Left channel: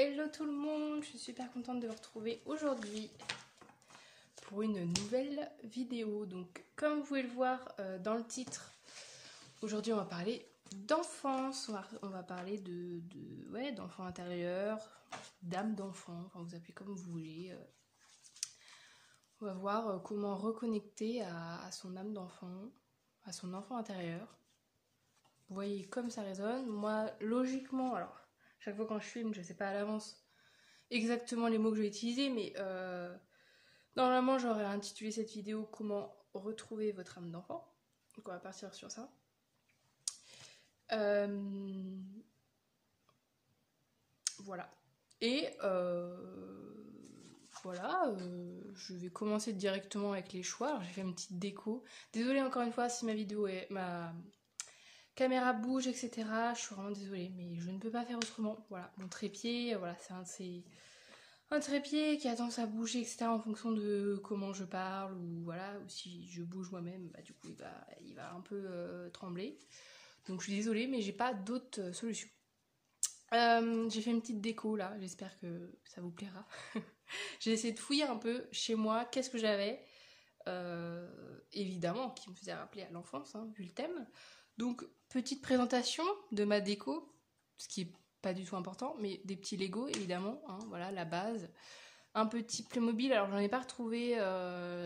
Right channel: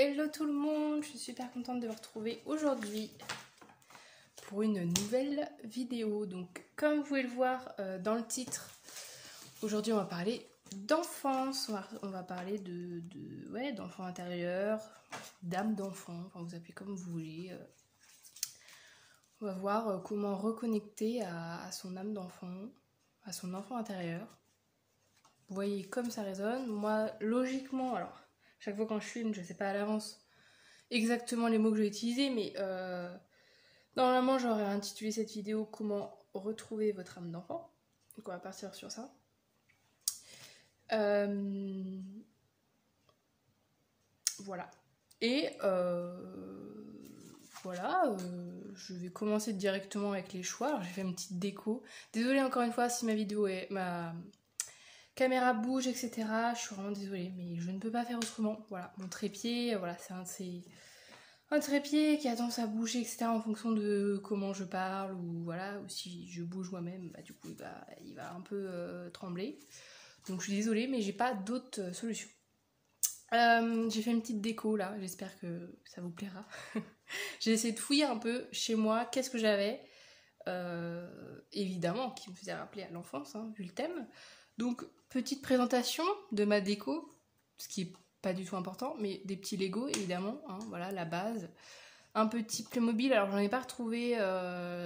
Hello tout le monde, je suis super contente de vous retrouver aujourd'hui pour une nouvelle vidéo. Donc comme vous pouvez le voir dans le titre, aujourd'hui on va parler d'enfance, on va parler d'enfant intérieur, d'âme d'enfant, enfin vous appelez comme vous voulez. On va voir comment reconnecter à son âme d'enfant, à son enfant intérieur. Vous voyez comme ça résonne. Moi logiquement, alors chaque fois quand je filme, je ne sais pas à l'avance exactement les mots que je vais utiliser, mais normalement j'aurais intitulé cette vidéo comment retrouver votre âme d'enfant. Donc on va partir sur ça. Voilà. Et voilà, je vais commencer directement avec les choix. Alors j'ai fait une petite déco. Désolée encore une fois si ma caméra bouge, etc. Je suis vraiment désolée, mais je ne peux pas faire autrement. Voilà, mon trépied, voilà, c'est un trépied qui a tendance à bouger, etc. en fonction de comment je parle, ou voilà, ou si je bouge moi-même, bah, du coup il va un peu trembler. Donc je suis désolée, mais j'ai pas d'autre solution. J'ai fait une petite déco là, j'espère que ça vous plaira. J'ai essayé de fouiller un peu chez moi, qu'est-ce que j'avais, évidemment, qui me faisait rappeler à l'enfance, hein, vu le thème. Donc, petite présentation de ma déco, ce qui est pas du tout important, mais des petits Lego, évidemment, hein, voilà, la base. Un petit Playmobil, alors j'en ai pas retrouvé,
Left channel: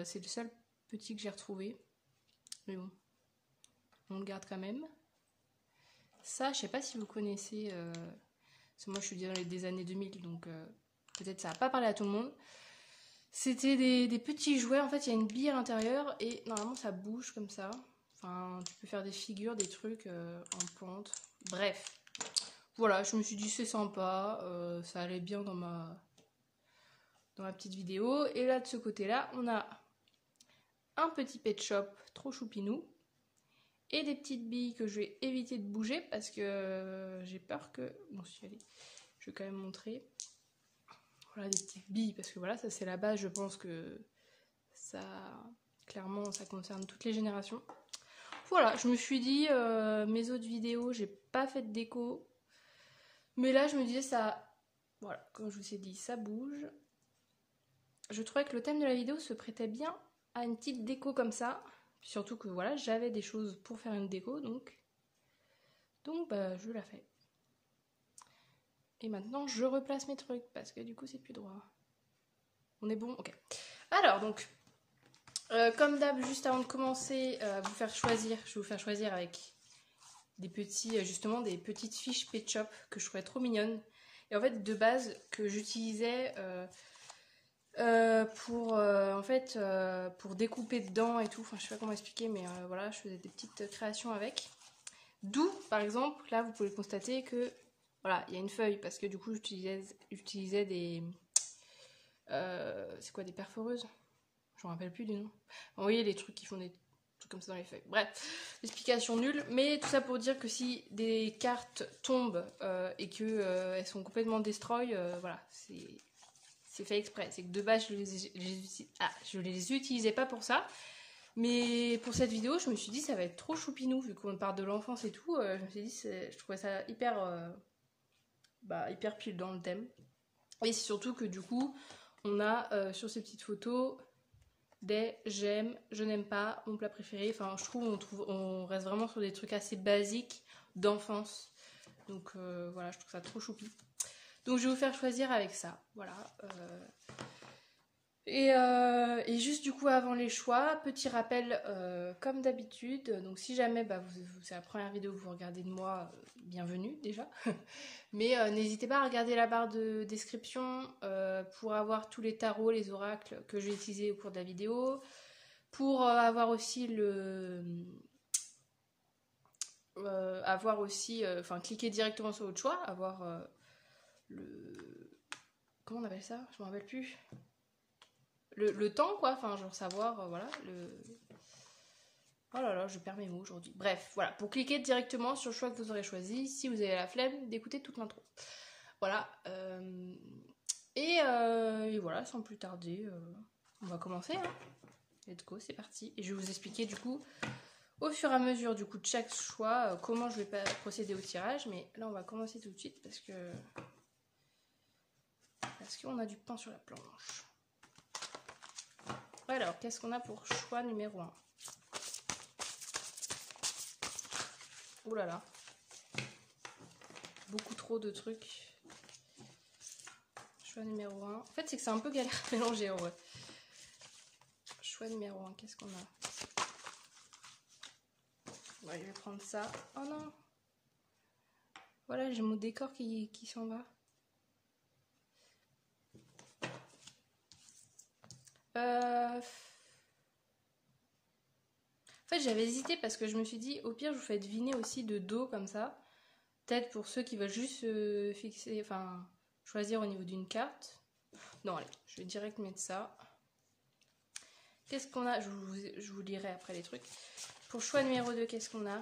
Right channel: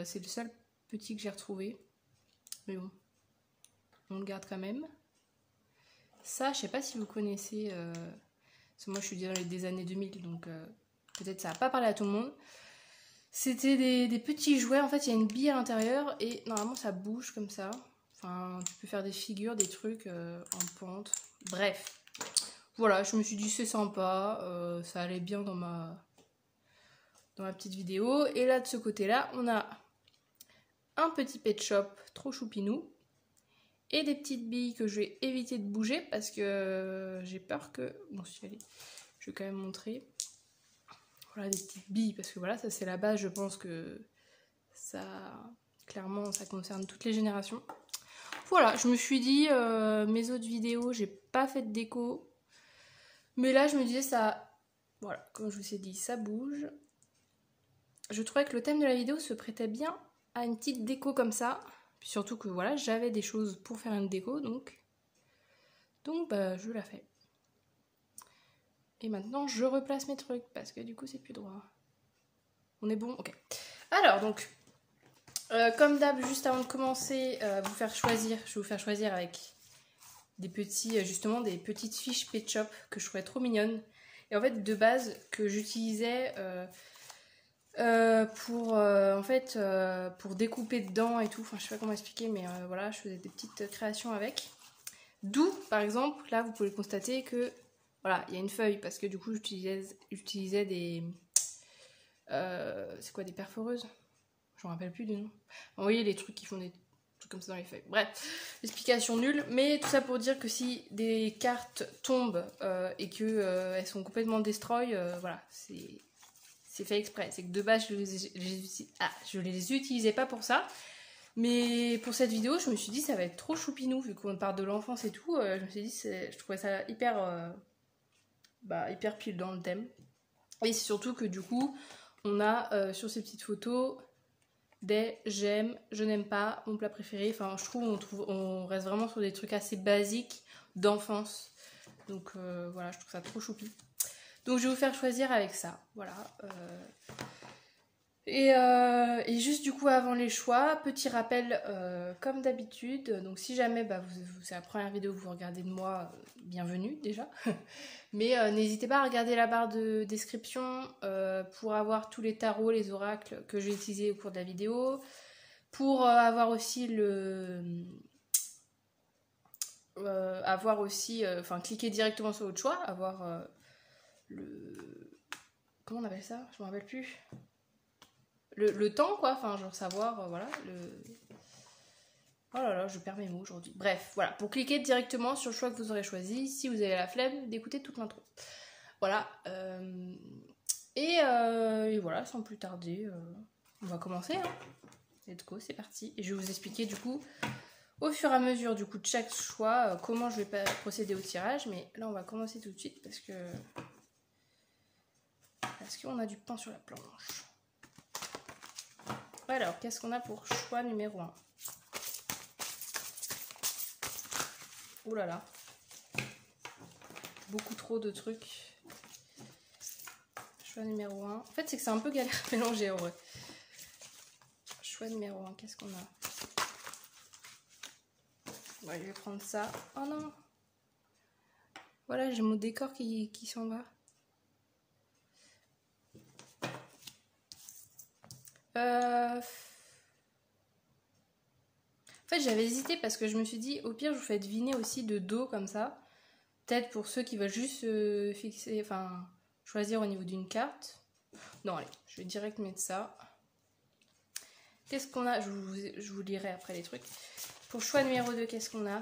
c'est le seul petit que j'ai retrouvé. Mais bon, on le garde quand même. Ça, je sais pas si vous connaissez, parce que moi je suis dans les années 2000, donc peut-être ça va pas parler à tout le monde. C'était des petits jouets, en fait il y a une bille à l'intérieur et normalement ça bouge comme ça. Enfin, tu peux faire des figures, des trucs en pointe. Bref, voilà, je me suis dit c'est sympa, ça allait bien dans ma petite vidéo. Et là de ce côté-là, on a un petit pet shop trop choupinou et des petites billes que je vais éviter de bouger parce que j'ai peur que... Bon, si allez, je vais quand même montrer. Voilà, des petites billes, parce que voilà, ça c'est la base, je pense que ça, clairement, ça concerne toutes les générations. Voilà, je me suis dit, mes autres vidéos, j'ai pas fait de déco, mais là je me disais ça, voilà, comme je vous ai dit, ça bouge. Je trouvais que le thème de la vidéo se prêtait bien à une petite déco comme ça, puis surtout que voilà, j'avais des choses pour faire une déco, donc bah, je la fais. Et maintenant, je replace mes trucs, parce que du coup, c'est plus droit. On est bon? Ok. Alors, donc, comme d'hab, juste avant de commencer, je vais vous faire choisir avec des petits, justement, des petites fiches Pet Shop que je trouvais trop mignonnes. Et en fait, de base, que j'utilisais pour découper dedans et tout. Enfin, je sais pas comment expliquer, mais voilà, je faisais des petites créations avec. D'où, par exemple, là, vous pouvez constater que voilà, il y a une feuille parce que du coup j'utilisais des... c'est quoi, des perforeuses? Je me rappelle plus du nom. Vous voyez les trucs qui font des trucs comme ça dans les feuilles. Bref, explication nulle. Mais tout ça pour dire que si des cartes tombent et que elles sont complètement destroy, voilà, c'est fait exprès. C'est que de base je les utilisais pas pour ça. Mais pour cette vidéo, je me suis dit ça va être trop choupinou vu qu'on parle de l'enfance et tout. Je me suis dit, je trouvais ça hyper pile dans le thème. Et c'est surtout que du coup, on a sur ces petites photos des j'aime, je n'aime pas, mon plat préféré. Enfin, je trouve on reste vraiment sur des trucs assez basiques d'enfance. Donc voilà, je trouve ça trop choupi. Donc je vais vous faire choisir avec ça. Voilà. Et juste du coup avant les choix, petit rappel comme d'habitude, donc si jamais c'est la première vidéo que vous regardez de moi, bienvenue déjà, mais n'hésitez pas à regarder la barre de description pour avoir tous les tarots, les oracles que je vais utiliser au cours de la vidéo, pour avoir aussi cliquer directement sur votre choix, avoir comment on appelle ça? Je me rappelle plus. Le temps quoi, enfin genre savoir, voilà, oh là là, je perds mes mots aujourd'hui. Bref, voilà, pour cliquer directement sur le choix que vous aurez choisi, si vous avez la flemme d'écouter toute l'intro. Voilà, et voilà, sans plus tarder, on va commencer, hein. Let's go, c'est parti. Et je vais vous expliquer du coup, au fur et à mesure du coup de chaque choix, comment je vais procéder au tirage, mais là on va commencer tout de suite parce que Est-ce qu'on a du pain sur la planche? Alors, qu'est-ce qu'on a pour choix numéro 1? Ouh là là. Beaucoup trop de trucs. Choix numéro 1. En fait, c'est que c'est un peu galère à mélanger en vrai. Choix numéro 1, qu'est-ce qu'on a? Bon, je vais prendre ça. Oh non! Voilà, j'ai mon décor qui s'en va. En fait, j'avais hésité parce que je me suis dit, au pire, je vous fais deviner aussi de dos comme ça. Peut-être pour ceux qui veulent juste fixer, enfin, choisir au niveau d'une carte. Non, allez, je vais direct mettre ça. Qu'est-ce qu'on a? Je vous lirai après les trucs. Pour choix numéro 2, qu'est-ce qu'on a?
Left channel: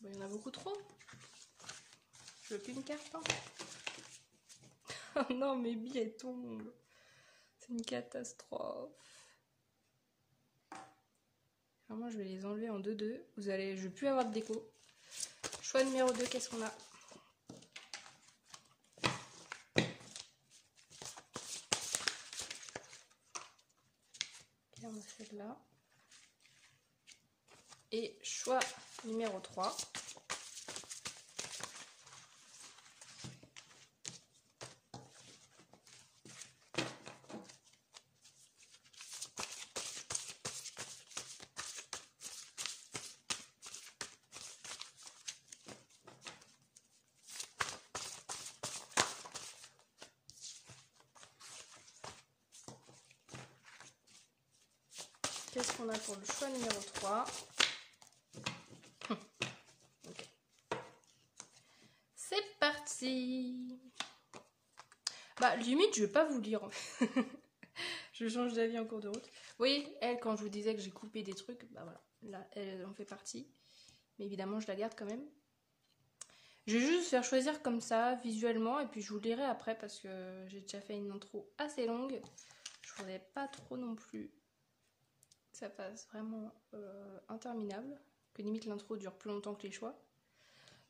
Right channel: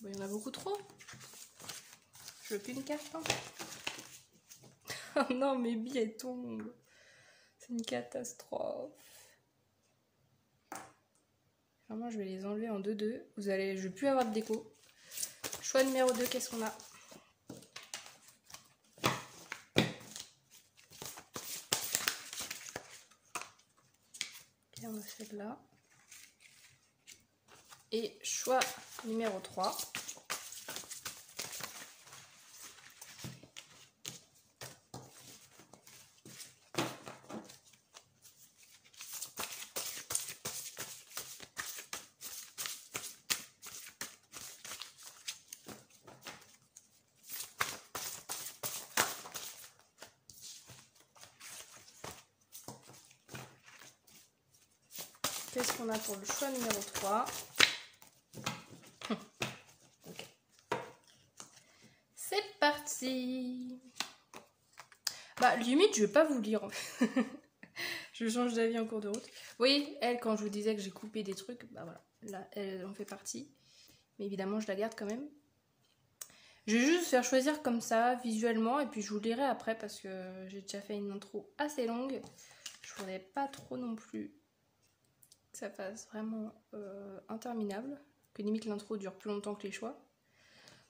Bon, il y en a beaucoup trop. Je veux qu'une carte. Hein. Oh non, mes billets tombent. C'est une catastrophe. Vraiment, je vais les enlever en 2-2. Je vais plus avoir de déco. Choix numéro 2, qu'est-ce qu'on a? Ok, on a celle-là. Et choix numéro 3. Qu'est-ce qu'on a pour le choix numéro 3? C'est parti. Bah, limite, je vais pas vous lire. Je change d'avis en cours de route. Vous voyez, elle, quand je vous disais que j'ai coupé des trucs, bah voilà, là, elle en fait partie. Mais évidemment, je la garde quand même. Je vais juste faire choisir comme ça, visuellement, et puis je vous lirai après parce que j'ai déjà fait une intro assez longue. Je voudrais pas trop non plus que ça fasse vraiment interminable, que limite l'intro dure plus longtemps que les choix.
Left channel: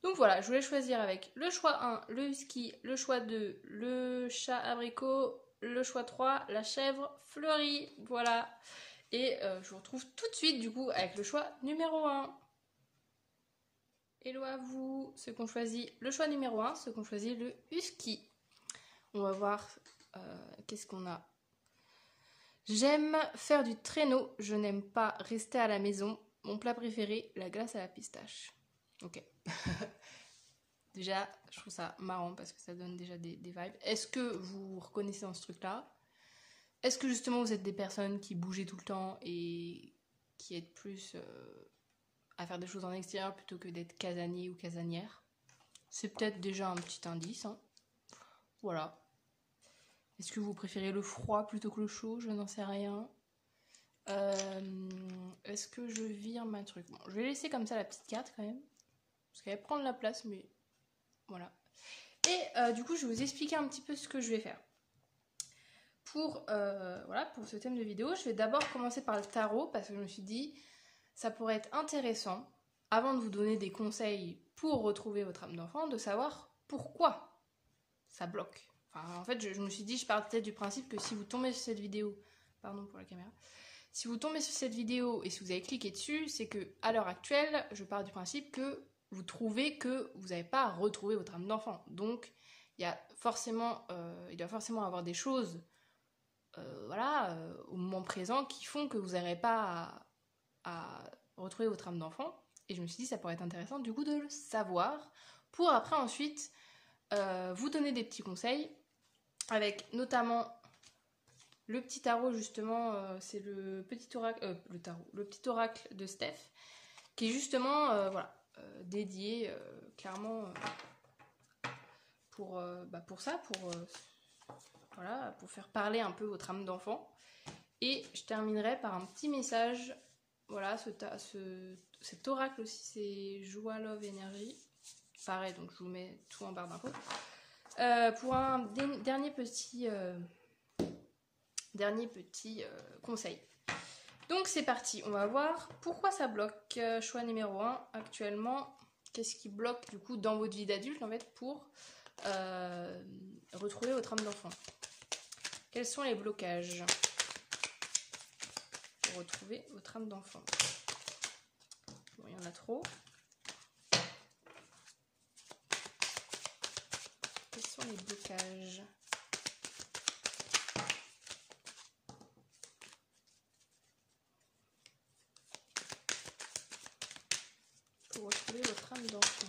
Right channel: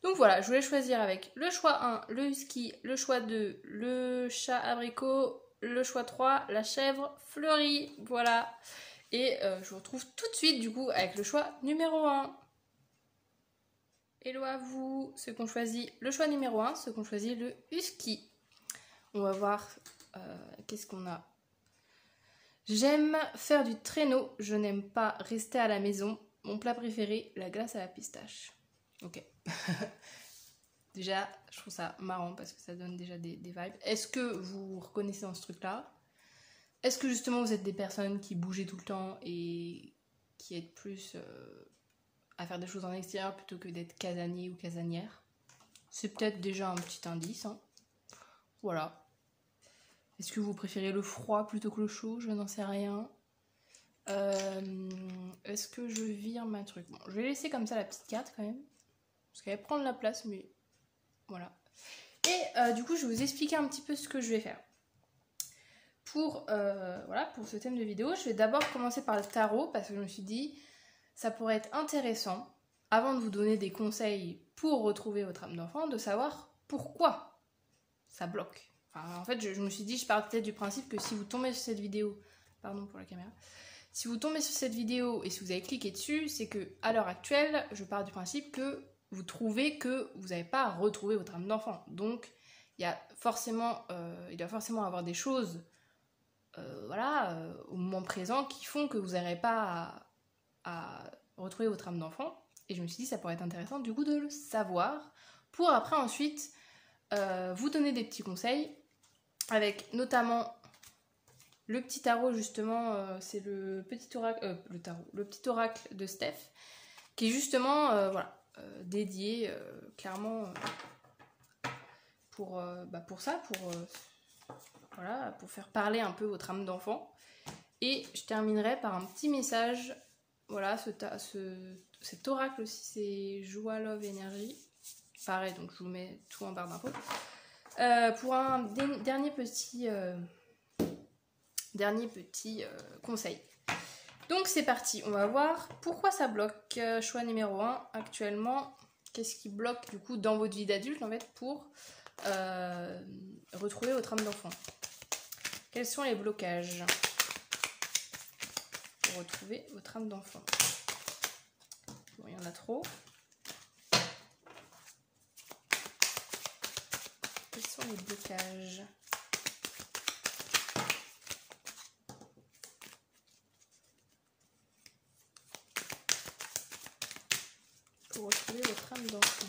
Donc voilà, je voulais choisir avec le choix 1, le husky, le choix 2, le chat abricot, le choix 3, la chèvre fleurie, voilà. Et je vous retrouve tout de suite du coup avec le choix numéro 1. Hello à vous, ceux qui ont choisi le choix numéro 1, ceux qui ont choisi le husky. On va voir qu'est-ce qu'on a. J'aime faire du traîneau, je n'aime pas rester à la maison. Mon plat préféré, la glace à la pistache. Ok. Déjà, je trouve ça marrant parce que ça donne déjà des vibes. Est-ce que vous vous reconnaissez dans ce truc-là? Est-ce que justement vous êtes des personnes qui bougez tout le temps et qui êtes plus à faire des choses en extérieur plutôt que d'être casanier ou casanière? C'est peut-être déjà un petit indice. Hein. Voilà. Est-ce que vous préférez le froid plutôt que le chaud? Je n'en sais rien. Est-ce que je vire ma truc? Bon, je vais laisser comme ça la petite carte quand même. Parce qu'elle va prendre la place, mais voilà. Et du coup, je vais vous expliquer un petit peu ce que je vais faire. Voilà, pour ce thème de vidéo, je vais d'abord commencer par le tarot parce que je me suis dit, ça pourrait être intéressant, avant de vous donner des conseils pour retrouver votre âme d'enfant, de savoir pourquoi ça bloque. Enfin, en fait, je me suis dit, je pars peut-être du principe que si vous tombez sur cette vidéo, pardon pour la caméra, si vous tombez sur cette vidéo et si vous avez cliqué dessus, c'est que à l'heure actuelle, je pars du principe que vous trouvez que vous n'avez pas à retrouver votre âme d'enfant. Donc, il doit forcément avoir des choses voilà, au moment présent qui font que vous n'aurez pas à retrouver votre âme d'enfant. Et je me suis dit, ça pourrait être intéressant du coup de le savoir pour après ensuite vous donner des petits conseils avec notamment le petit tarot justement, c'est le petit oracle, le petit oracle de Steph qui est justement voilà, dédié clairement pour ça, voilà, pour faire parler un peu votre âme d'enfant. Et je terminerai par un petit message. Voilà, cet oracle aussi, c'est Joie, Love, Énergie. Pareil, donc je vous mets tout en barre d'infos. Pour un dernier petit conseil. Donc c'est parti, on va voir pourquoi ça bloque. Choix numéro 1, actuellement, qu'est-ce qui bloque du coup dans votre vie d'adulte en fait pour retrouver votre âme d'enfant? Quels sont les blocages pour retrouver votre âme d'enfant? Bon, il y en a trop. Quels sont les blocages? Pour retrouver votre âme d'enfant.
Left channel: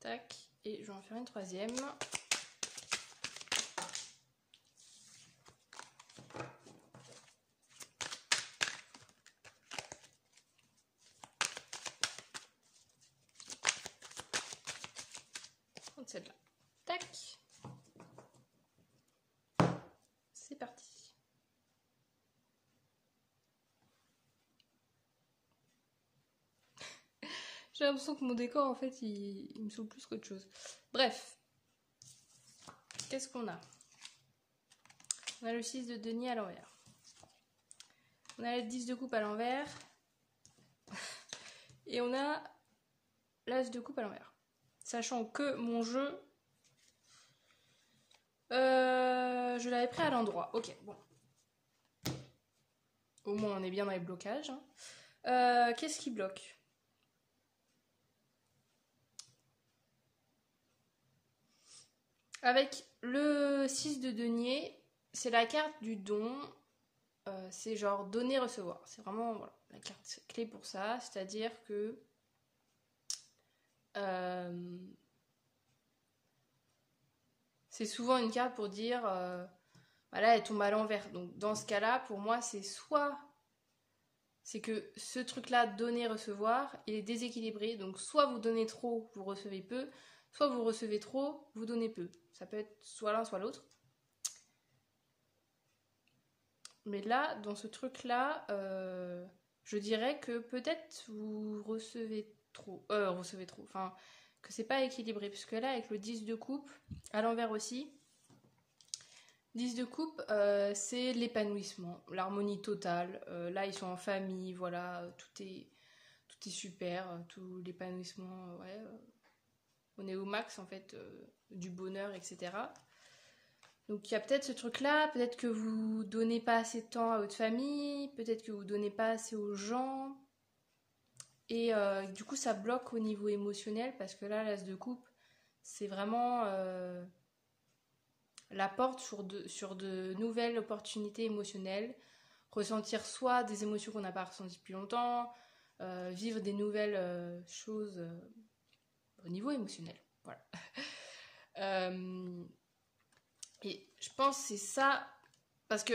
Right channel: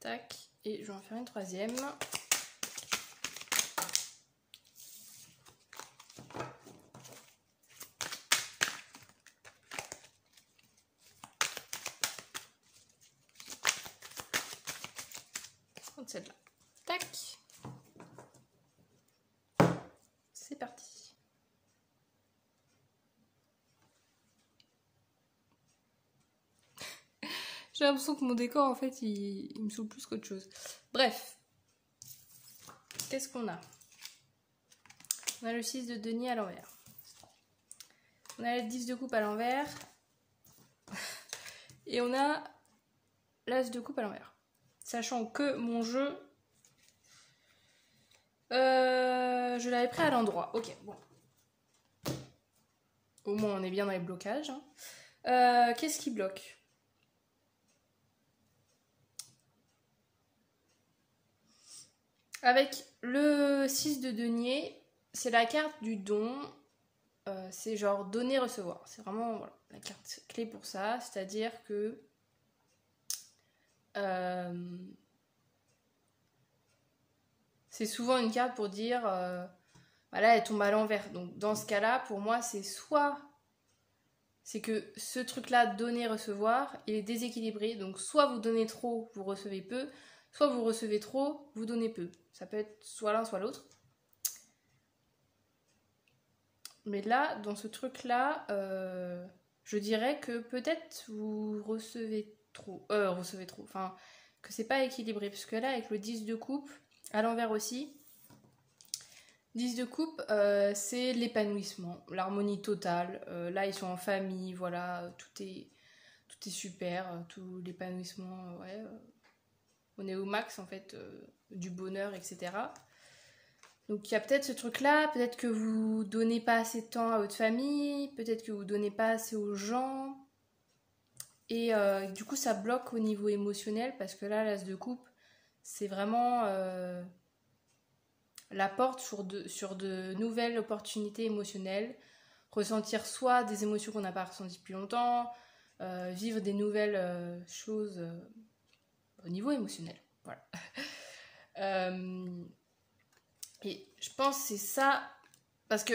Tac, et je vais en faire une troisième. Celle-là. Tac. C'est parti. J'ai l'impression que mon décor, en fait, il me saoule plus qu'autre chose. Bref. Qu'est-ce qu'on a? On a le 6 de denier à l'envers. On a le 10 de coupe à l'envers. Et on a l'as de coupe à l'envers. Sachant que mon jeu, je l'avais pris à l'endroit. Ok, bon. Au moins, on est bien dans les blocages. Hein. Qu'est-ce qui bloque? Avec le 6 de denier, c'est la carte du don. C'est genre donner-recevoir. C'est vraiment voilà, la carte clé pour ça. C'est-à-dire que c'est souvent une carte pour dire voilà, elle tombe à l'envers. Donc dans ce cas-là, pour moi, c'est soit c'est que ce truc-là, donner-recevoir, il est déséquilibré. Donc soit vous donnez trop, vous recevez peu, soit vous recevez trop, vous donnez peu. Ça peut être soit l'un, soit l'autre. Mais là, dans ce truc-là, je dirais que peut-être vous recevez trop. Enfin, que c'est pas équilibré. Parce que là, avec le 10 de coupe, à l'envers aussi, 10 de coupe, c'est l'épanouissement, l'harmonie totale. Là, ils sont en famille, voilà, tout est super, tout l'épanouissement, ouais. On est au max, en fait, du bonheur, etc. Donc il y a peut-être ce truc-là, peut-être que vous donnez pas assez de temps à votre famille, peut-être que vous donnez pas assez aux gens. Et du coup, ça bloque au niveau émotionnel, parce que là, l'as de coupe, c'est vraiment la porte sur de nouvelles opportunités émotionnelles. Ressentir soit des émotions qu'on n'a pas ressenties depuis longtemps, vivre des nouvelles choses au niveau émotionnel. Voilà. Et je pense que c'est ça, parce que,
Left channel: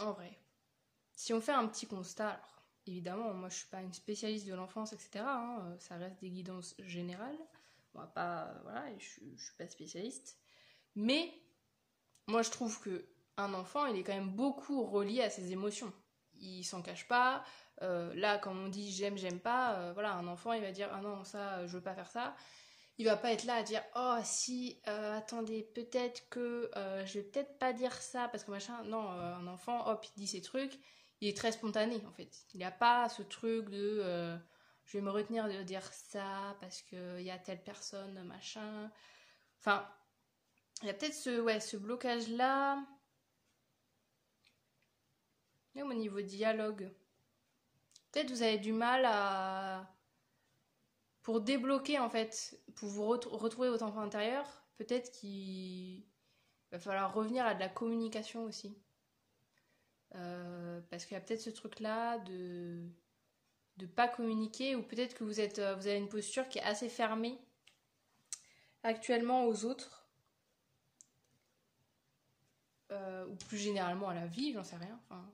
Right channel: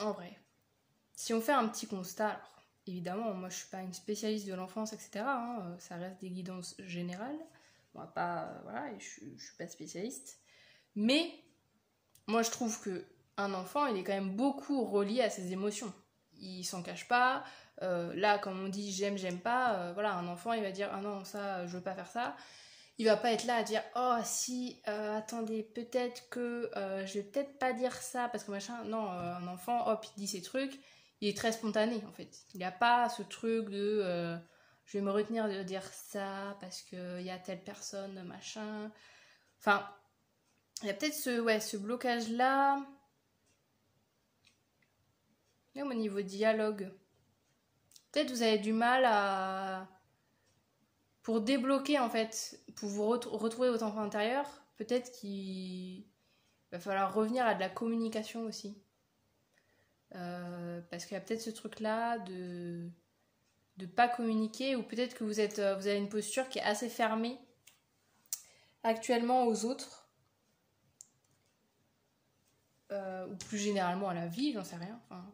en vrai, si on fait un petit constat, alors, évidemment, moi je suis pas une spécialiste de l'enfance, etc. Hein, ça reste des guidances générales. On va pas, voilà, et je suis pas spécialiste. Mais, moi je trouve que un enfant, il est quand même beaucoup relié à ses émotions. Il s'en cache pas. Là, quand on dit j'aime, j'aime pas, voilà, un enfant, il va dire ah non, ça, je veux pas faire ça. Il va pas être là à dire oh si attendez peut-être que je vais peut-être pas dire ça parce que machin. Non, un enfant hop il dit ses trucs, il est très spontané en fait. Il n'y a pas ce truc de je vais me retenir de dire ça parce que il y a telle personne machin. Enfin il y a peut-être ce blocage là. Même au niveau dialogue, peut-être vous avez du mal à pour débloquer en fait, pour vous retrouver votre enfant intérieur, peut-être qu'il va falloir revenir à de la communication aussi. Parce qu'il y a peut-être ce truc-là de pas communiquer, ou peut-être que vous avez une posture qui est assez fermée actuellement aux autres, ou plus généralement à la vie, j'en sais rien. Enfin,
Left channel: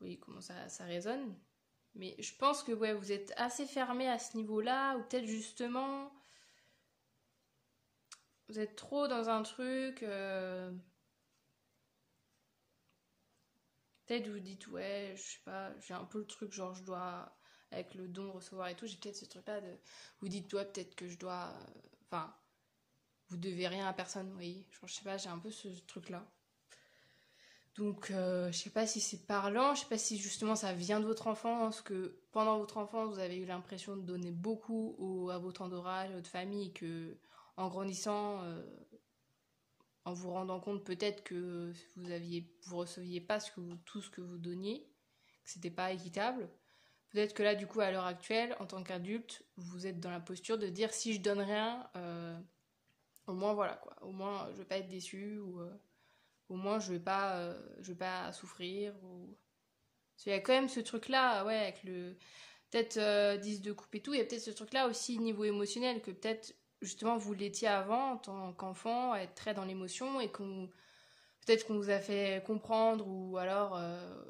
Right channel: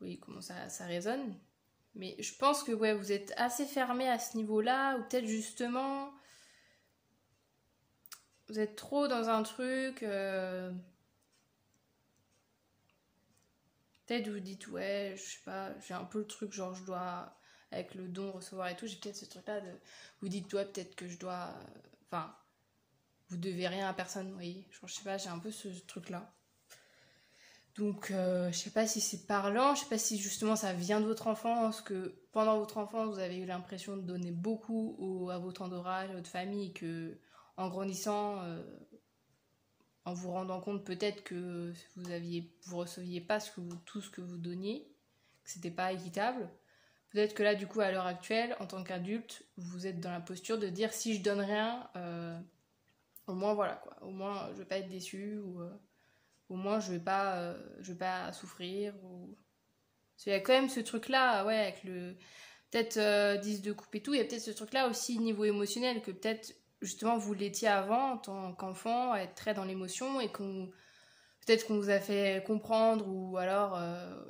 oui, comment ça résonne. Mais je pense que ouais, vous êtes assez fermé à ce niveau-là, ou peut-être justement, vous êtes trop dans un truc Peut-être vous dites, ouais, je sais pas, j'ai un peu le truc, genre je dois, avec le don, recevoir et tout, j'ai peut-être ce truc-là de, vous dites, ouais, peut-être que je dois, enfin, vous devez rien à personne, vous voyez, genre, je sais pas, j'ai un peu ce truc-là. Donc, je sais pas si c'est parlant, je sais pas si justement ça vient de votre enfance, que pendant votre enfance, vous avez eu l'impression de donner beaucoup à votre entourage, à votre famille, et que en grandissant, en vous rendant compte peut-être que vous receviez pas tout ce que vous donniez, que c'était pas équitable. Peut-être que là, du coup, à l'heure actuelle, en tant qu'adulte, vous êtes dans la posture de dire si je donne rien, au moins voilà quoi, au moins je vais pas être déçue ou au moins je vais pas souffrir ou il y a quand même ce truc là, ouais, avec le peut-être 10 de coupe et tout, il y a peut-être ce truc là aussi niveau émotionnel que peut-être justement vous l'étiez avant en tant qu'enfant, à être très dans l'émotion et peut-être qu'on vous a fait comprendre ou alors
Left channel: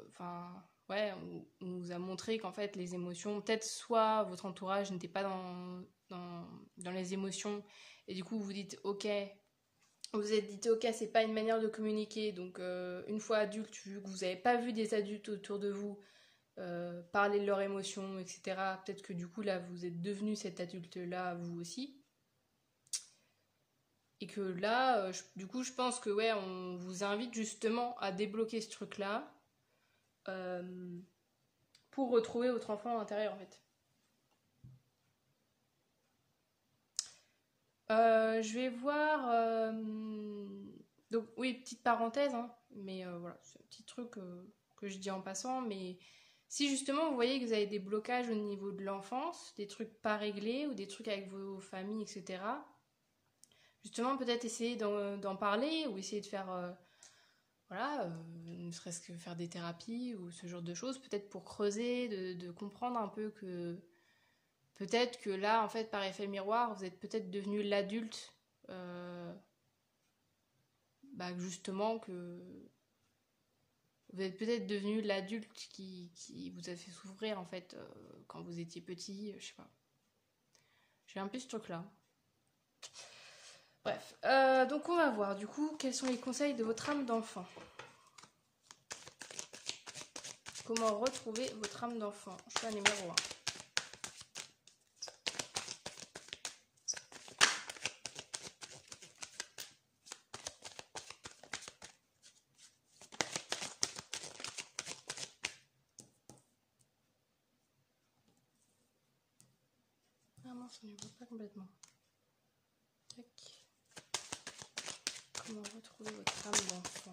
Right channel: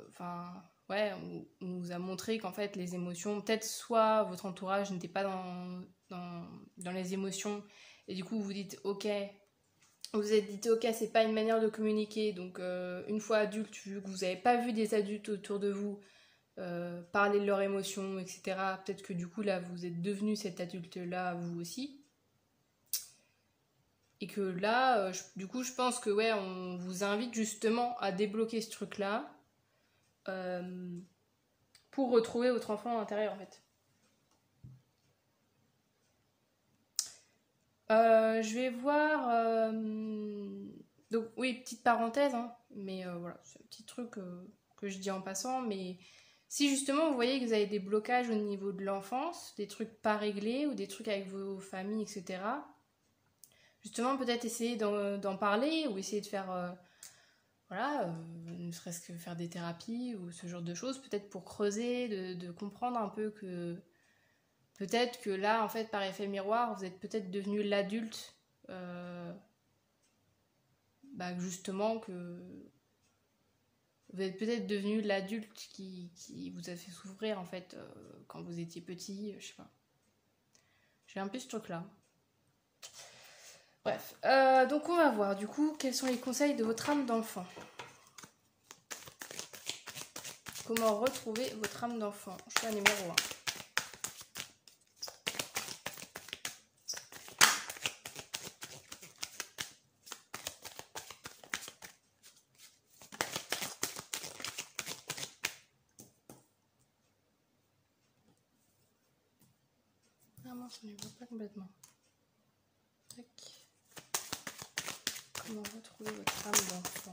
enfin ouais, on vous a montré qu'en fait les émotions, peut-être soit votre entourage n'était pas dans les émotions et du coup vous vous dites ok, vous vous êtes dit ok, c'est pas une manière de communiquer, donc une fois adulte, vu que vous n'avez pas vu des adultes autour de vous parler de leurs émotions, etc., peut-être que du coup là vous êtes devenu cet adulte là vous aussi, et que là du coup je pense que ouais, on vous invite justement à débloquer ce truc là pour retrouver votre enfant intérieur en fait. Je vais voir. Donc, oui, petite parenthèse, hein, mais voilà, c'est un petit truc que je dis en passant. Mais si justement vous voyez que vous avez des blocages au niveau de l'enfance, des trucs pas réglés ou des trucs avec vos familles, etc., justement, peut-être essayer d'en parler ou essayer de faire. Voilà, ne serait-ce que faire des thérapies ou ce genre de choses, peut-être pour creuser, de comprendre un peu que. Peut-être que là, en fait, par effet miroir, vous êtes peut-être devenu l'adulte, justement, que vous êtes peut-être devenu l'adulte qui vous a fait souffrir, en fait, quand vous étiez petit, je sais pas. J'ai un peu ce truc-là. Bref, donc on va voir, du coup, quels sont les conseils de votre âme d'enfant. Comment retrouver votre âme d'enfant? Choix numéro 1. Ça ne va pas complètement. Tac. Comment retrouver votre âme d'enfant?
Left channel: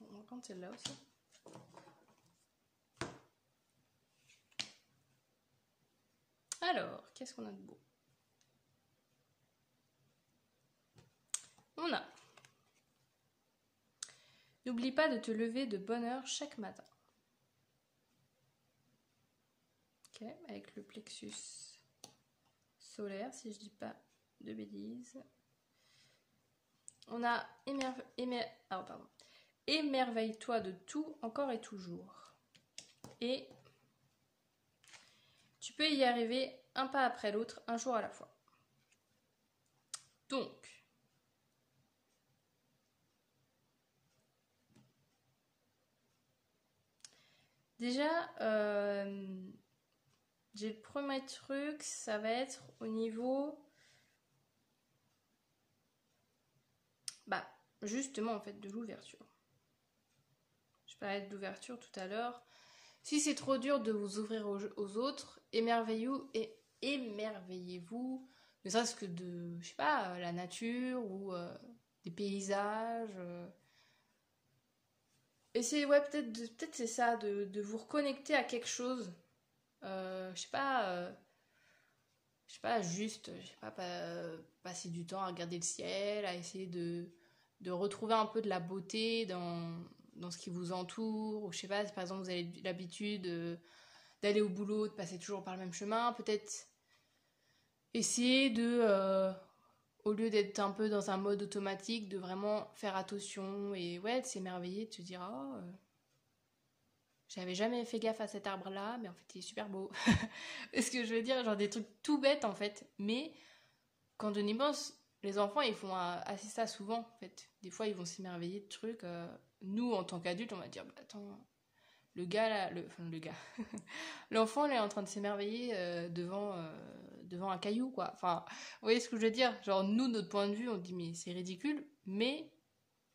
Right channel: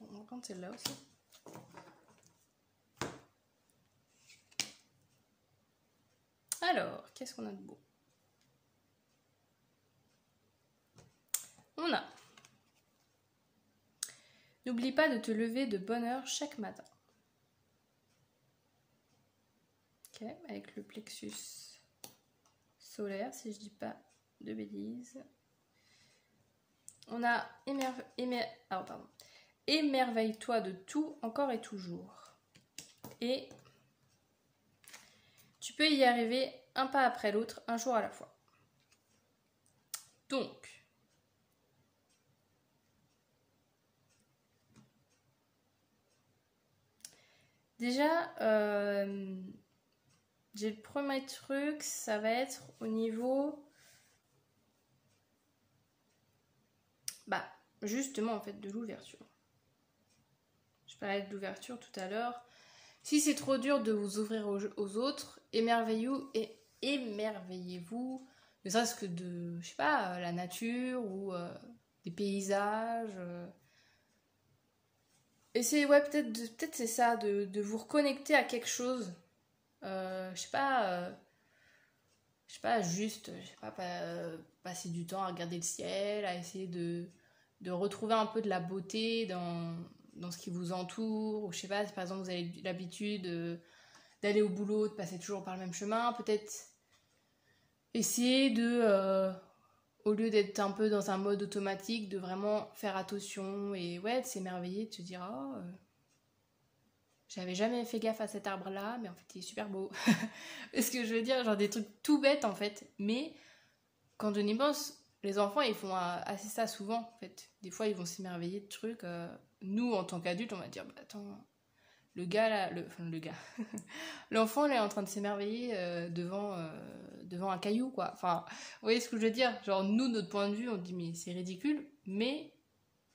On va prendre celle-là aussi. Alors, qu'est-ce qu'on a de beau? On a. N'oublie pas de te lever de bonne heure chaque matin. Ok, avec le plexus solaire, si je dis pas de bêtises. On a émerveille-toi de tout, encore et toujours. Et tu peux y arriver un pas après l'autre, un jour à la fois. Donc, déjà, j'ai le premier truc, ça va être au niveau, justement en fait de l'ouverture. Je parlais de l'ouverture tout à l'heure. Si c'est trop dur de vous ouvrir aux autres, émerveillez-vous, ne serait-ce que de, je sais pas, la nature ou des paysages. Essayez, ouais, peut-être c'est ça, de vous reconnecter à quelque chose. Je sais pas, juste, je sais pas, passer du temps à regarder le ciel, à essayer de retrouver un peu de la beauté dans ce qui vous entoure. Ou je sais pas, si par exemple vous avez l'habitude d'aller au boulot, de passer toujours par le même chemin, peut-être essayer de au lieu d'être un peu dans un mode automatique, de vraiment faire attention et ouais, de s'émerveiller, de se dire oh, j'avais jamais fait gaffe à cet arbre-là, mais en fait il est super beau. Ce que je veux dire, genre des trucs tout bêtes en fait, mais quand on y pense, les enfants ils font assez ça souvent en fait. Des fois ils vont s'émerveiller de trucs. Nous en tant qu'adultes, on va dire bah attends, le gars là, le gars, l'enfant là est en train de s'émerveiller devant un caillou quoi. Enfin, vous voyez ce que je veux dire? Genre nous, notre point de vue, on dit mais c'est ridicule, mais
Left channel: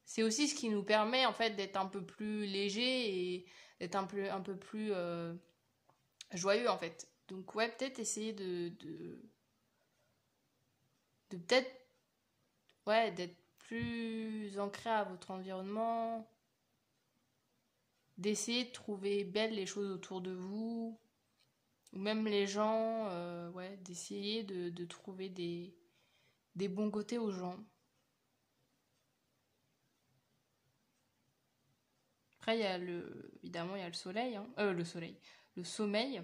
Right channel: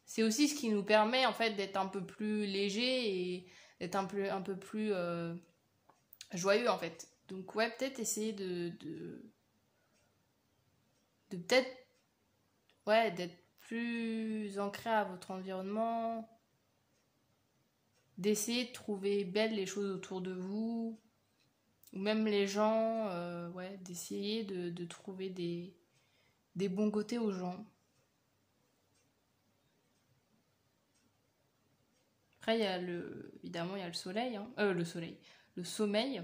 c'est aussi ce qui nous permet en fait d'être un peu plus léger et d'être un peu plus joyeux en fait. Donc ouais, peut-être essayer de peut-être ouais d'être plus ancré à votre environnement, d'essayer de trouver belles les choses autour de vous, ou même les gens, ouais, d'essayer de trouver des bons côtés aux gens. Après, évidemment, il y a le soleil, hein. Le sommeil.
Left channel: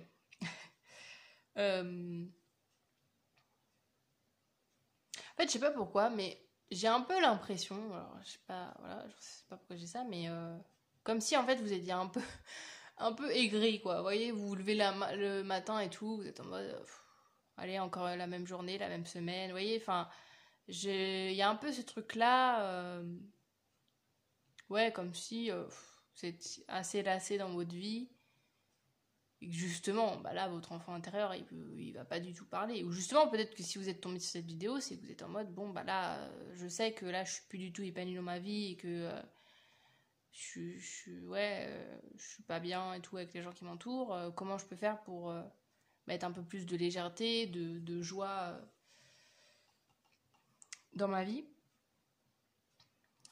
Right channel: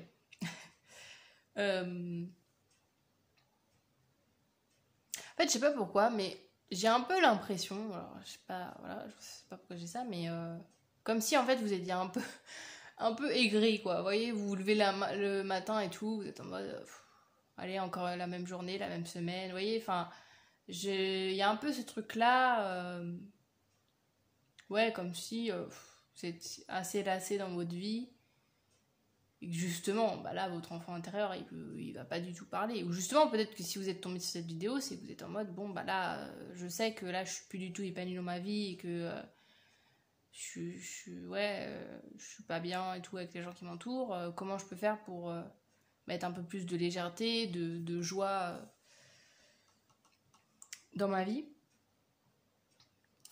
Euh, En fait, je sais pas pourquoi, mais j'ai un peu l'impression, alors je sais pas, voilà, je sais pas pourquoi j'ai ça, mais comme si en fait vous étiez un peu aigri, quoi. Vous voyez, vous vous levez le matin et tout, vous êtes en mode, allez, encore la même journée, la même semaine, vous voyez, enfin, il y a un peu ce truc-là, ouais, comme si vous êtes assez lassé dans votre vie et que justement, bah là, votre enfant intérieur, il va pas du tout parler. Ou justement, peut-être que si vous êtes tombé sur cette vidéo, c'est que vous êtes en mode, bon, bah là, je sais que là, je suis plus du tout épanouie dans ma vie et que ouais, je suis pas bien et tout avec les gens qui m'entourent. Comment je peux faire pour mettre un peu plus de légèreté, de joie dans ma vie?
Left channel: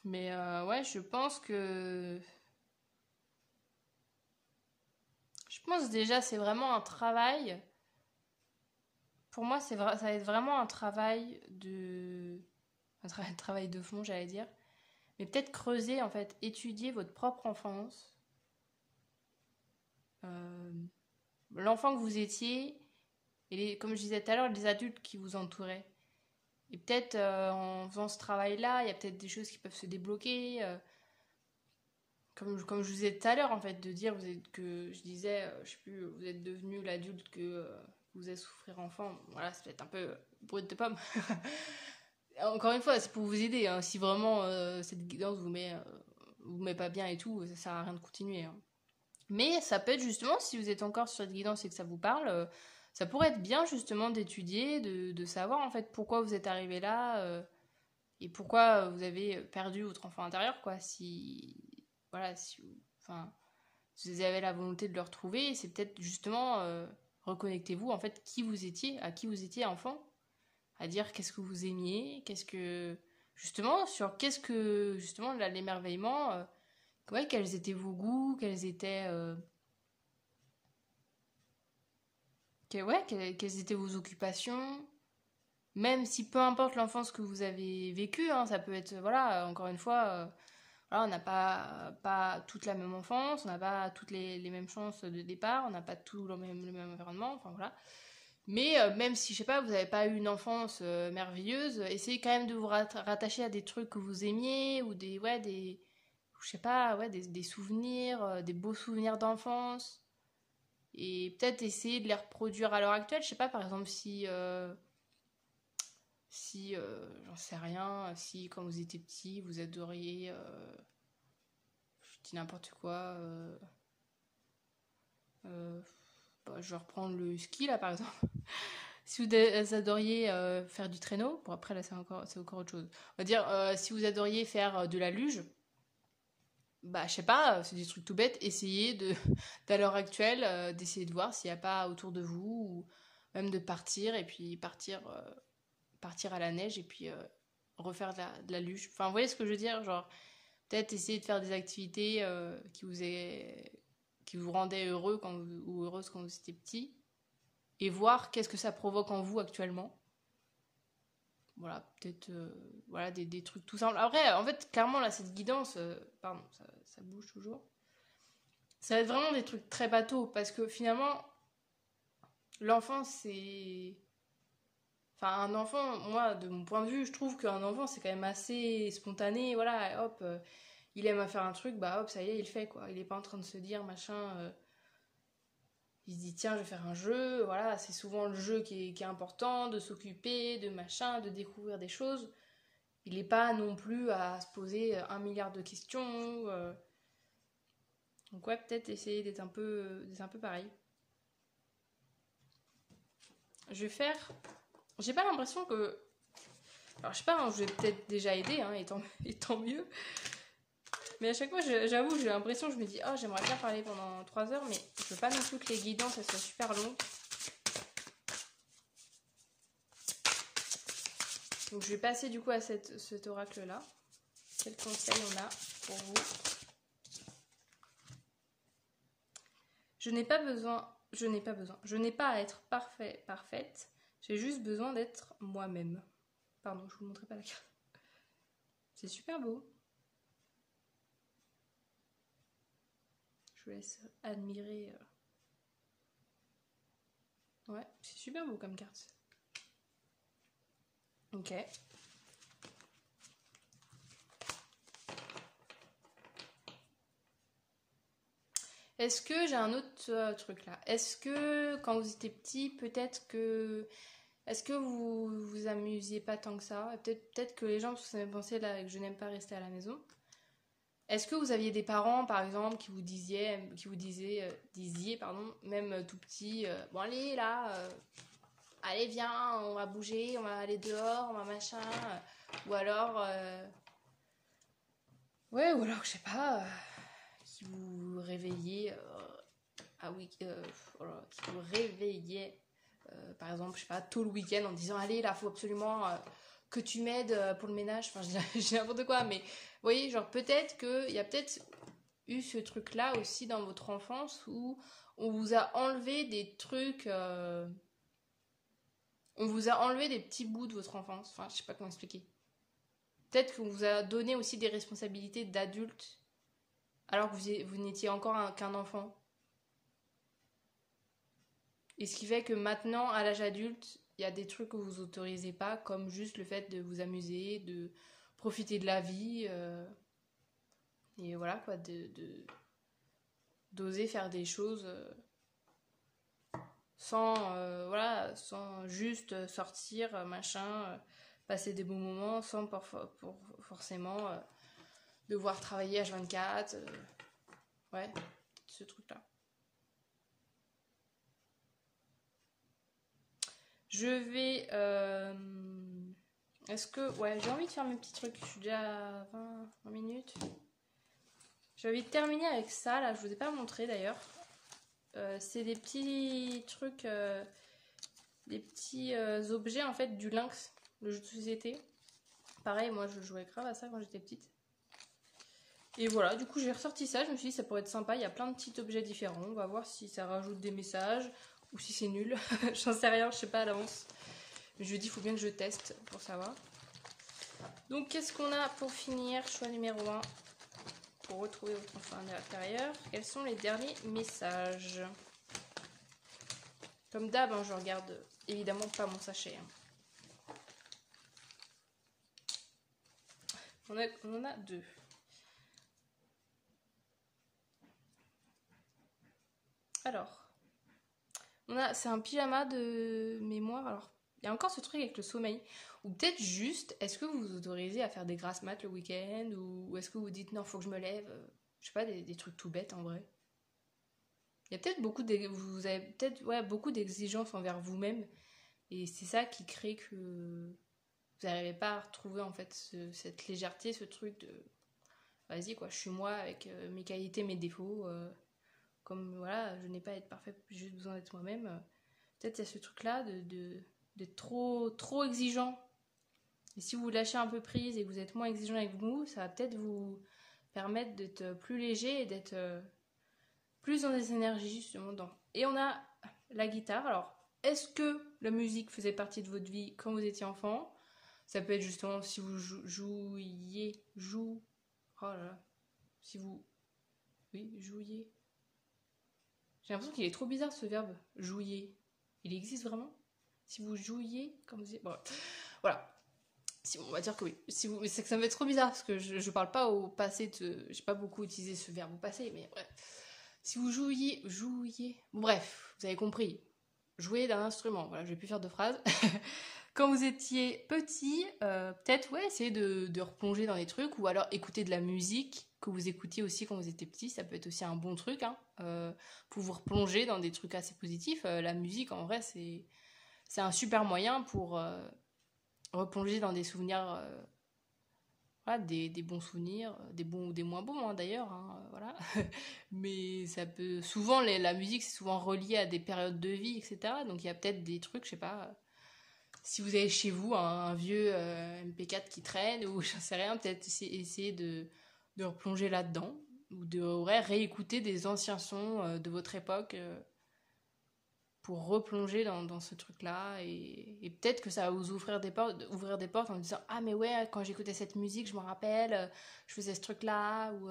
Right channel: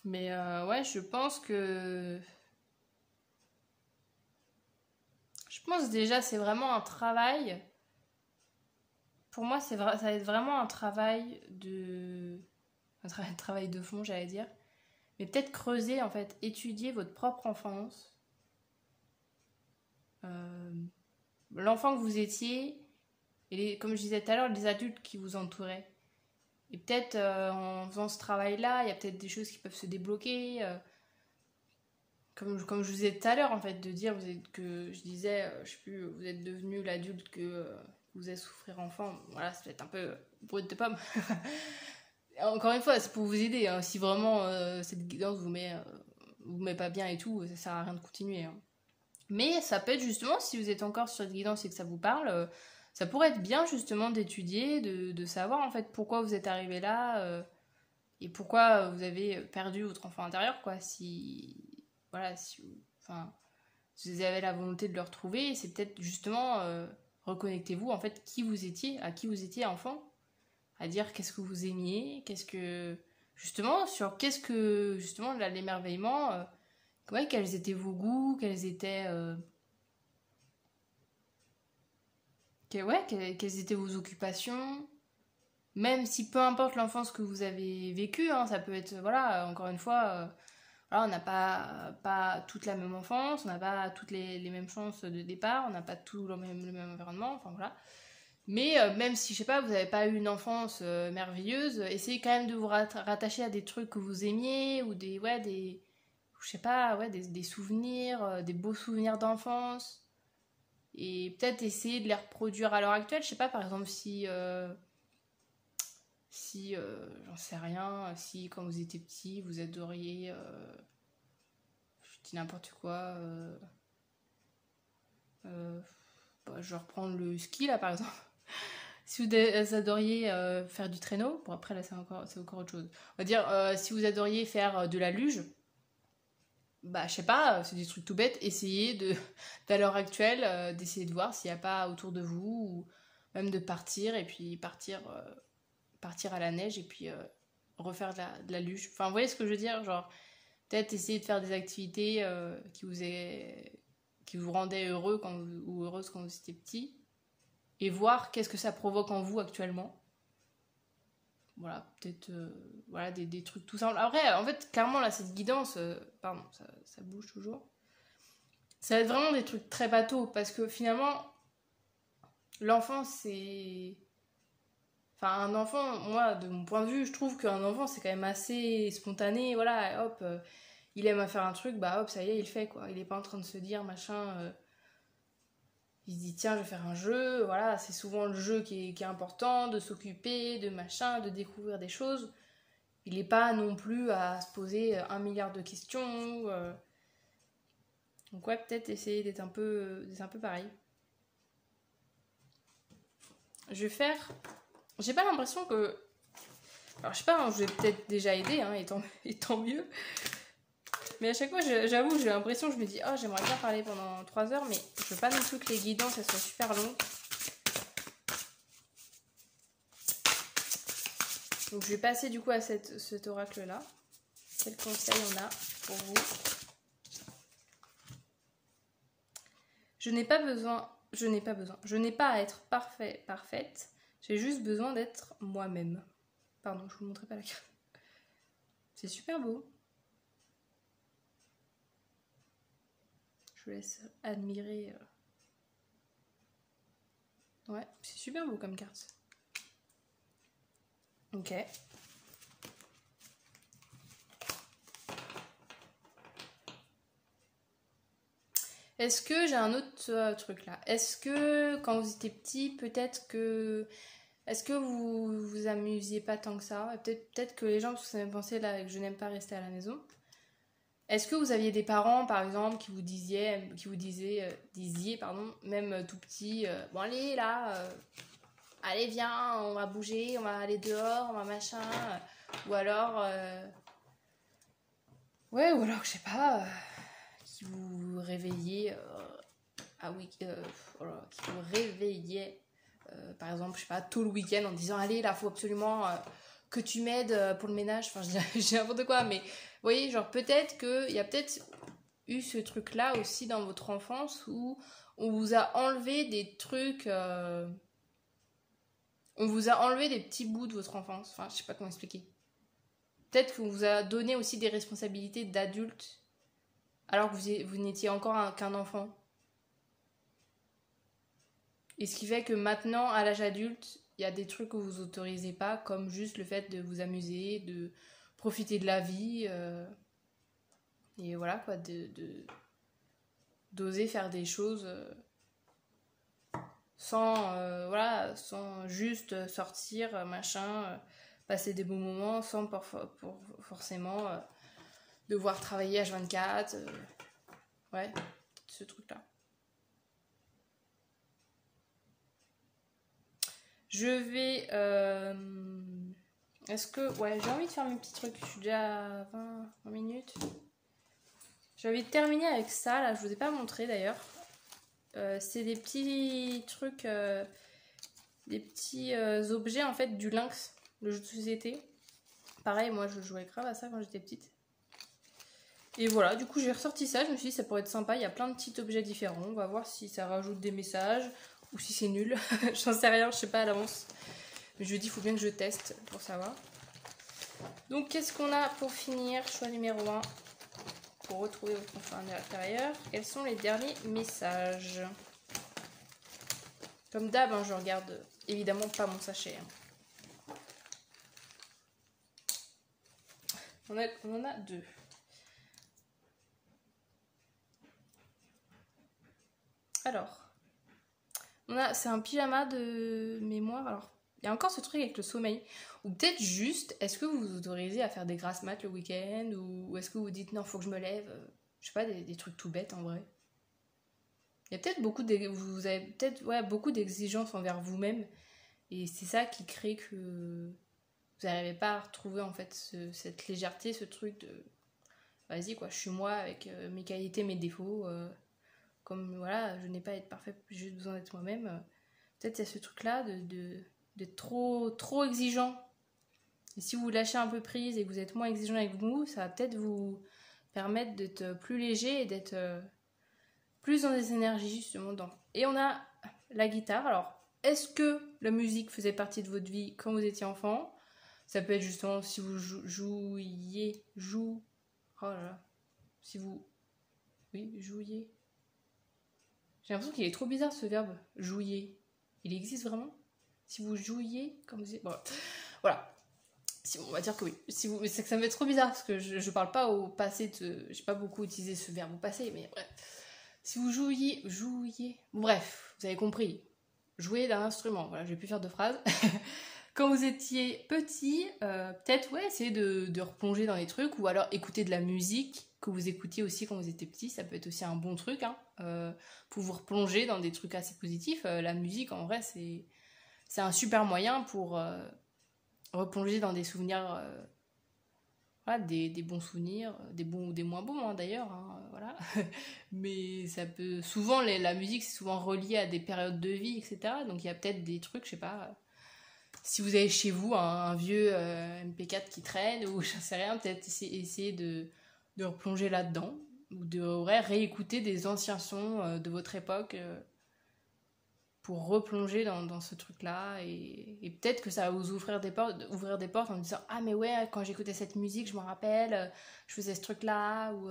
Mais ouais, je pense que... Je pense déjà, c'est vraiment un travail. Pour moi, ça va être vraiment un travail de... Un travail de fond, j'allais dire. Mais peut-être creuser, en fait, étudier votre propre enfance. L'enfant que vous étiez, et comme je disais tout à l'heure, les adultes qui vous entouraient. Et peut-être en faisant ce travail-là, il y a peut-être des choses qui peuvent se débloquer. Comme je vous disais tout à l'heure, en fait, de dire que je disais, je sais plus, vous êtes devenu l'adulte que vous avez souffrir enfant. Voilà, c'est peut-être un peu brut de pomme. Encore une fois, c'est pour vous aider. Hein. Si vraiment cette guidance vous met pas bien et tout, ça sert à rien de continuer. Hein. Mais ça peut être justement, si vous êtes encore sur cette guidance et que ça vous parle, ça pourrait être bien justement d'étudier, de savoir en fait pourquoi vous êtes arrivé là et pourquoi vous avez perdu votre enfant intérieur, quoi. Si, voilà, enfin, si vous avez la volonté de le retrouver, c'est peut-être justement reconnectez-vous en fait à qui vous étiez enfant, à dire qu'est-ce que vous aimiez, qu'est-ce que justement l'émerveillement, ouais, quels étaient vos goûts, quelles étaient vos occupations, même si peu importe l'enfance que vous avez vécue, hein, ça peut être, voilà, encore une fois, voilà, on n'a pas toute la même enfance, on n'a pas toutes les mêmes chances de départ, on n'a pas tout le même environnement, enfin voilà. Mais même si, je sais pas, vous n'avez pas eu une enfance merveilleuse, essayez quand même de vous rattacher à des trucs que vous aimiez, ou je sais pas, ouais, des souvenirs, des beaux souvenirs d'enfance. Et peut-être essayer de les reproduire à l'heure actuelle. Je sais pas, par exemple, si j'en sais rien, si quand vous étiez petit, vous adoriez, je dis n'importe quoi, je vais reprendre le ski là par exemple. Si vous adoriez faire du traîneau, bon après là c'est encore autre chose. On va dire, si vous adoriez faire de la luge, bah je sais pas, c'est des trucs tout bêtes, essayez d'à l'heure actuelle, d'essayer de voir s'il n'y a pas autour de vous, ou même de partir, et puis partir à la neige, et puis refaire de la luge. Enfin, vous voyez ce que je veux dire? Genre, peut-être essayer de faire des activités qui vous rendaient heureux ou heureuse quand vous étiez petit, et voir qu'est-ce que ça provoque en vous actuellement. Voilà, peut-être voilà, des trucs tout simples. Après, en fait, clairement, là, cette guidance, pardon, ça bouge toujours. Ça va être vraiment des trucs très bateaux, parce que finalement, l'enfance, Enfin, un enfant, moi, de mon point de vue, je trouve qu'un enfant, c'est quand même assez spontané. Voilà, hop, il aime à faire un truc, bah hop, ça y est, il le fait, quoi. Il est pas en train de se dire, machin... il se dit, tiens, je vais faire un jeu. Voilà, c'est souvent le jeu qui est important, de s'occuper, de machin, de découvrir des choses. Il n'est pas non plus à se poser 1 milliard de questions. Donc ouais, peut-être essayer d'être un peu pareil. Je vais faire... J'ai pas l'impression que... Alors je sais pas, hein, je vais peut-être déjà aider, hein, et tant mieux. Mais à chaque fois, j'avoue, j'ai l'impression, je me dis, oh, j'aimerais bien parler pendant 3 heures, mais je veux pas non plus que les guidances, elles soient super longues. Donc je vais passer du coup à cet oracle-là. Quel conseil on a pour vous? Je n'ai pas à être parfaite. J'ai juste besoin d'être moi-même. Pardon, je vous montrerai pas la carte. C'est super beau. Je vous laisse admirer. Ouais, c'est super beau comme carte. Ok. Est-ce que j'ai un autre truc là? Est-ce que quand vous étiez petit, peut-être que... Est-ce que vous vous amusiez pas tant que ça? Peut-être que les gens se sont pensé là que je n'aime pas rester à la maison. Est-ce que vous aviez des parents, par exemple, qui vous disaient, même tout petit, bon allez là, allez viens, on va bouger, on va aller dehors, on va machin, ou alors, ouais, ou alors je sais pas, qui vous réveillait, qui vous réveillait, par exemple, je sais pas, tout le week-end en disant allez là, faut absolument que tu m'aides pour le ménage, enfin je dis n'importe quoi, mais vous voyez, genre peut-être qu'il y a peut-être eu ce truc-là aussi dans votre enfance où on vous a enlevé des trucs, on vous a enlevé des petits bouts de votre enfance, enfin je sais pas comment expliquer. Peut-être qu'on vous a donné aussi des responsabilités d'adulte alors que vous n'étiez encore qu'un enfant. Et ce qui fait que maintenant, à l'âge adulte, il y a des trucs que vous autorisez pas, comme juste le fait de vous amuser, de profiter de la vie, et voilà quoi, d'oser faire des choses sans juste sortir, machin, passer des bons moments, sans pour forcément devoir travailler H24, ouais, ce truc-là. Je vais... Est-ce que... Ouais, j'ai envie de faire mes petits trucs. Je suis déjà à 20 minutes. J'ai envie de terminer avec ça. Là, je vous ai pas montré d'ailleurs. C'est des petits trucs... des petits objets en fait du Lynx, le jeu de société. Pareil, moi je jouais grave à ça quand j'étais petite. Et voilà, du coup j'ai ressorti ça. Je me suis dit ça pourrait être sympa. Il y a plein de petits objets différents. On va voir si ça rajoute des messages ou si c'est nul. J'en sais rien, je sais pas à l'avance. Mais je me dis, il faut bien que je teste pour savoir. Donc, qu'est-ce qu'on a pour finir? Choix numéro 1. Pour retrouver votre enfant intérieur. Quels sont les derniers messages? Comme d'hab, hein, je regarde évidemment pas mon sachet. Hein. On en a 2. Alors, c'est un pyjama de mémoire. Alors, il y a encore ce truc avec le sommeil. Ou peut-être juste, est-ce que vous vous autorisez à faire des grasses mat le week-end? Ou est-ce que vous dites non, faut que je me lève? Je sais pas, des trucs tout bêtes en vrai. Il y a peut-être vous avez peut-être beaucoup d'exigences envers vous-même. Et c'est ça qui crée que vous n'arrivez pas à retrouver en fait cette légèreté, ce truc de vas-y quoi, je suis moi avec mes qualités, mes défauts. Comme voilà, je n'ai pas à être parfaite, j'ai juste besoin d'être moi-même. Peut-être il y a ce truc-là d'être trop exigeant. Et si vous lâchez un peu prise et que vous êtes moins exigeant avec vous, ça va peut-être vous permettre d'être plus léger et d'être plus dans des énergies justement. Et on a la guitare. Alors, est-ce que la musique faisait partie de votre vie quand vous étiez enfant? Ça peut être justement si vous jouiez. Oh là là. Si vous... Oui, jouiez. J'ai l'impression qu'il est trop bizarre ce verbe. Jouiez. Il existe vraiment? Si vous jouiez, comme vous dites, bon, voilà. Si, on va dire que oui. Si vous, c'est que ça me fait trop bizarre parce que je parle pas au passé. J'ai pas beaucoup utilisé ce verbe au passé, mais bref. Si vous jouiez, bref, vous avez compris. Jouer d'un instrument. Voilà, je vais plus faire de phrases. Quand vous étiez petit, peut-être essayer de replonger dans les trucs ou alors écouter de la musique que vous écoutiez aussi quand vous étiez petit. Ça peut être aussi un bon truc pour vous replonger dans des trucs assez positifs. La musique, en vrai, c'est un super moyen pour replonger dans des souvenirs, voilà, des bons souvenirs, des bons ou des moins bons d'ailleurs. Voilà. Mais ça peut souvent la musique c'est souvent relié à des périodes de vie, etc. Donc il y a peut-être des trucs, je sais pas. Si vous avez chez vous un vieux MP4 qui traîne ou je sais rien, peut-être essayer de replonger là-dedans ou de réécouter des anciens sons de votre époque pour replonger dans ce truc-là et peut-être que ça va vous ouvrir des portes en me disant ah mais ouais quand j'écoutais cette musique je me rappelle je faisais ce truc-là ou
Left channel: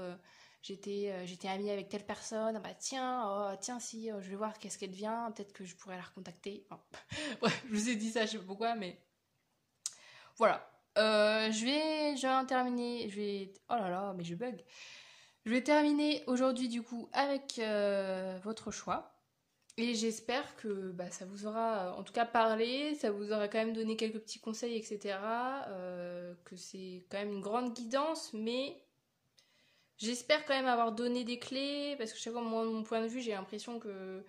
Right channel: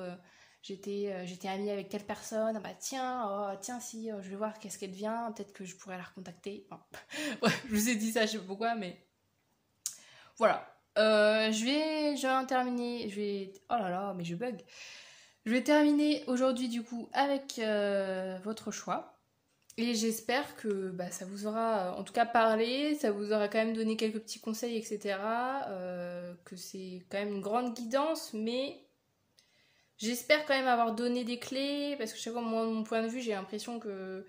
j'étais amie avec telle personne ah bah tiens si je vais voir qu'est-ce qu'elle devient peut-être que je pourrais la recontacter bon. Bref, je vous ai dit ça je sais pas pourquoi mais voilà je vais terminer oh là là mais je bug je vais terminer aujourd'hui du coup avec votre choix. Et j'espère que ça vous aura en tout cas parlé, ça vous aura quand même donné quelques petits conseils, etc. Que c'est quand même une grande guidance, mais j'espère quand même avoir donné des clés, parce que chaque fois, moi, de mon point de vue, j'ai l'impression que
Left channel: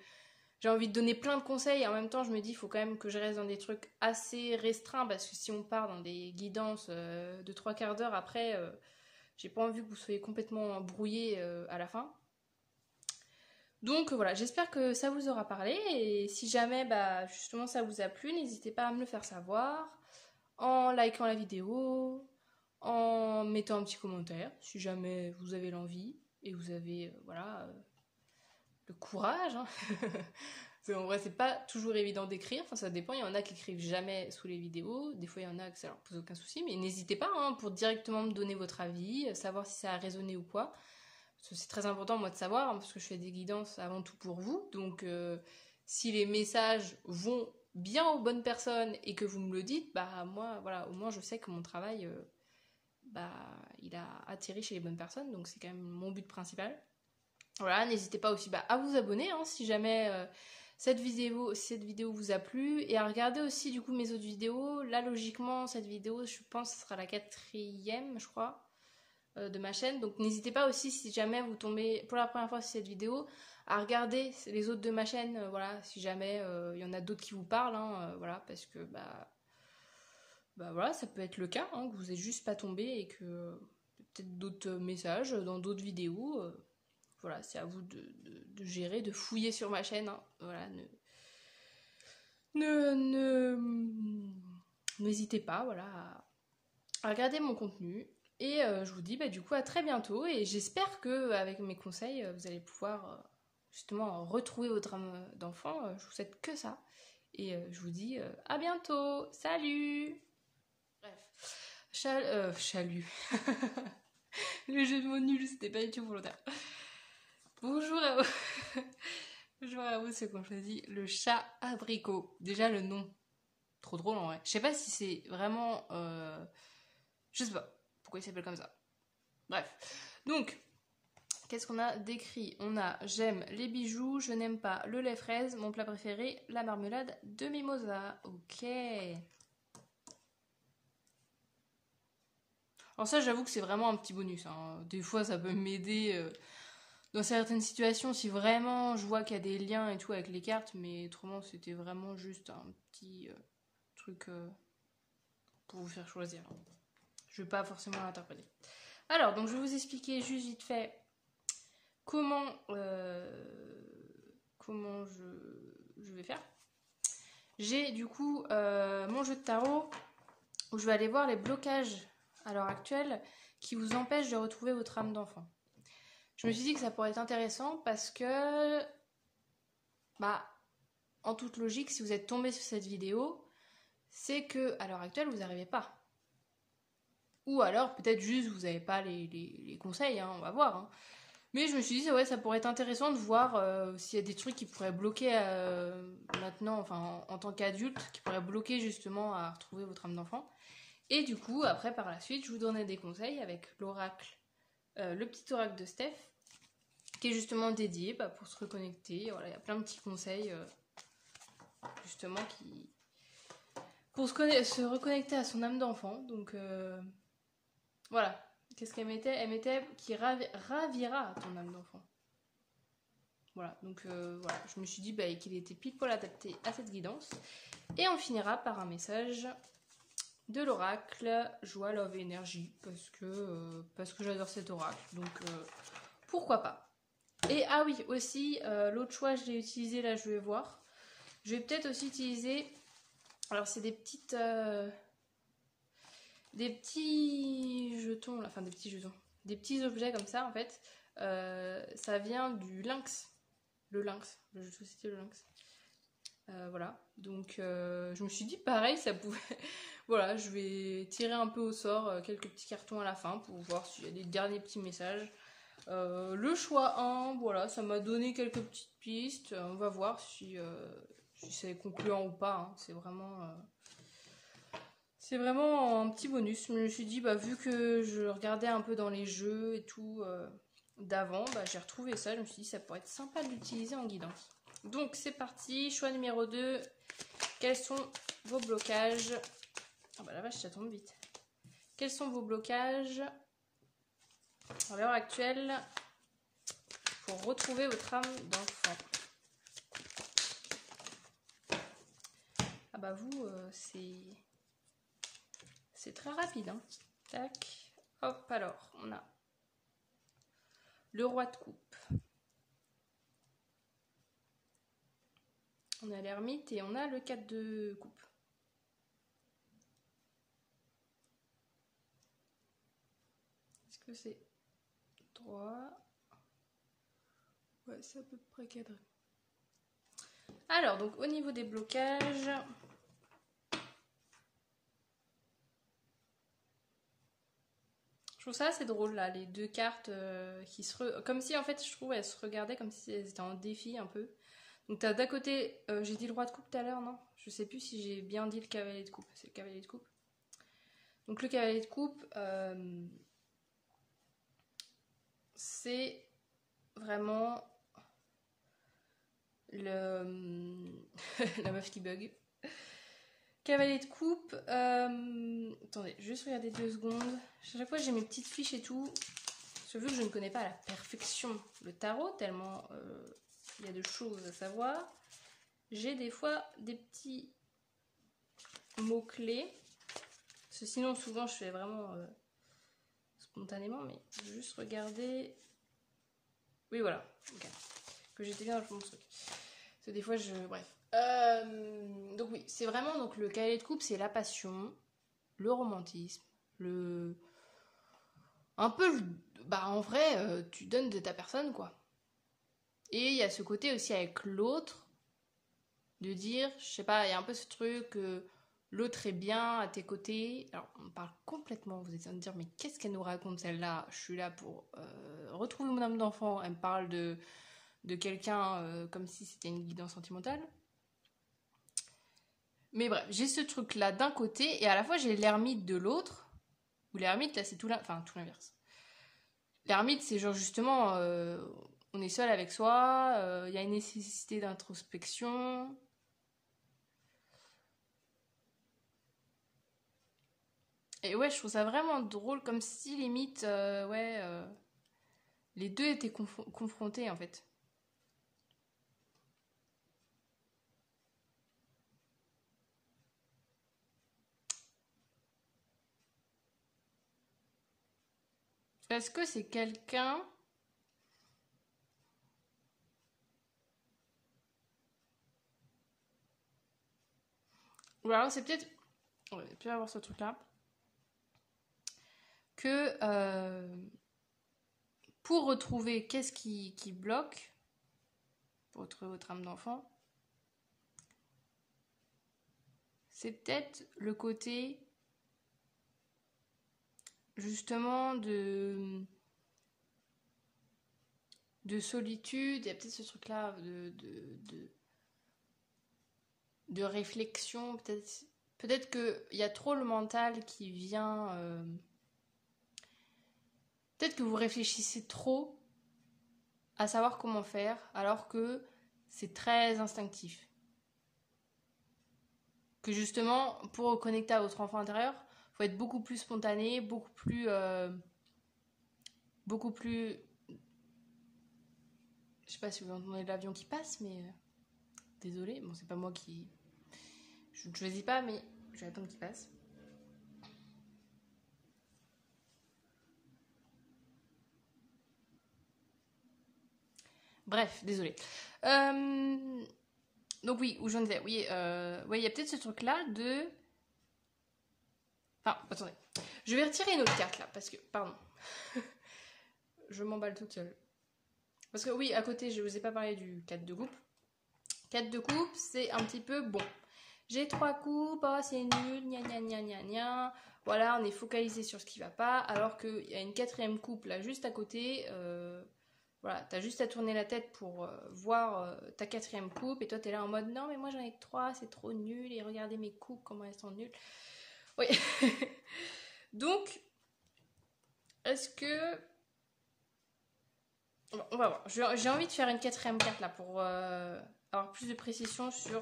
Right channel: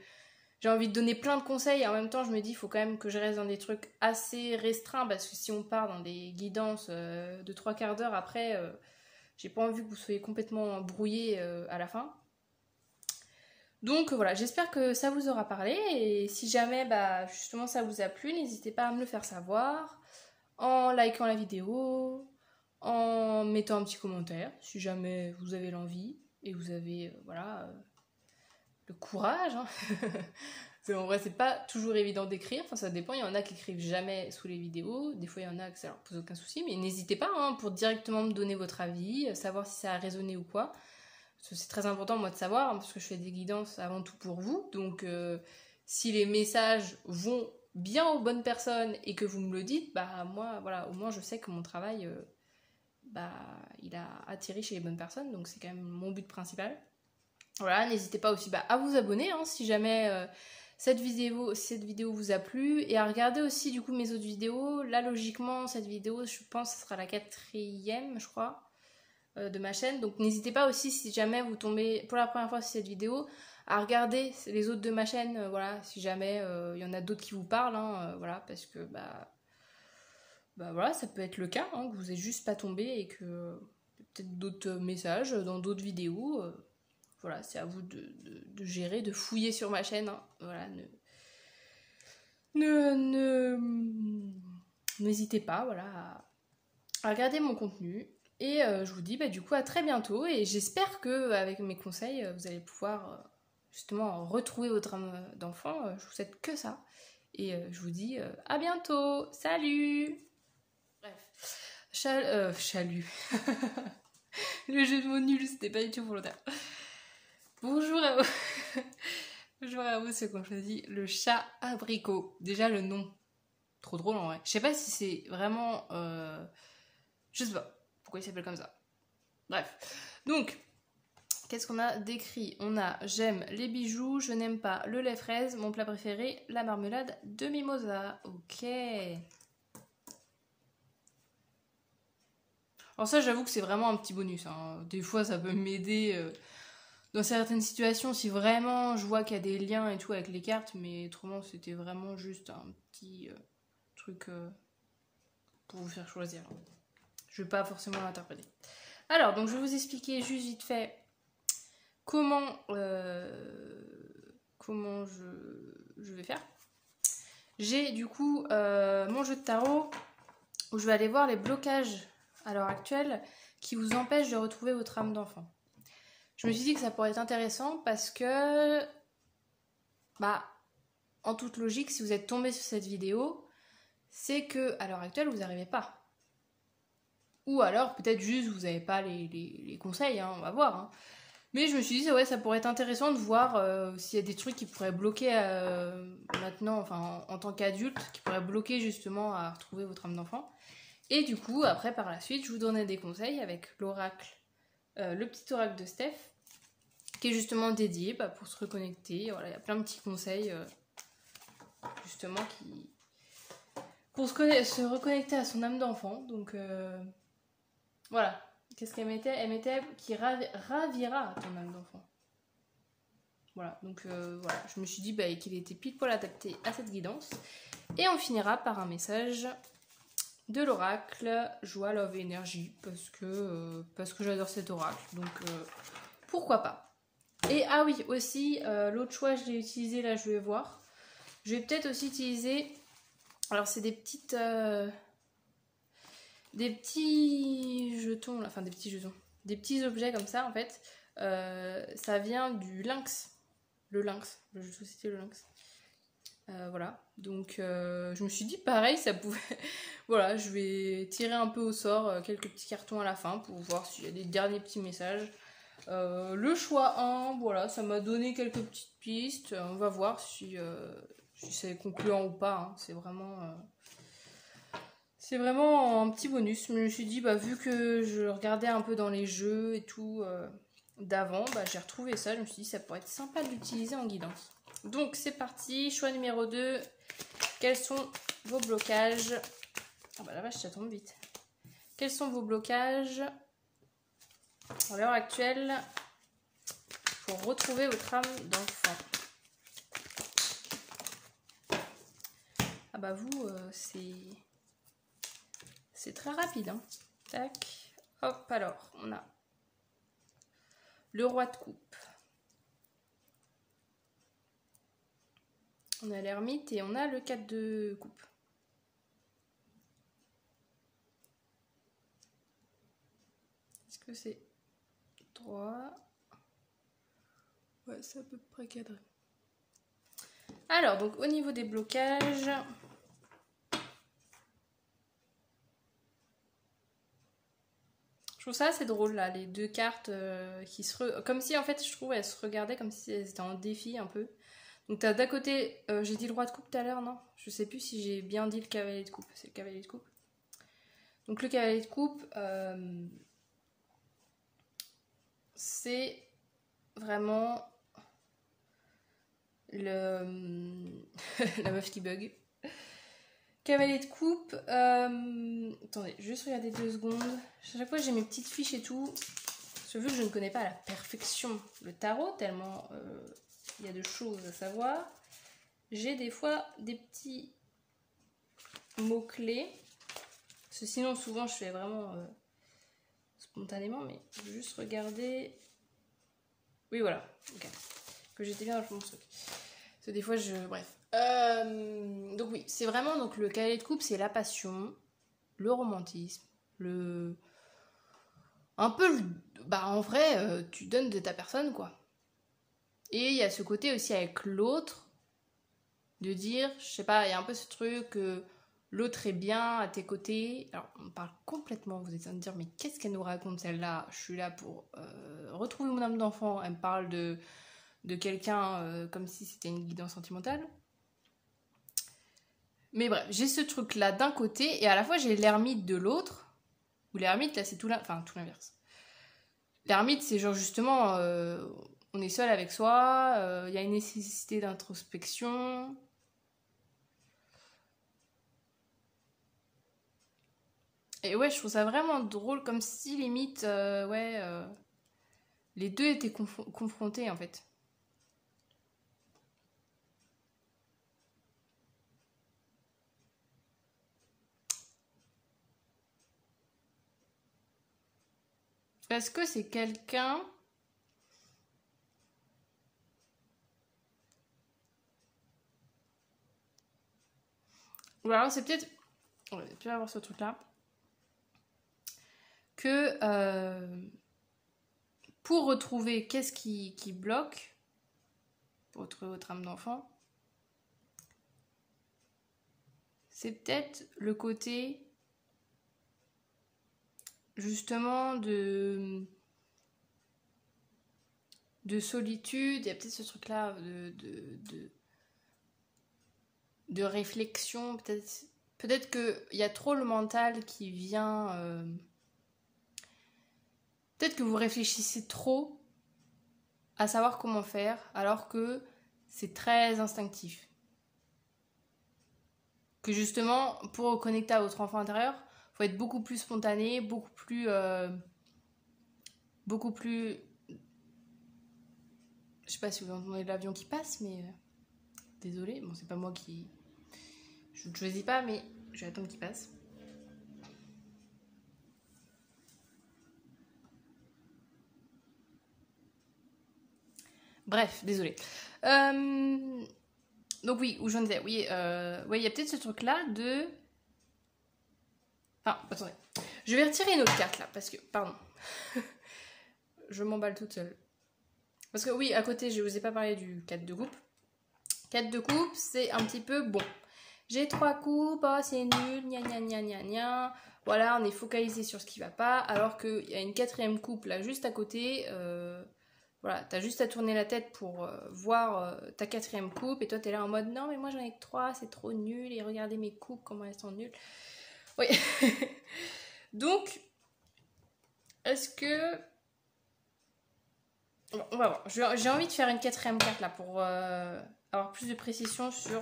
j'ai envie de donner plein de conseils, et en même temps, je me dis, il faut quand même que je reste dans des trucs assez restreints, parce que si on part dans des guidances de 3/4 d'heure, après, j'ai pas envie que vous soyez complètement brouillés à la fin. Donc voilà, j'espère que ça vous aura parlé et si jamais justement ça vous a plu, n'hésitez pas à me le faire savoir en likant la vidéo, en mettant un petit commentaire si jamais vous avez l'envie et vous avez le courage. En vrai, c'est pas toujours évident d'écrire, enfin ça dépend, il y en a qui écrivent jamais sous les vidéos, des fois il y en a que ça leur pose aucun souci, mais n'hésitez pas pour directement me donner votre avis, savoir si ça a résonné ou quoi. C'est très important moi de savoir parce que je fais des guidances avant tout pour vous donc si les messages vont bien aux bonnes personnes et que vous me le dites moi voilà au moins je sais que mon travail il a atterri chez les bonnes personnes donc c'est quand même mon but principal. Voilà, n'hésitez pas aussi à vous abonner si jamais cette vidéo vous a plu et à regarder aussi du coup mes autres vidéos. Là logiquement cette vidéo je pense que ce sera la 4e je crois de ma chaîne, donc n'hésitez pas aussi si jamais vous tombez pour la première fois sur cette vidéo à regarder les autres de ma chaîne, voilà, si jamais il y en a d'autres qui vous parlent, voilà, parce que voilà, ça peut être le cas, que vous n'êtes juste pas tombé et que peut-être d'autres messages dans d'autres vidéos, voilà, c'est à vous de gérer, de fouiller sur ma chaîne, voilà, n'hésitez pas, voilà, à regarder mon contenu. Et je vous dis du coup à très bientôt et j'espère que avec mes conseils vous allez pouvoir justement retrouver votre âme d'enfant. Je vous souhaite que ça et je vous dis à bientôt. Salut. Bref, chalut. Le jeu de mots nul, c'était pas du tout volontaire. Bonjour à vous. Bonjour à vous ceux qui ont choisi le chat abricot. Déjà le nom, trop drôle en vrai. Je sais pas si c'est vraiment, je sais pas. Pourquoi il s'appelle comme ça? Bref. Donc, qu'est-ce qu'on a décrit? On a j'aime les bijoux, je n'aime pas le lait fraise, mon plat préféré, la marmelade de mimosa. Ok. Alors ça, j'avoue que c'est vraiment un petit bonus. Des fois, ça peut m'aider dans certaines situations si vraiment je vois qu'il y a des liens et tout avec les cartes, mais autrement, c'était vraiment juste un petit truc pour vous faire choisir. Je ne vais pas forcément l'interpréter. Alors, donc je vais vous expliquer juste vite fait comment je vais faire. J'ai du coup mon jeu de tarot où je vais aller voir les blocages à l'heure actuelle qui vous empêchent de retrouver votre âme d'enfant. Je me suis dit que ça pourrait être intéressant parce que, en toute logique, si vous êtes tombé sur cette vidéo, c'est que à l'heure actuelle, vous n'arrivez pas. Ou alors, peut-être juste, vous n'avez pas les conseils, on va voir. Mais je me suis dit, ouais, ça pourrait être intéressant de voir s'il y a des trucs qui pourraient bloquer maintenant, enfin en tant qu'adulte, qui pourraient bloquer justement à retrouver votre âme d'enfant. Et du coup, après, par la suite, je vous donnais des conseils avec l'oracle, le petit oracle de Steph, qui est justement dédié pour se reconnecter. Voilà, il y a plein de petits conseils justement pour se reconnecter à son âme d'enfant. Donc voilà. Qu'est-ce qu'elle mettait? Elle mettait qui ravira ton âme d'enfant. Voilà, donc voilà, je me suis dit qu'il était pile poil adapté à cette guidance. Et on finira par un message de l'oracle Joie, Love et Énergie, parce que j'adore cet oracle, donc pourquoi pas. Et ah oui, aussi, l'autre choix, je l'ai utilisé, là je vais voir. Je vais peut-être aussi utiliser, alors c'est des petits jetons, enfin des petits jetons, des petits objets comme ça en fait. Ça vient du lynx, le lynx, le jeu de société le lynx. Voilà, donc je me suis dit pareil, ça pouvait. Voilà, je vais tirer un peu au sort quelques petits cartons à la fin pour voir s'il y a des derniers petits messages. Le choix 1, voilà, ça m'a donné quelques petites pistes. On va voir si c'est concluant ou pas. Hein. C'est vraiment un petit bonus. Je me suis dit, vu que je regardais un peu dans les jeux et tout d'avant, j'ai retrouvé ça. Je me suis dit, ça pourrait être sympa de l'utiliser en guidance. Donc c'est parti, choix numéro 2. Quels sont vos blocages? Oh la vache, ça tombe vite. Quels sont vos blocages à l'heure actuelle pour retrouver votre âme d'enfant? Ah vous, c'est très rapide. Hein. Tac. Hop, alors, on a le roi de coupe. On a l'ermite et on a le 4 de coupe. Est-ce que c'est droit? Ouais, c'est à peu près cadré. Alors, donc au niveau des blocages, je trouve ça assez drôle là, les deux cartes qui comme si en fait je trouve elles se regardaient comme si elles étaient en défi un peu. Donc t'as d'un côté, j'ai dit le roi de coupe tout à l'heure, non? Je sais plus si j'ai bien dit le cavalier de coupe. C'est le cavalier de coupe. Donc le cavalier de coupe, c'est vraiment la meuf qui bug. Cavalier de coupe, attendez, juste regarder 2 secondes. À chaque fois j'ai mes petites fiches et tout. Parce que vu que je ne connais pas à la perfection le tarot, tellement il y a de choses à savoir, j'ai des fois des petits mots-clés. Parce que sinon souvent je fais vraiment spontanément, mais je vais juste regarder. Oui voilà, okay. Que j'étais bien dans le truc. Parce que des fois bref. Donc oui, c'est vraiment donc le cavalier de coupe, c'est la passion, le romantisme, un peu en vrai, tu donnes de ta personne quoi. Et il y a ce côté aussi avec l'autre, de dire, je sais pas, il y a un peu ce truc que l'autre est bien à tes côtés. Alors on parle complètement, vous êtes en train de dire mais qu'est-ce qu'elle nous raconte celle-là? Je suis là pour retrouver mon âme d'enfant. Elle me parle de quelqu'un comme si c'était une guidance sentimentale. Mais bref, j'ai ce truc là d'un côté et à la fois j'ai l'ermite de l'autre. Ou l'ermite là c'est tout l'inverse. L'ermite c'est genre justement on est seul avec soi, il y a une nécessité d'introspection. Et ouais, je trouve ça vraiment drôle comme si limite les deux étaient confrontés en fait. Est-ce que c'est quelqu'un... Ou alors c'est peut-être... On va peut-être avoir ce truc-là. Que pour retrouver qu'est-ce qui bloque, pour retrouver votre âme d'enfant, c'est peut-être le côté justement de de solitude, il y a peut-être ce truc-là de réflexion, peut-être qu'il y a trop le mental qui vient... peut-être que vous réfléchissez trop à savoir comment faire, alors que c'est très instinctif. Que justement, pour reconnecter à votre enfant intérieur, il faut être beaucoup plus spontané, beaucoup plus... Je sais pas si vous entendez l'avion qui passe, mais... désolée, bon, c'est pas moi qui... Je ne choisis pas, mais je vais attendre qu'il passe. Bref, désolée. Donc oui, où j'en étais. Oui, il y a peut-être ce truc-là de... Enfin, attendez. Je vais retirer une autre carte, là, parce que... Pardon. Je m'emballe toute seule. Parce que oui, à côté, je vous ai pas parlé du 4 de coupe. 4 de coupe, c'est un petit peu... Bon, j'ai 3 coupes, oh, c'est nul, gna gna gna gna gna. Voilà, on est focalisé sur ce qui va pas, alors qu'il y a une 4e coupe, là, juste à côté... Voilà, t'as juste à tourner la tête pour voir ta 4e coupe et toi t'es là en mode non mais moi j'en ai que 3, c'est trop nul et regardez mes coupes comment elles sont nulles. Oui. Donc, est-ce que... Bon, on va voir. J'ai envie de faire une 4e carte là pour avoir plus de précision sur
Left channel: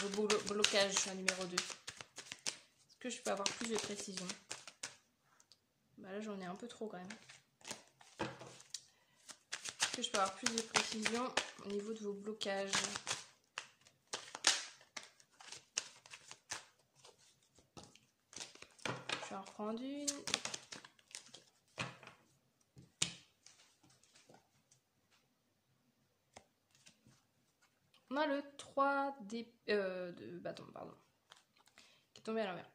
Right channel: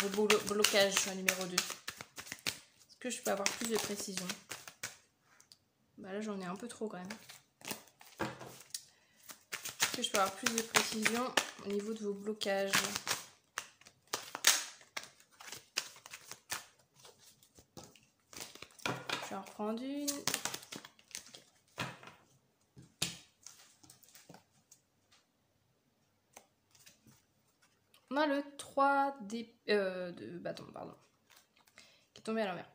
vos blocages numéro 2. Est-ce que je peux avoir plus de précision? Bah là j'en ai un peu trop quand même. Je peux avoir plus de précision au niveau de vos blocages. Je vais en reprendre une. On a le 3 de bâton, pardon, qui est tombé à l'envers.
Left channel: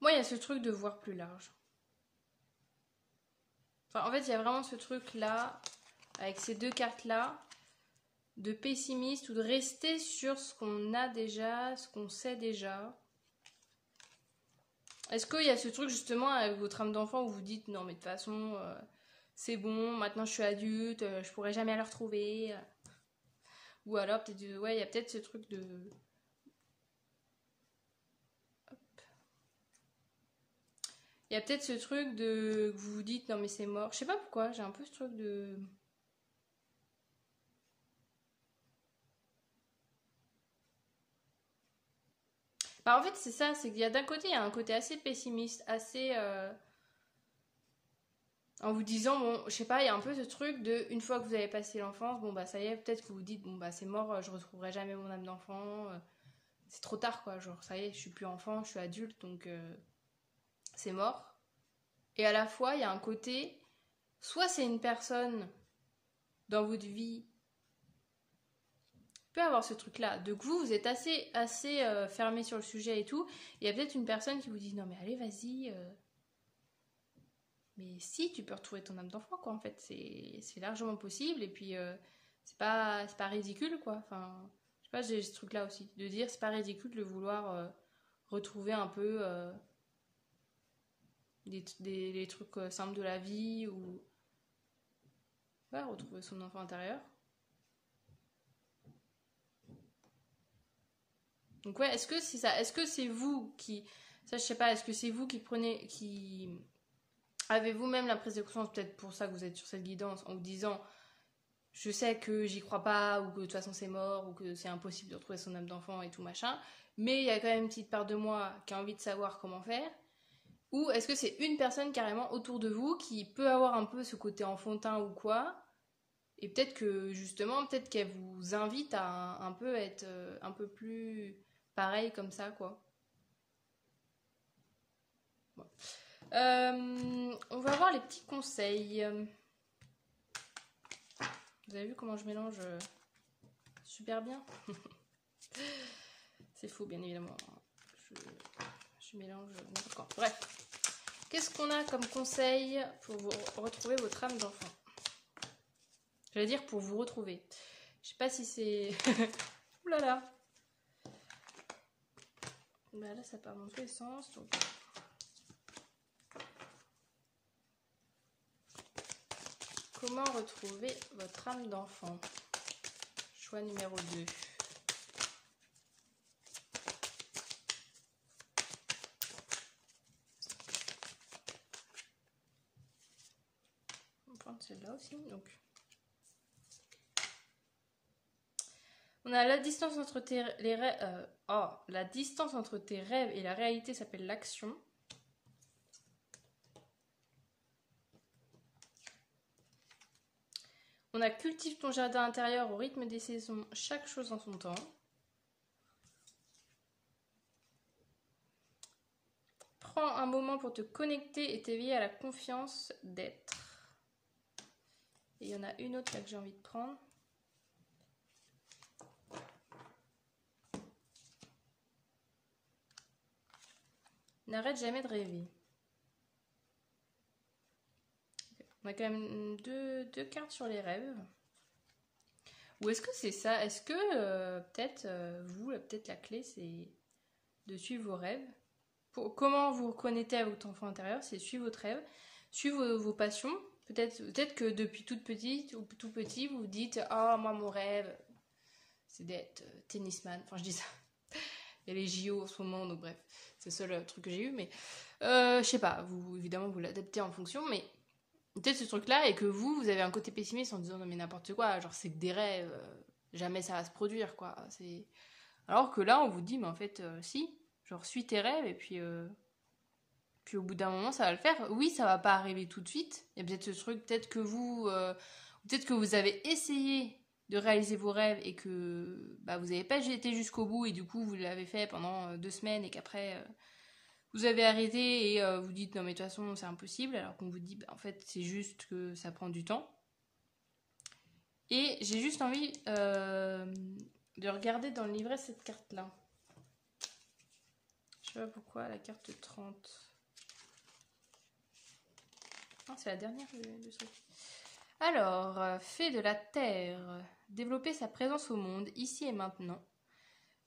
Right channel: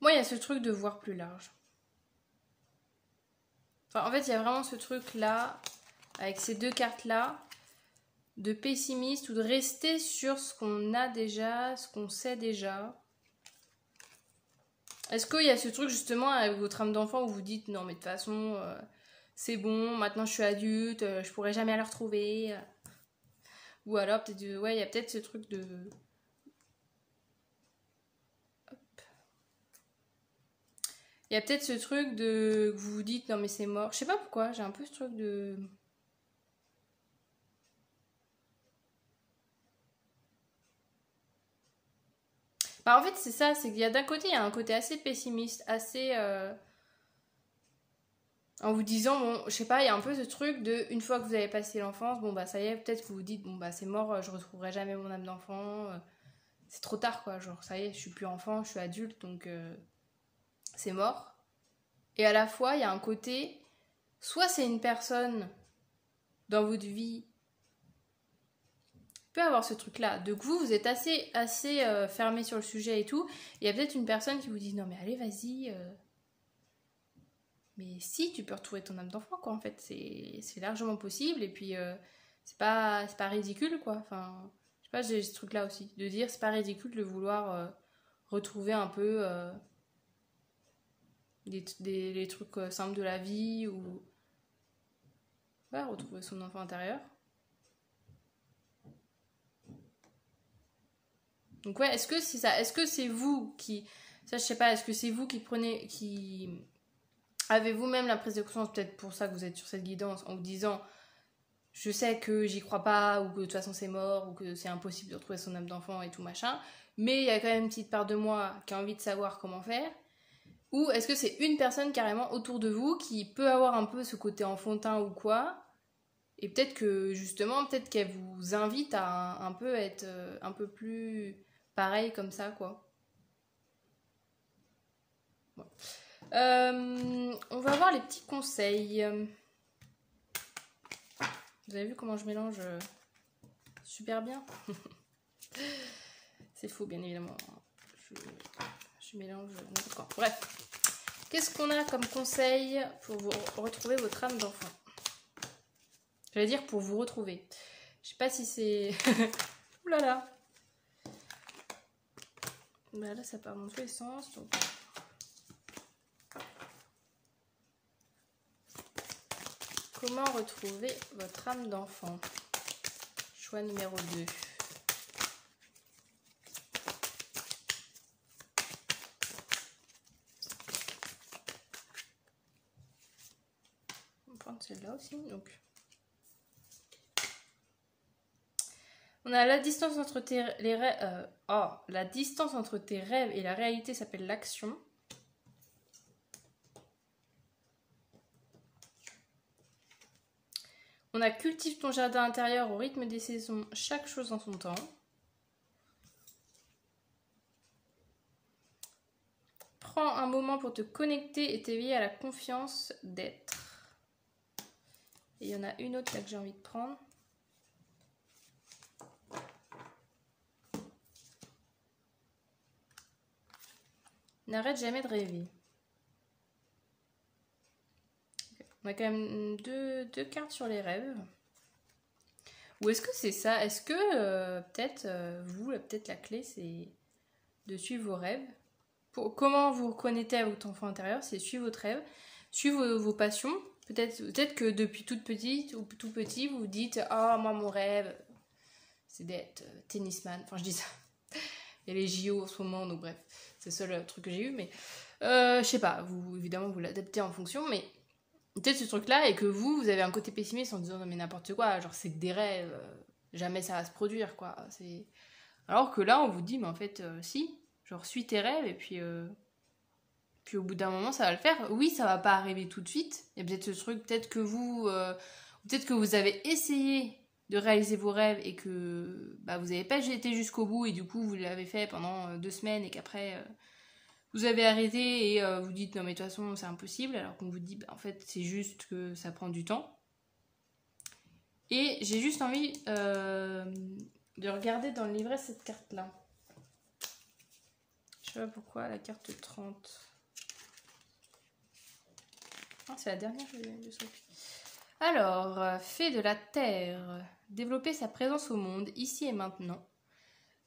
Moi, il y a ce truc de voir plus large. Enfin, en fait, il y a vraiment ce truc-là, avec ces 2 cartes-là, de pessimiste ou de rester sur ce qu'on a déjà, ce qu'on sait déjà. Est-ce qu'il y a ce truc, justement, avec votre âme d'enfant, où vous dites, non, mais de toute façon, c'est bon, maintenant je suis adulte, je pourrai jamais la retrouver. Ou alors, peut-être, ouais, il y a peut-être ce truc de... Il y a peut-être ce truc de... Vous vous dites, non mais c'est mort. Je sais pas pourquoi, j'ai un peu ce truc de... Bah en fait, c'est ça, c'est qu'il y a d'un côté, il y a un côté assez pessimiste, assez... En vous disant, bon, je sais pas, il y a un peu ce truc de... Une fois que vous avez passé l'enfance, bon bah ça y est, peut-être que vous vous dites, bon bah c'est mort, je retrouverai jamais mon âme d'enfant. C'est trop tard quoi, genre ça y est, je suis plus enfant, je suis adulte, donc c'est mort. Et à la fois, il y a un côté, soit c'est une personne dans votre vie, peut avoir ce truc-là, de que vous êtes assez fermé sur le sujet et tout, il y a peut-être une personne qui vous dit, non mais allez, vas-y, mais si, tu peux retrouver ton âme d'enfant, quoi, en fait, c'est largement possible, et puis c'est pas ridicule, quoi, enfin, je sais pas, j'ai ce truc-là aussi, de dire, c'est pas ridicule de vouloir retrouver un peu... les trucs simples de la vie ou ouais, retrouver son enfant intérieur. Donc ouais, est-ce que c'est ça? Est-ce que c'est vous qui... Ça, je sais pas, est-ce que c'est vous qui avez vous-même la prise de conscience, peut-être pour ça que vous êtes sur cette guidance, en vous disant je sais que j'y crois pas, ou que de toute façon c'est mort, ou que c'est impossible de retrouver son âme d'enfant et tout machin, mais il y a quand même une petite part de moi qui a envie de savoir comment faire. Ou est-ce que c'est une personne carrément autour de vous qui peut avoir un peu ce côté enfantin ou quoi, et peut-être que justement, peut-être qu'elle vous invite à un peu être un peu plus pareil comme ça, quoi. Ouais. On va voir les petits conseils. Vous avez vu comment je mélange super bien? C'est faux, bien évidemment. Je mélange n'importe quoi. Bref. Qu'est-ce qu'on a comme conseil pour vous retrouver votre âme d'enfant? J'allais dire pour vous retrouver. Je sais pas si c'est... Ouh là là. Bah là, ça part dans tous les sens. Donc... Comment retrouver votre âme d'enfant? Choix numéro 2. On va prendre celle-là aussi. Donc. On a la distance entre les rêves. La distance entre tes rêves et la réalité s'appelle l'action. On a cultive ton jardin intérieur au rythme des saisons, chaque chose en son temps. Prends un moment pour te connecter et t'éveiller à la confiance d'être. Et il y en a une autre là que j'ai envie de prendre. N'arrête jamais de rêver. On a quand même deux cartes sur les rêves. Ou est-ce que c'est ça? Est-ce que peut-être peut-être la clé c'est de suivre vos rêves? Comment vous reconnectez à votre enfant intérieur? C'est suivre votre rêve, suivre vos passions. Peut-être que depuis toute petite ou tout petit, vous vous dites ah moi mon rêve c'est d'être tennisman. Enfin je dis ça. Il y a les JO en ce moment, donc bref, c'est le seul truc que j'ai eu. Mais je sais pas, évidemment vous l'adaptez en fonction, mais peut-être ce truc-là et que vous avez un côté pessimiste en disant non mais n'importe quoi, genre c'est que des rêves, jamais ça va se produire quoi. Alors que là on vous dit mais en fait si, genre suis tes rêves et puis au bout d'un moment ça va le faire. Oui ça va pas arriver tout de suite. Il y a peut-être ce truc, peut-être que vous avez essayé de réaliser vos rêves et que vous n'avez pas été jusqu'au bout et du coup vous l'avez fait pendant 2 semaines et qu'après vous avez arrêté et vous dites non mais de toute façon c'est impossible, alors qu'on vous dit en fait c'est juste que ça prend du temps. Et j'ai juste envie de regarder dans le livret cette carte là. Je sais pas pourquoi la carte 30. Ah, c'est la dernière de ce truc. Alors, fée de la terre, développer sa présence au monde ici et maintenant.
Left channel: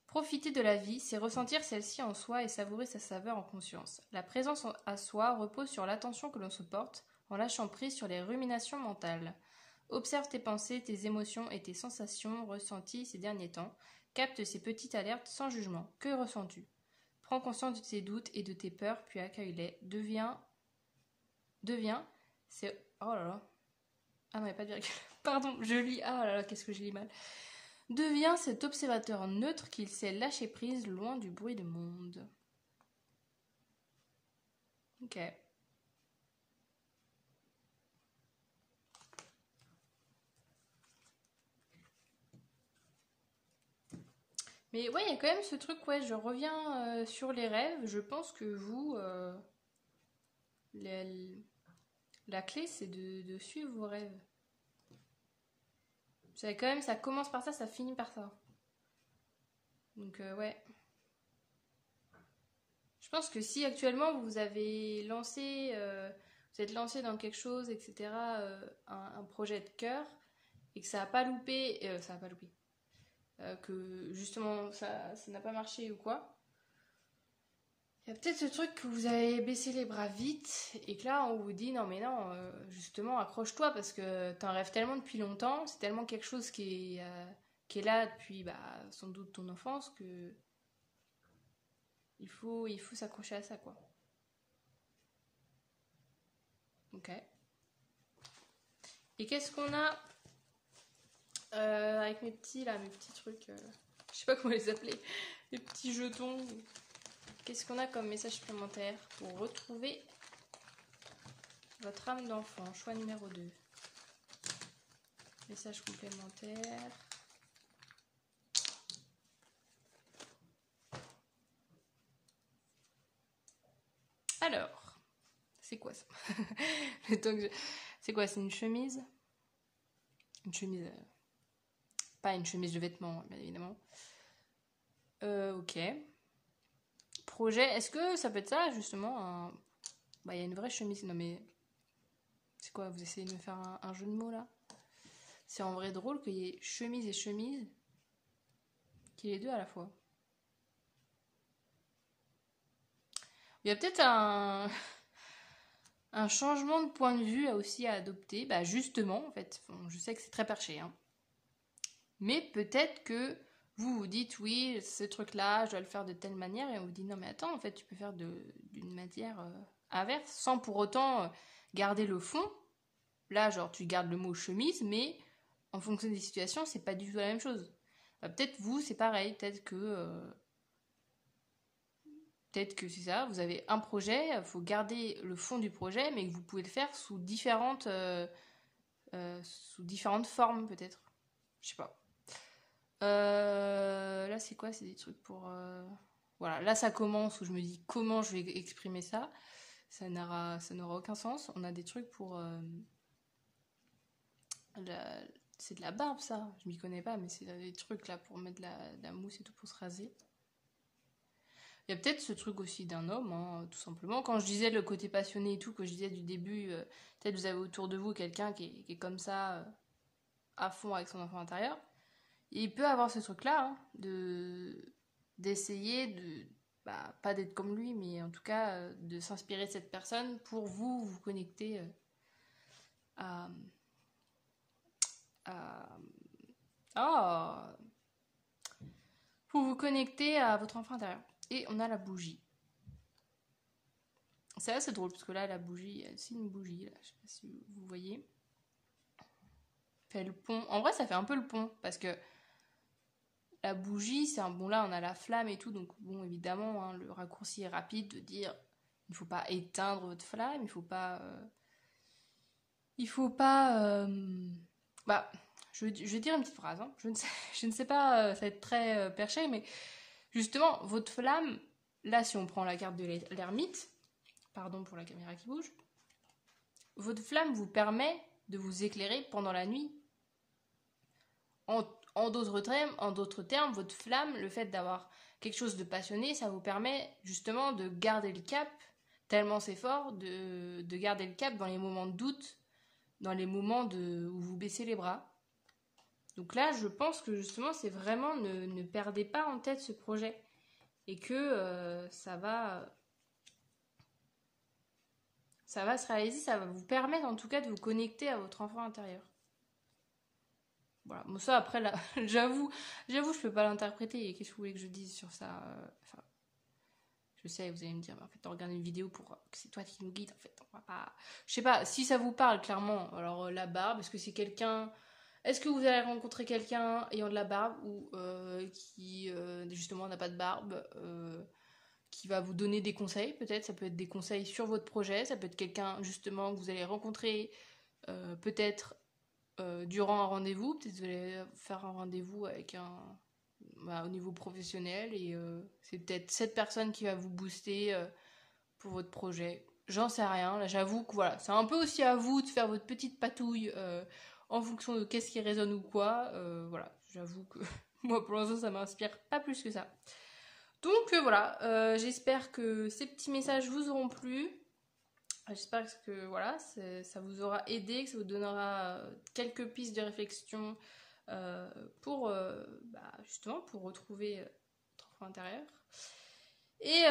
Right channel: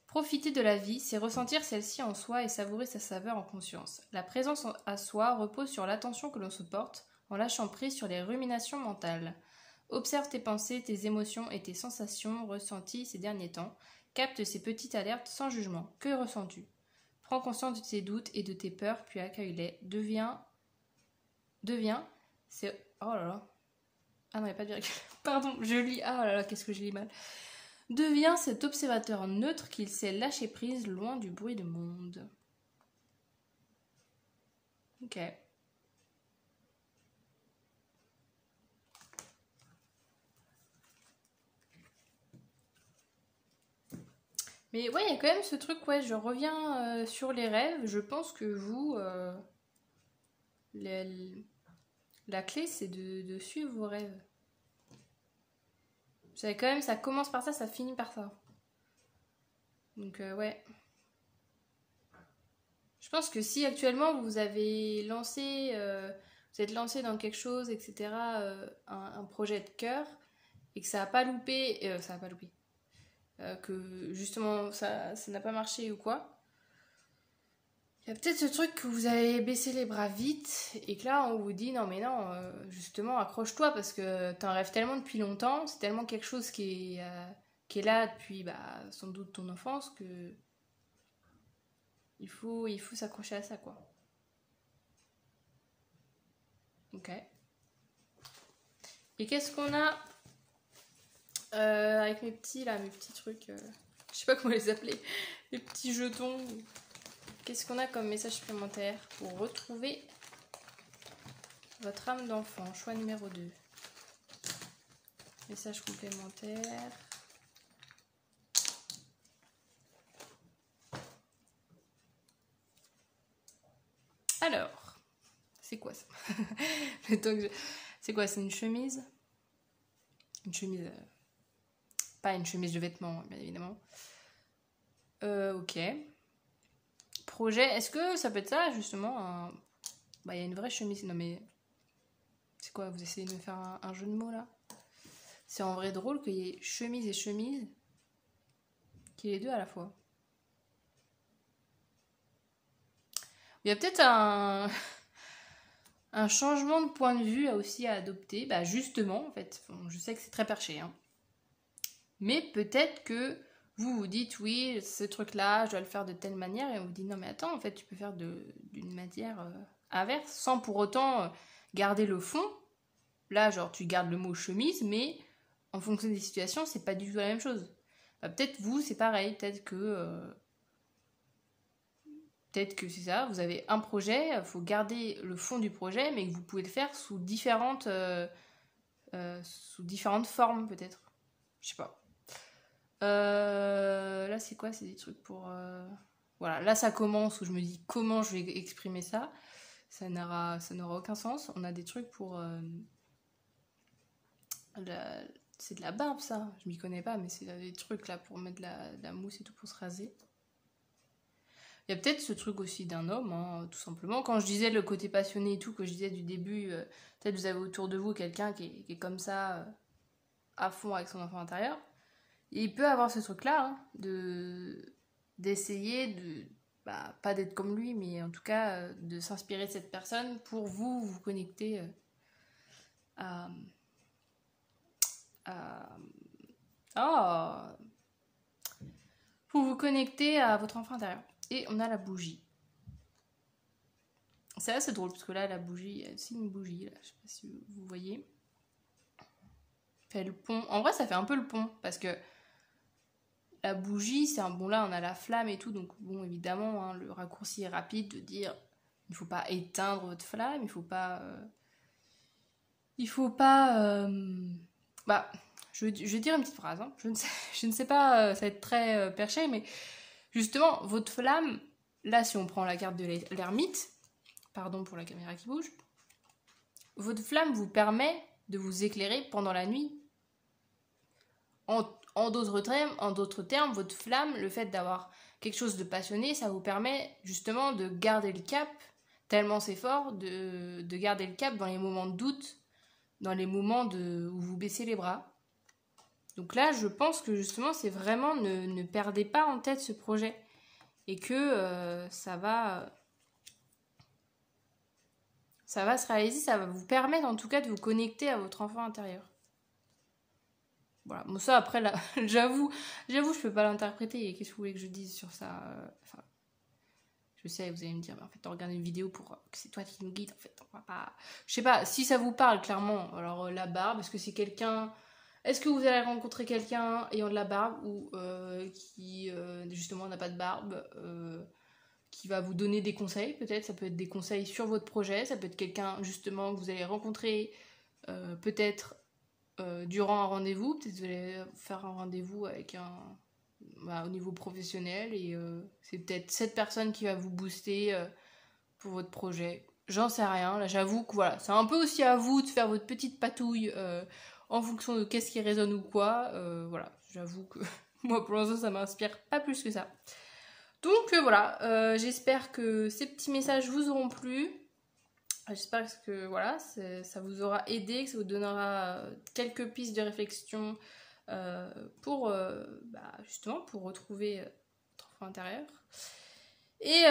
Profiter de la vie, c'est ressentir celle-ci en soi et savourer sa saveur en conscience. La présence à soi repose sur l'attention que l'on se porte, en lâchant prise sur les ruminations mentales. Observe tes pensées, tes émotions et tes sensations ressenties ces derniers temps. Capte ces petites alertes sans jugement. Que ressens-tu? Prends conscience de tes doutes et de tes peurs, puis accueille-les. Deviens, c'est... Oh là là. Ah non, il n'y a pas de virgule. Pardon, je lis... Ah là là, qu'est-ce que je lis mal. Deviens cet observateur neutre qu'il sait lâcher prise loin du bruit du monde. Ok. Mais ouais, il y a quand même ce truc, ouais, je reviens sur les rêves. Je pense que vous, la clé, c'est de suivre vos rêves. Vous savez quand même, ça commence par ça, ça finit par ça. Donc ouais. Je pense que si actuellement vous avez lancé, vous êtes lancé dans quelque chose, etc., un projet de cœur, et que ça n'a pas loupé, que justement ça n'a pas marché ou quoi, il y a peut-être ce truc que vous avez baissé les bras vite et que là on vous dit non mais non, justement accroche-toi parce que t'en rêves tellement depuis longtemps, c'est tellement quelque chose qui est là depuis sans doute ton enfance que il faut s'accrocher à ça quoi. Ok. Et qu'est-ce qu'on a avec mes petits trucs, je sais pas comment les appeler, les petits jetons. Qu'est-ce qu'on a comme message supplémentaire pour retrouver votre âme d'enfant? Choix numéro 2. Message complémentaire. Alors, c'est quoi ça? C'est quoi? C'est une chemise? Une chemise... Pas une chemise de vêtements, bien évidemment. Ok. Projet, est-ce que ça peut être ça, justement? Il y a une vraie chemise. Non mais... C'est quoi? Vous essayez de me faire un jeu de mots, là? C'est en vrai drôle qu'il y ait chemise et chemise. Qu'il y ait les deux à la fois. Il y a peut-être un un changement de point de vue aussi à adopter. Bah justement, en fait, bon, je sais que c'est très perché, hein. Mais peut-être que vous vous dites, oui, ce truc-là, je dois le faire de telle manière, et on vous dit, non mais attends, en fait, tu peux faire d'une manière inverse, sans pour autant garder le fond. Là, genre, tu gardes le mot chemise, mais en fonction des situations, c'est pas du tout la même chose. Peut-être vous, c'est pareil, peut-être que c'est ça, vous avez un projet, il faut garder le fond du projet, mais que vous pouvez le faire sous différentes formes, peut-être. Je sais pas. Là, c'est quoi? C'est des trucs pour... Voilà, là, ça commence où je me dis comment je vais exprimer ça. Ça n'aura aucun sens. On a des trucs pour... C'est de la barbe, ça. Je m'y connais pas, mais c'est des trucs là pour mettre de la mousse et tout pour se raser. Il y a peut-être ce truc aussi d'un homme, hein, tout simplement. Quand je disais le côté passionné et tout, que je disais du début, peut-être vous avez autour de vous quelqu'un qui est comme ça, à fond avec son enfant intérieur. Et il peut avoir ce truc-là, hein, d'essayer de... Bah, pas d'être comme lui, mais en tout cas, de s'inspirer de cette personne pour vous connecter à... Oh, pour vous connecter à votre enfant intérieur. Et on a la bougie. C'est assez drôle parce que là, la bougie, c'est une bougie. Là, je sais pas si vous voyez. Fait le pont. En vrai, ça fait un peu le pont parce que la bougie, c'est un bon. Là, on a la flamme et tout, donc bon, évidemment, hein, le raccourci est rapide de dire il ne faut pas éteindre votre flamme, il faut pas. Bah, je vais dire une petite phrase. Hein. Je ne sais pas, ça va être très perché, mais justement, votre flamme, là, si on prend la carte de l'ermite, pardon pour la caméra qui bouge, votre flamme vous permet de vous éclairer pendant la nuit. En d'autres termes, votre flamme, le fait d'avoir quelque chose de passionné, ça vous permet justement de garder le cap, tellement c'est fort, de garder le cap dans les moments de doute, dans les moments où vous baissez les bras. Donc là, je pense que justement, c'est vraiment ne perdez pas en tête ce projet et que ça va se réaliser, ça va vous permettre en tout cas de vous connecter à votre enfant intérieur. Voilà, bon ça après là, j'avoue, je peux pas l'interpréter. Qu'est-ce que vous voulez que je dise sur ça? Enfin, je sais, vous allez me dire, en fait, on regarde une vidéo pour que c'est toi qui nous guide. En fait, on va pas. Je sais pas si ça vous parle clairement. Alors la barbe, est-ce que c'est quelqu'un? Est-ce que vous allez rencontrer quelqu'un ayant de la barbe ou qui justement n'a pas de barbe, qui va vous donner des conseils? Peut-être, ça peut être des conseils sur votre projet. Ça peut être quelqu'un justement que vous allez rencontrer, peut-être. Durant un rendez-vous, peut-être vous allez faire un rendez-vous avec au niveau professionnel et c'est peut-être cette personne qui va vous booster pour votre projet. J'en sais rien, là j'avoue que voilà, c'est un peu aussi à vous de faire votre petite patouille en fonction de qu'est-ce qui résonne ou quoi. Voilà, j'avoue que moi pour l'instant ça m'inspire pas plus que ça. Donc voilà, j'espère que ces petits messages vous auront plu. J'espère que voilà, ça vous aura aidé, que ça vous donnera quelques pistes de réflexion pour justement pour retrouver votre enfant intérieur. Et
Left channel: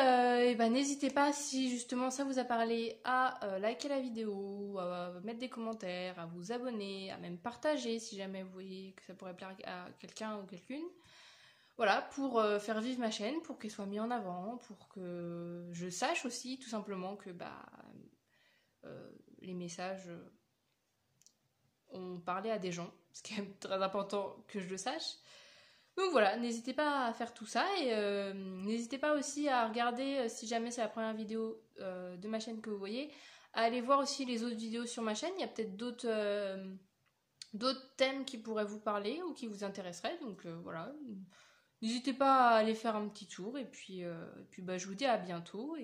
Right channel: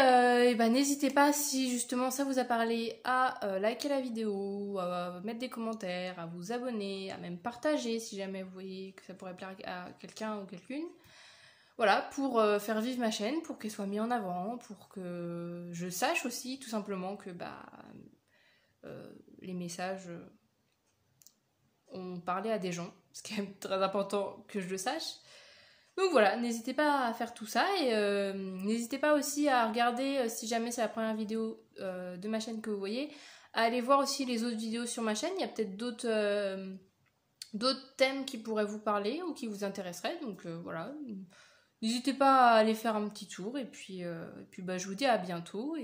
n'hésitez pas, si justement ça vous a parlé, à liker la vidéo, à mettre des commentaires, à vous abonner, à même partager si jamais vous voyez que ça pourrait plaire à quelqu'un ou quelqu'une. Voilà, pour faire vivre ma chaîne, pour qu'elle soit mise en avant, pour que je sache aussi tout simplement que les messages ont parlé à des gens, ce qui est très important que je le sache. Donc voilà, n'hésitez pas à faire tout ça et n'hésitez pas aussi à regarder, si jamais c'est la première vidéo de ma chaîne que vous voyez, à aller voir aussi les autres vidéos sur ma chaîne. Il y a peut-être d'autres thèmes qui pourraient vous parler ou qui vous intéresseraient. Donc voilà, n'hésitez pas à aller faire un petit tour et puis je vous dis à bientôt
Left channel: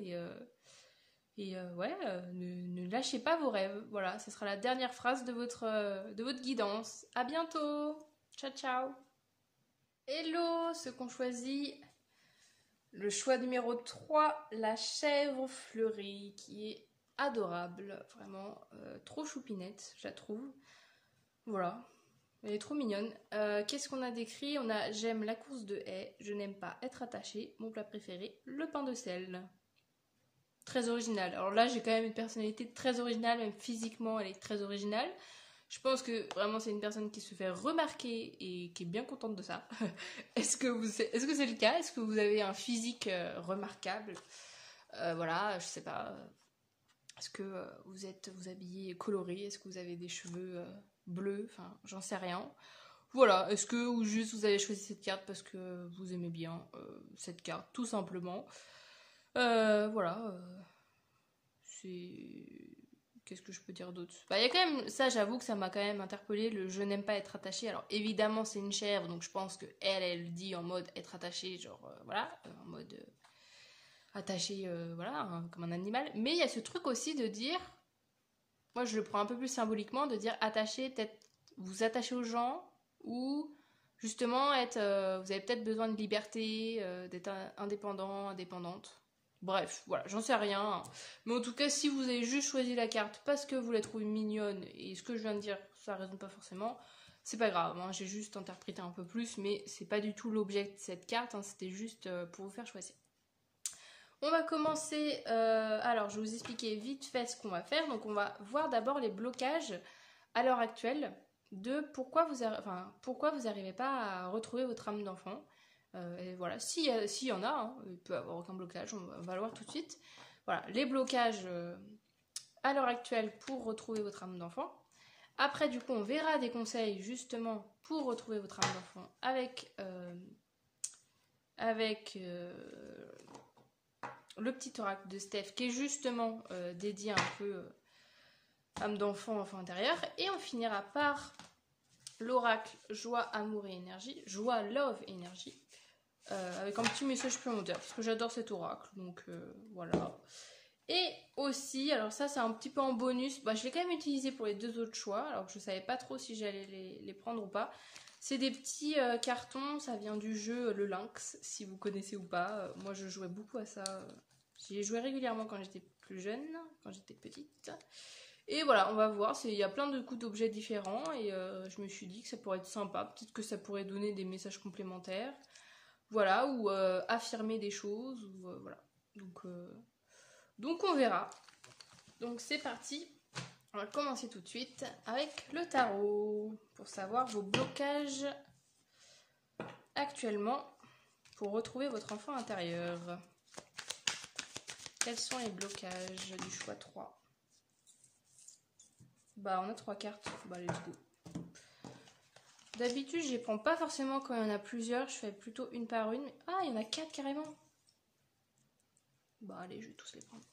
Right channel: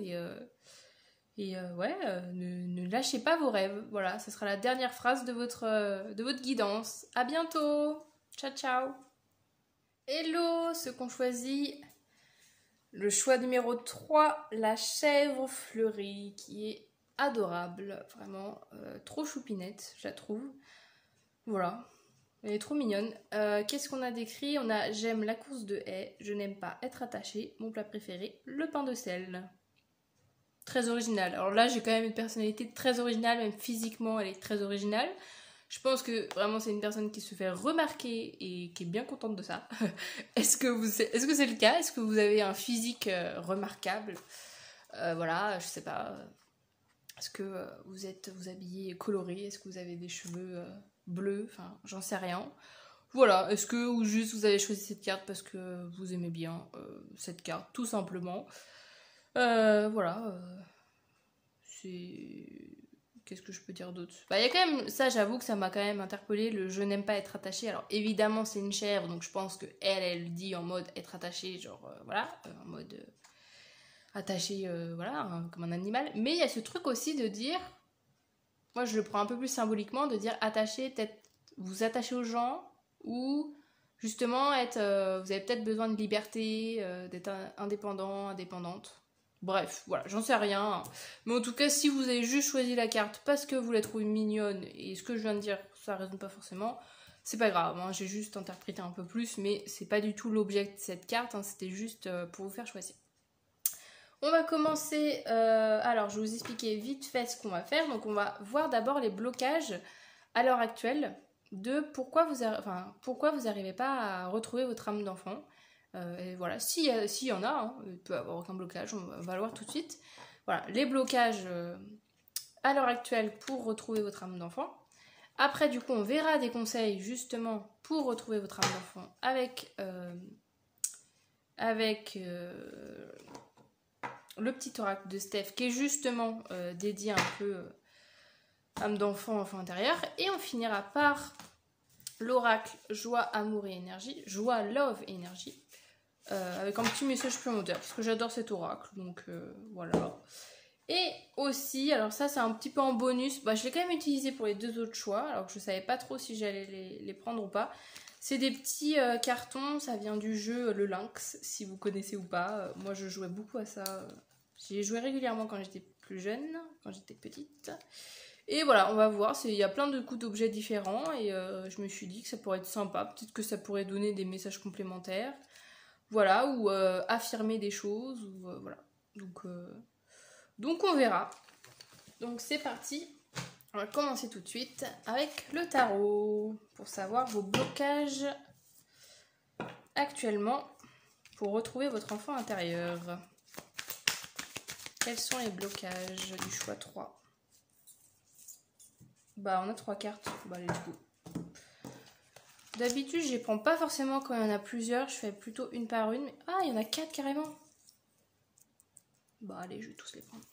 ne lâchez pas vos rêves. Voilà, ce sera la dernière phrase de votre guidance. À bientôt. Ciao, ciao. Hello, ceux qu'on choisit. Le choix numéro 3, la chèvre fleurie, qui est adorable. Vraiment, trop choupinette, je la trouve. Voilà, elle est trop mignonne. Qu'est-ce qu'on a décrit? On a « J'aime la course de haie, je n'aime pas être attachée. Mon plat préféré, le pain de sel ». très originale. Alors là, j'ai quand même une personnalité très originale, même physiquement, elle est très originale. Je pense que vraiment c'est une personne qui se fait remarquer et qui est bien contente de ça. Est-ce que c'est le cas? Est-ce que vous avez un physique remarquable? Voilà, je sais pas. Est-ce que vous habillez coloré? Est-ce que vous avez des cheveux bleus? Enfin, j'en sais rien. Voilà, est-ce que ou juste vous avez choisi cette carte parce que vous aimez bien cette carte, tout simplement. Voilà, c'est... Qu'est-ce que je peux dire d'autre? Bah, il y a quand même, ça j'avoue que ça m'a quand même interpellé, le je n'aime pas être attachée. Alors évidemment c'est une chèvre, donc je pense que elle dit en mode être attachée, genre voilà, en mode attachée, voilà, hein, comme un animal. Mais il y a ce truc aussi de dire, moi je le prends un peu plus symboliquement, de dire attacher, peut-être vous attachez aux gens, ou justement être, vous avez peut-être besoin de liberté, d'être indépendant, indépendante. Bref, voilà, j'en sais rien. Mais en tout cas, si vous avez juste choisi la carte parce que vous la trouvez mignonne, et ce que je viens de dire, ça résonne pas forcément, c'est pas grave, hein, j'ai juste interprété un peu plus, mais c'est pas du tout l'objet de cette carte, hein, c'était juste pour vous faire choisir. On va commencer, alors je vais vous expliquer vite fait ce qu'on va faire. Donc on va voir d'abord les blocages à l'heure actuelle de pourquoi vous n'arrivez pas à retrouver votre âme d'enfant. Et voilà, s'il y en a, hein, il peut y avoir aucun blocage, on va le voir tout de suite. Voilà, les blocages à l'heure actuelle pour retrouver votre âme d'enfant. Après, du coup, on verra des conseils justement pour retrouver votre âme d'enfant avec le petit oracle de Steph qui est justement dédié un peu âme d'enfant, enfant intérieur. Et on finira par l'oracle joie, amour et énergie, joie, love et énergie. Avec un petit message supplémentaire parce que j'adore cet oracle, donc voilà. Et aussi, alors ça c'est un petit peu en bonus, bah, je l'ai quand même utilisé pour les deux autres choix, alors que je savais pas trop si j'allais les prendre ou pas. C'est des petits cartons, ça vient du jeu Le Lynx, si vous connaissez ou pas. Moi je jouais beaucoup à ça, j'y ai joué régulièrement quand j'étais plus jeune, quand j'étais petite. Et voilà, on va voir, il y a plein de coups d'objets différents et je me suis dit que ça pourrait être sympa, peut-être que ça pourrait donner des messages complémentaires. Voilà, ou affirmer des choses, ou voilà. Donc on verra. Donc c'est parti. On va commencer tout de suite avec le tarot pour savoir vos blocages actuellement pour retrouver votre enfant intérieur. Quels sont les blocages du choix 3? Bah on a 3 cartes. Bah let's go. D'habitude, je les prends pas forcément quand il y en a plusieurs, je fais plutôt une par une. Mais... Ah, il y en a 4 carrément. Bon, allez, je vais tous les prendre.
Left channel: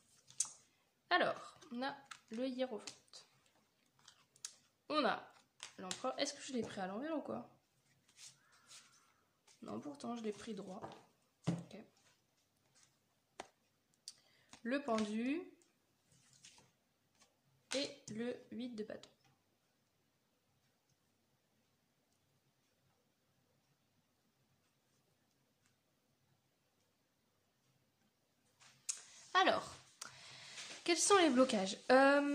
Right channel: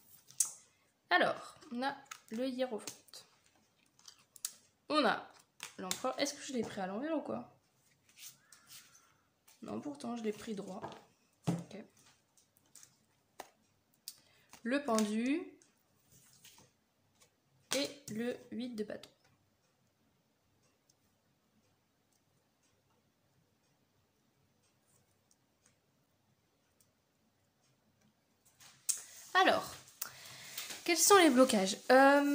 Alors, on a le hiérophante. On a l'empereur. Est-ce que je l'ai pris à l'envers ou quoi? Non, pourtant, je l'ai pris droit. Ok. Le pendu. Et le 8 de bâton. Alors, quels sont les blocages? En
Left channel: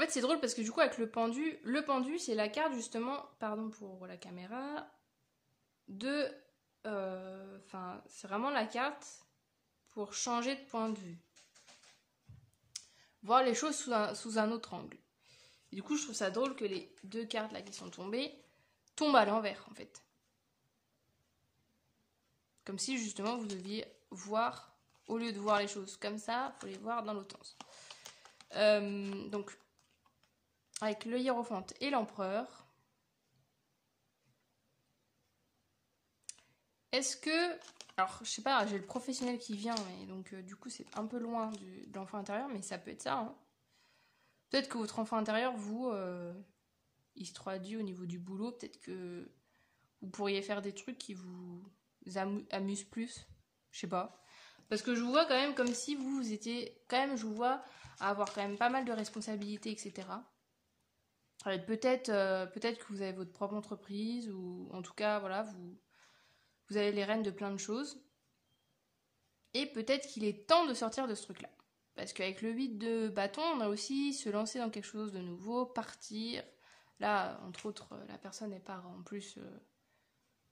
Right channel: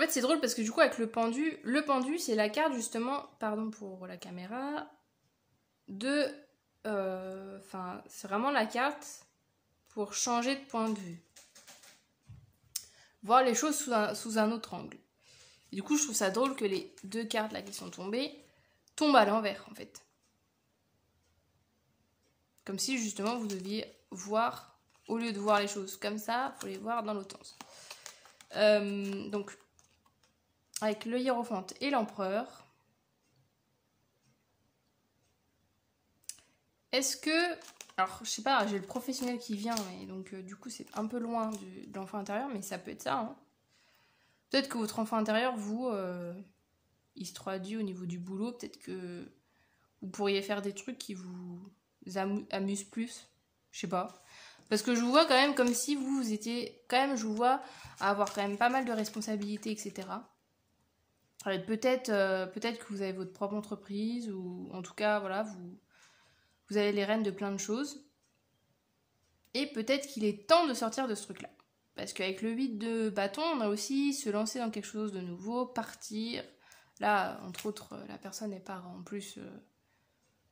fait, c'est drôle parce que du coup, avec le pendu, c'est la carte justement, pardon pour la caméra, de... Enfin, c'est vraiment la carte pour changer de point de vue. Voir les choses sous un autre angle. Et du coup, je trouve ça drôle que les deux cartes là qui sont tombées tombent à l'envers, en fait. Comme si justement vous deviez voir... Au lieu de voir les choses comme ça, il faut les voir dans l'autre sens. Donc, avec le hiérophante et l'empereur, est-ce que... Alors, je sais pas, j'ai le professionnel qui vient, et donc du coup, c'est un peu loin de l'enfant intérieur, mais ça peut être ça. Hein. Peut-être que votre enfant intérieur, vous, il se traduit au niveau du boulot. Peut-être que vous pourriez faire des trucs qui vous amusent plus. Je sais pas. Parce que je vous vois quand même comme si vous étiez... Quand même, je vous vois avoir quand même pas mal de responsabilités, etc. Peut-être que vous avez votre propre entreprise, ou en tout cas, voilà, vous avez les rênes de plein de choses. Et peut-être qu'il est temps de sortir de ce truc-là. Parce qu'avec le 8 de bâton, on a aussi se lancer dans quelque chose de nouveau, partir. Là, entre autres, la personne elle part en plus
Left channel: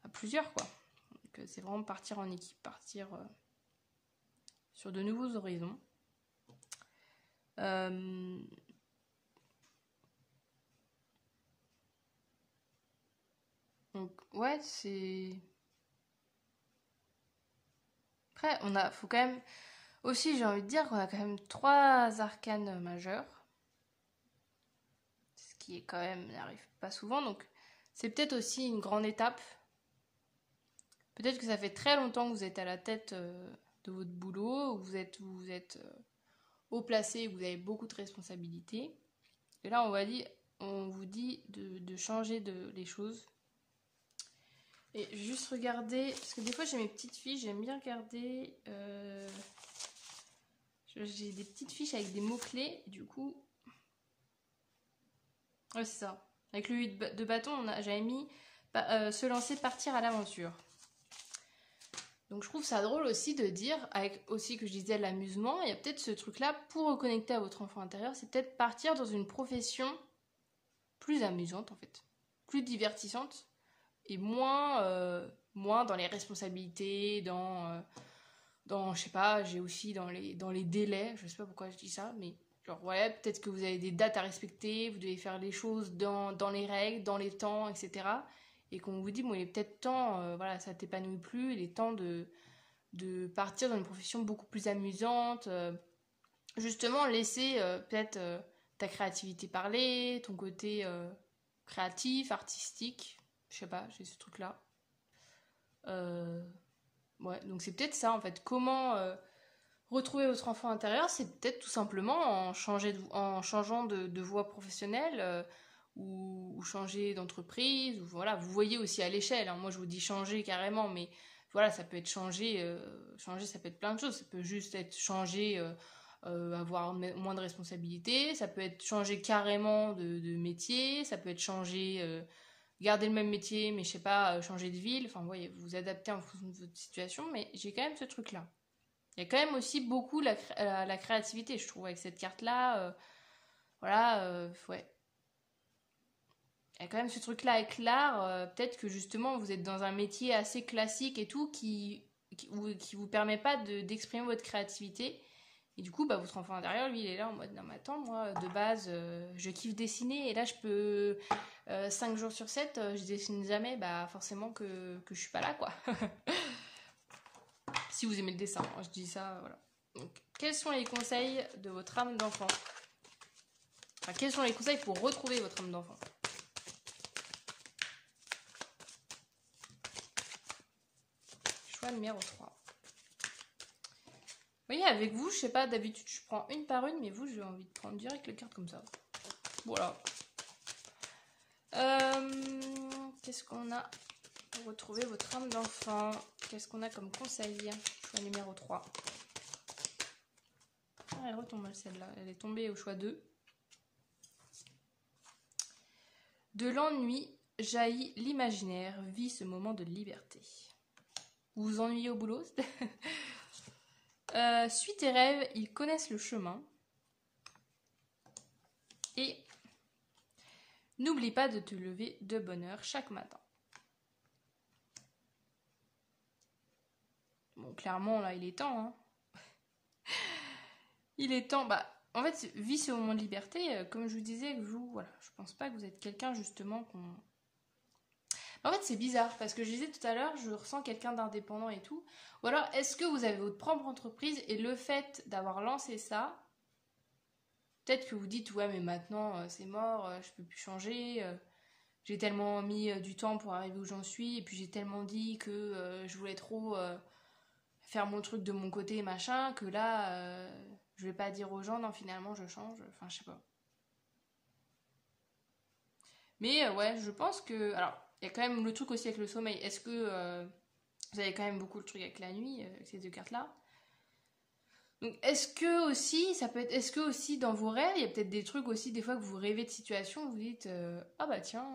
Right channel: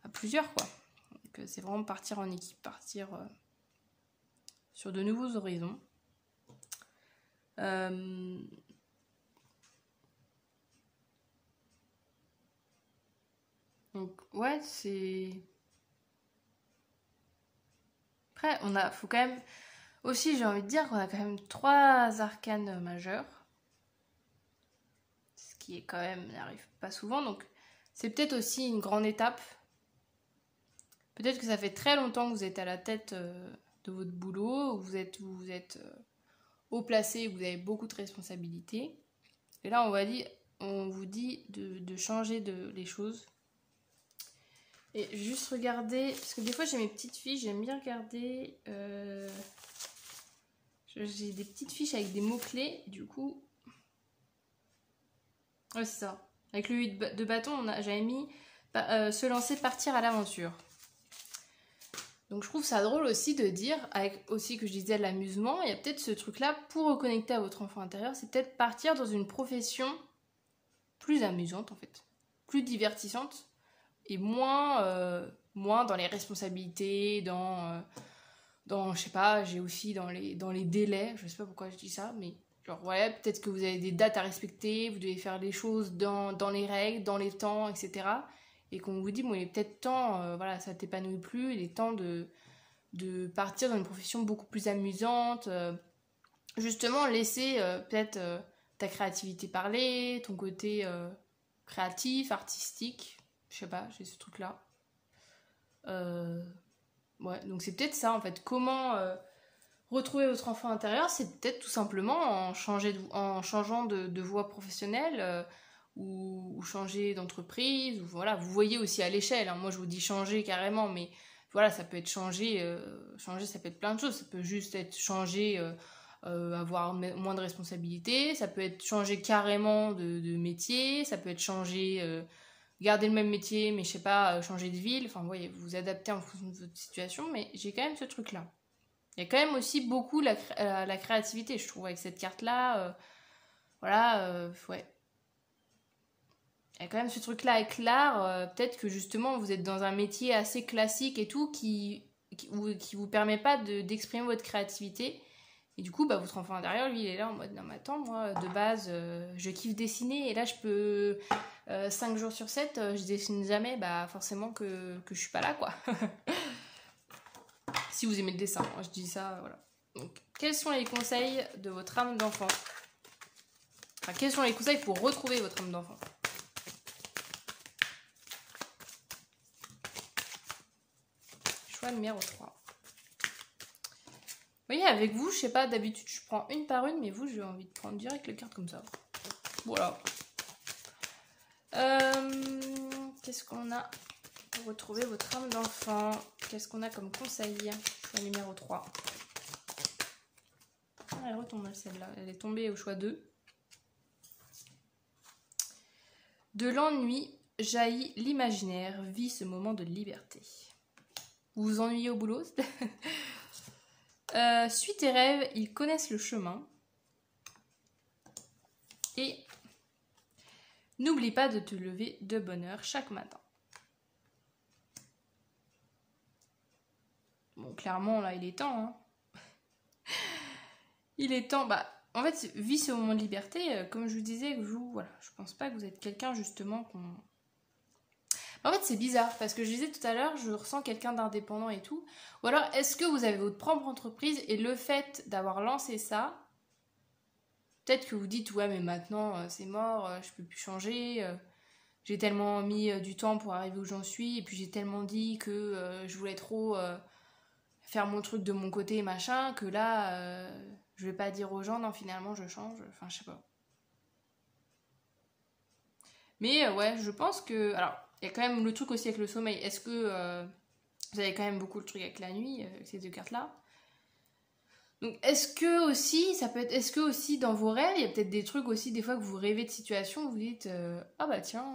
à plusieurs, quoi. Donc c'est vraiment partir en équipe, partir... sur de nouveaux horizons. Donc, ouais, c'est... Après, faut quand même... Aussi, j'ai envie de dire qu'on a quand même 3 arcanes majeurs. Ce qui est quand même... n'arrive pas souvent, donc c'est peut-être aussi une grande étape. Peut-être que ça fait très longtemps que vous êtes à la tête de votre boulot, où vous êtes haut placé, où vous avez beaucoup de responsabilités. Et là, on vous dit de changer les choses. Et juste regarder, parce que des fois j'ai mes petites fiches, j'aime bien regarder. J'ai des petites fiches avec des mots-clés, du coup. Ouais, c'est ça. Avec le 8 de bâton, j'avais mis se lancer, partir à l'aventure. Donc je trouve ça drôle aussi de dire, avec aussi que je disais l'amusement, il y a peut-être ce truc-là pour reconnecter à votre enfant intérieur, c'est peut-être partir dans une profession plus amusante en fait, plus divertissante et moins dans les responsabilités, dans je sais pas, j'ai aussi dans les délais, je sais pas pourquoi je dis ça, mais genre ouais, peut-être que vous avez des dates à respecter, vous devez faire les choses dans les règles, dans les temps, etc. Et qu'on vous dit, bon, il est peut-être temps, voilà, ça t'épanouit plus, il est temps de partir dans une profession beaucoup plus amusante, justement laisser peut-être ta créativité parler, ton côté créatif, artistique, je sais pas, j'ai ce truc-là. Ouais, donc c'est peut-être ça en fait, comment retrouver votre enfant intérieur, c'est peut-être tout simplement en changeant de voie professionnelle, ou changer d'entreprise, ou voilà, vous voyez aussi à l'échelle, hein. Moi je vous dis changer carrément, mais voilà, ça peut être changer, ça peut être plein de choses, ça peut juste être changer, avoir moins de responsabilités, ça peut être changer carrément de métier, ça peut être changer, garder le même métier, mais je sais pas, changer de ville, enfin vous voyez, vous vous adaptez en fonction de votre situation, mais j'ai quand même ce truc-là. Il y a quand même aussi beaucoup la créativité, je trouve, avec cette carte-là, voilà, ouais. Il y a quand même ce truc-là avec l'art, peut-être que justement vous êtes dans un métier assez classique et tout qui vous permet pas d'exprimer votre créativité. Et du coup, bah, votre enfant intérieur, lui, il est là en mode non, mais attends, moi, de base, je kiffe dessiner et là, je peux 5 jours sur 7, je dessine jamais, bah forcément que je suis pas là, quoi. Si vous aimez le dessin, hein, je dis ça, voilà. Donc, quels sont les conseils de votre âme d'enfant? Enfin, quels sont les conseils pour retrouver votre âme d'enfant? Choix numéro 3. Vous voyez, avec vous, je sais pas, d'habitude, je prends une par une, mais vous, j'ai envie de prendre direct les cartes comme ça. Voilà. Qu'est-ce qu'on a pour retrouver votre âme d'enfant? Qu'est-ce qu'on a comme conseil? Choix numéro 3. Ah, elle retombe celle-là. Elle est tombée au choix 2. De l'ennui jaillit l'imaginaire, vit ce moment de liberté. Vous vous ennuyez au boulot? Suis tes rêves, ils connaissent le chemin. Et n'oublie pas de te lever de bonne heure chaque matin. Bon, clairement, là, il est temps. Hein. Il est temps. Bah, en fait, vis ce moment de liberté. Comme je vous disais, voilà, je pense pas que vous êtes quelqu'un, justement, En fait, c'est bizarre, parce que je disais tout à l'heure, je ressens quelqu'un d'indépendant et tout. Ou alors, est-ce que vous avez votre propre entreprise et le fait d'avoir lancé ça, peut-être que vous dites, ouais, mais maintenant, c'est mort, je peux plus changer, j'ai tellement mis du temps pour arriver où j'en suis, et puis j'ai tellement dit que je voulais trop faire mon truc de mon côté, machin, que là, je vais pas dire aux gens, non, finalement, je change, enfin, je sais pas. Mais ouais, je pense que... Alors, il y a quand même le truc aussi avec le sommeil. Est-ce que vous avez quand même beaucoup le truc avec la nuit, avec ces deux cartes-là? Donc, est-ce que aussi, ça peut être... Est-ce que aussi, dans vos rêves, il y a peut-être des trucs aussi, des fois, que vous rêvez de situations, où vous dites, ah bah tiens...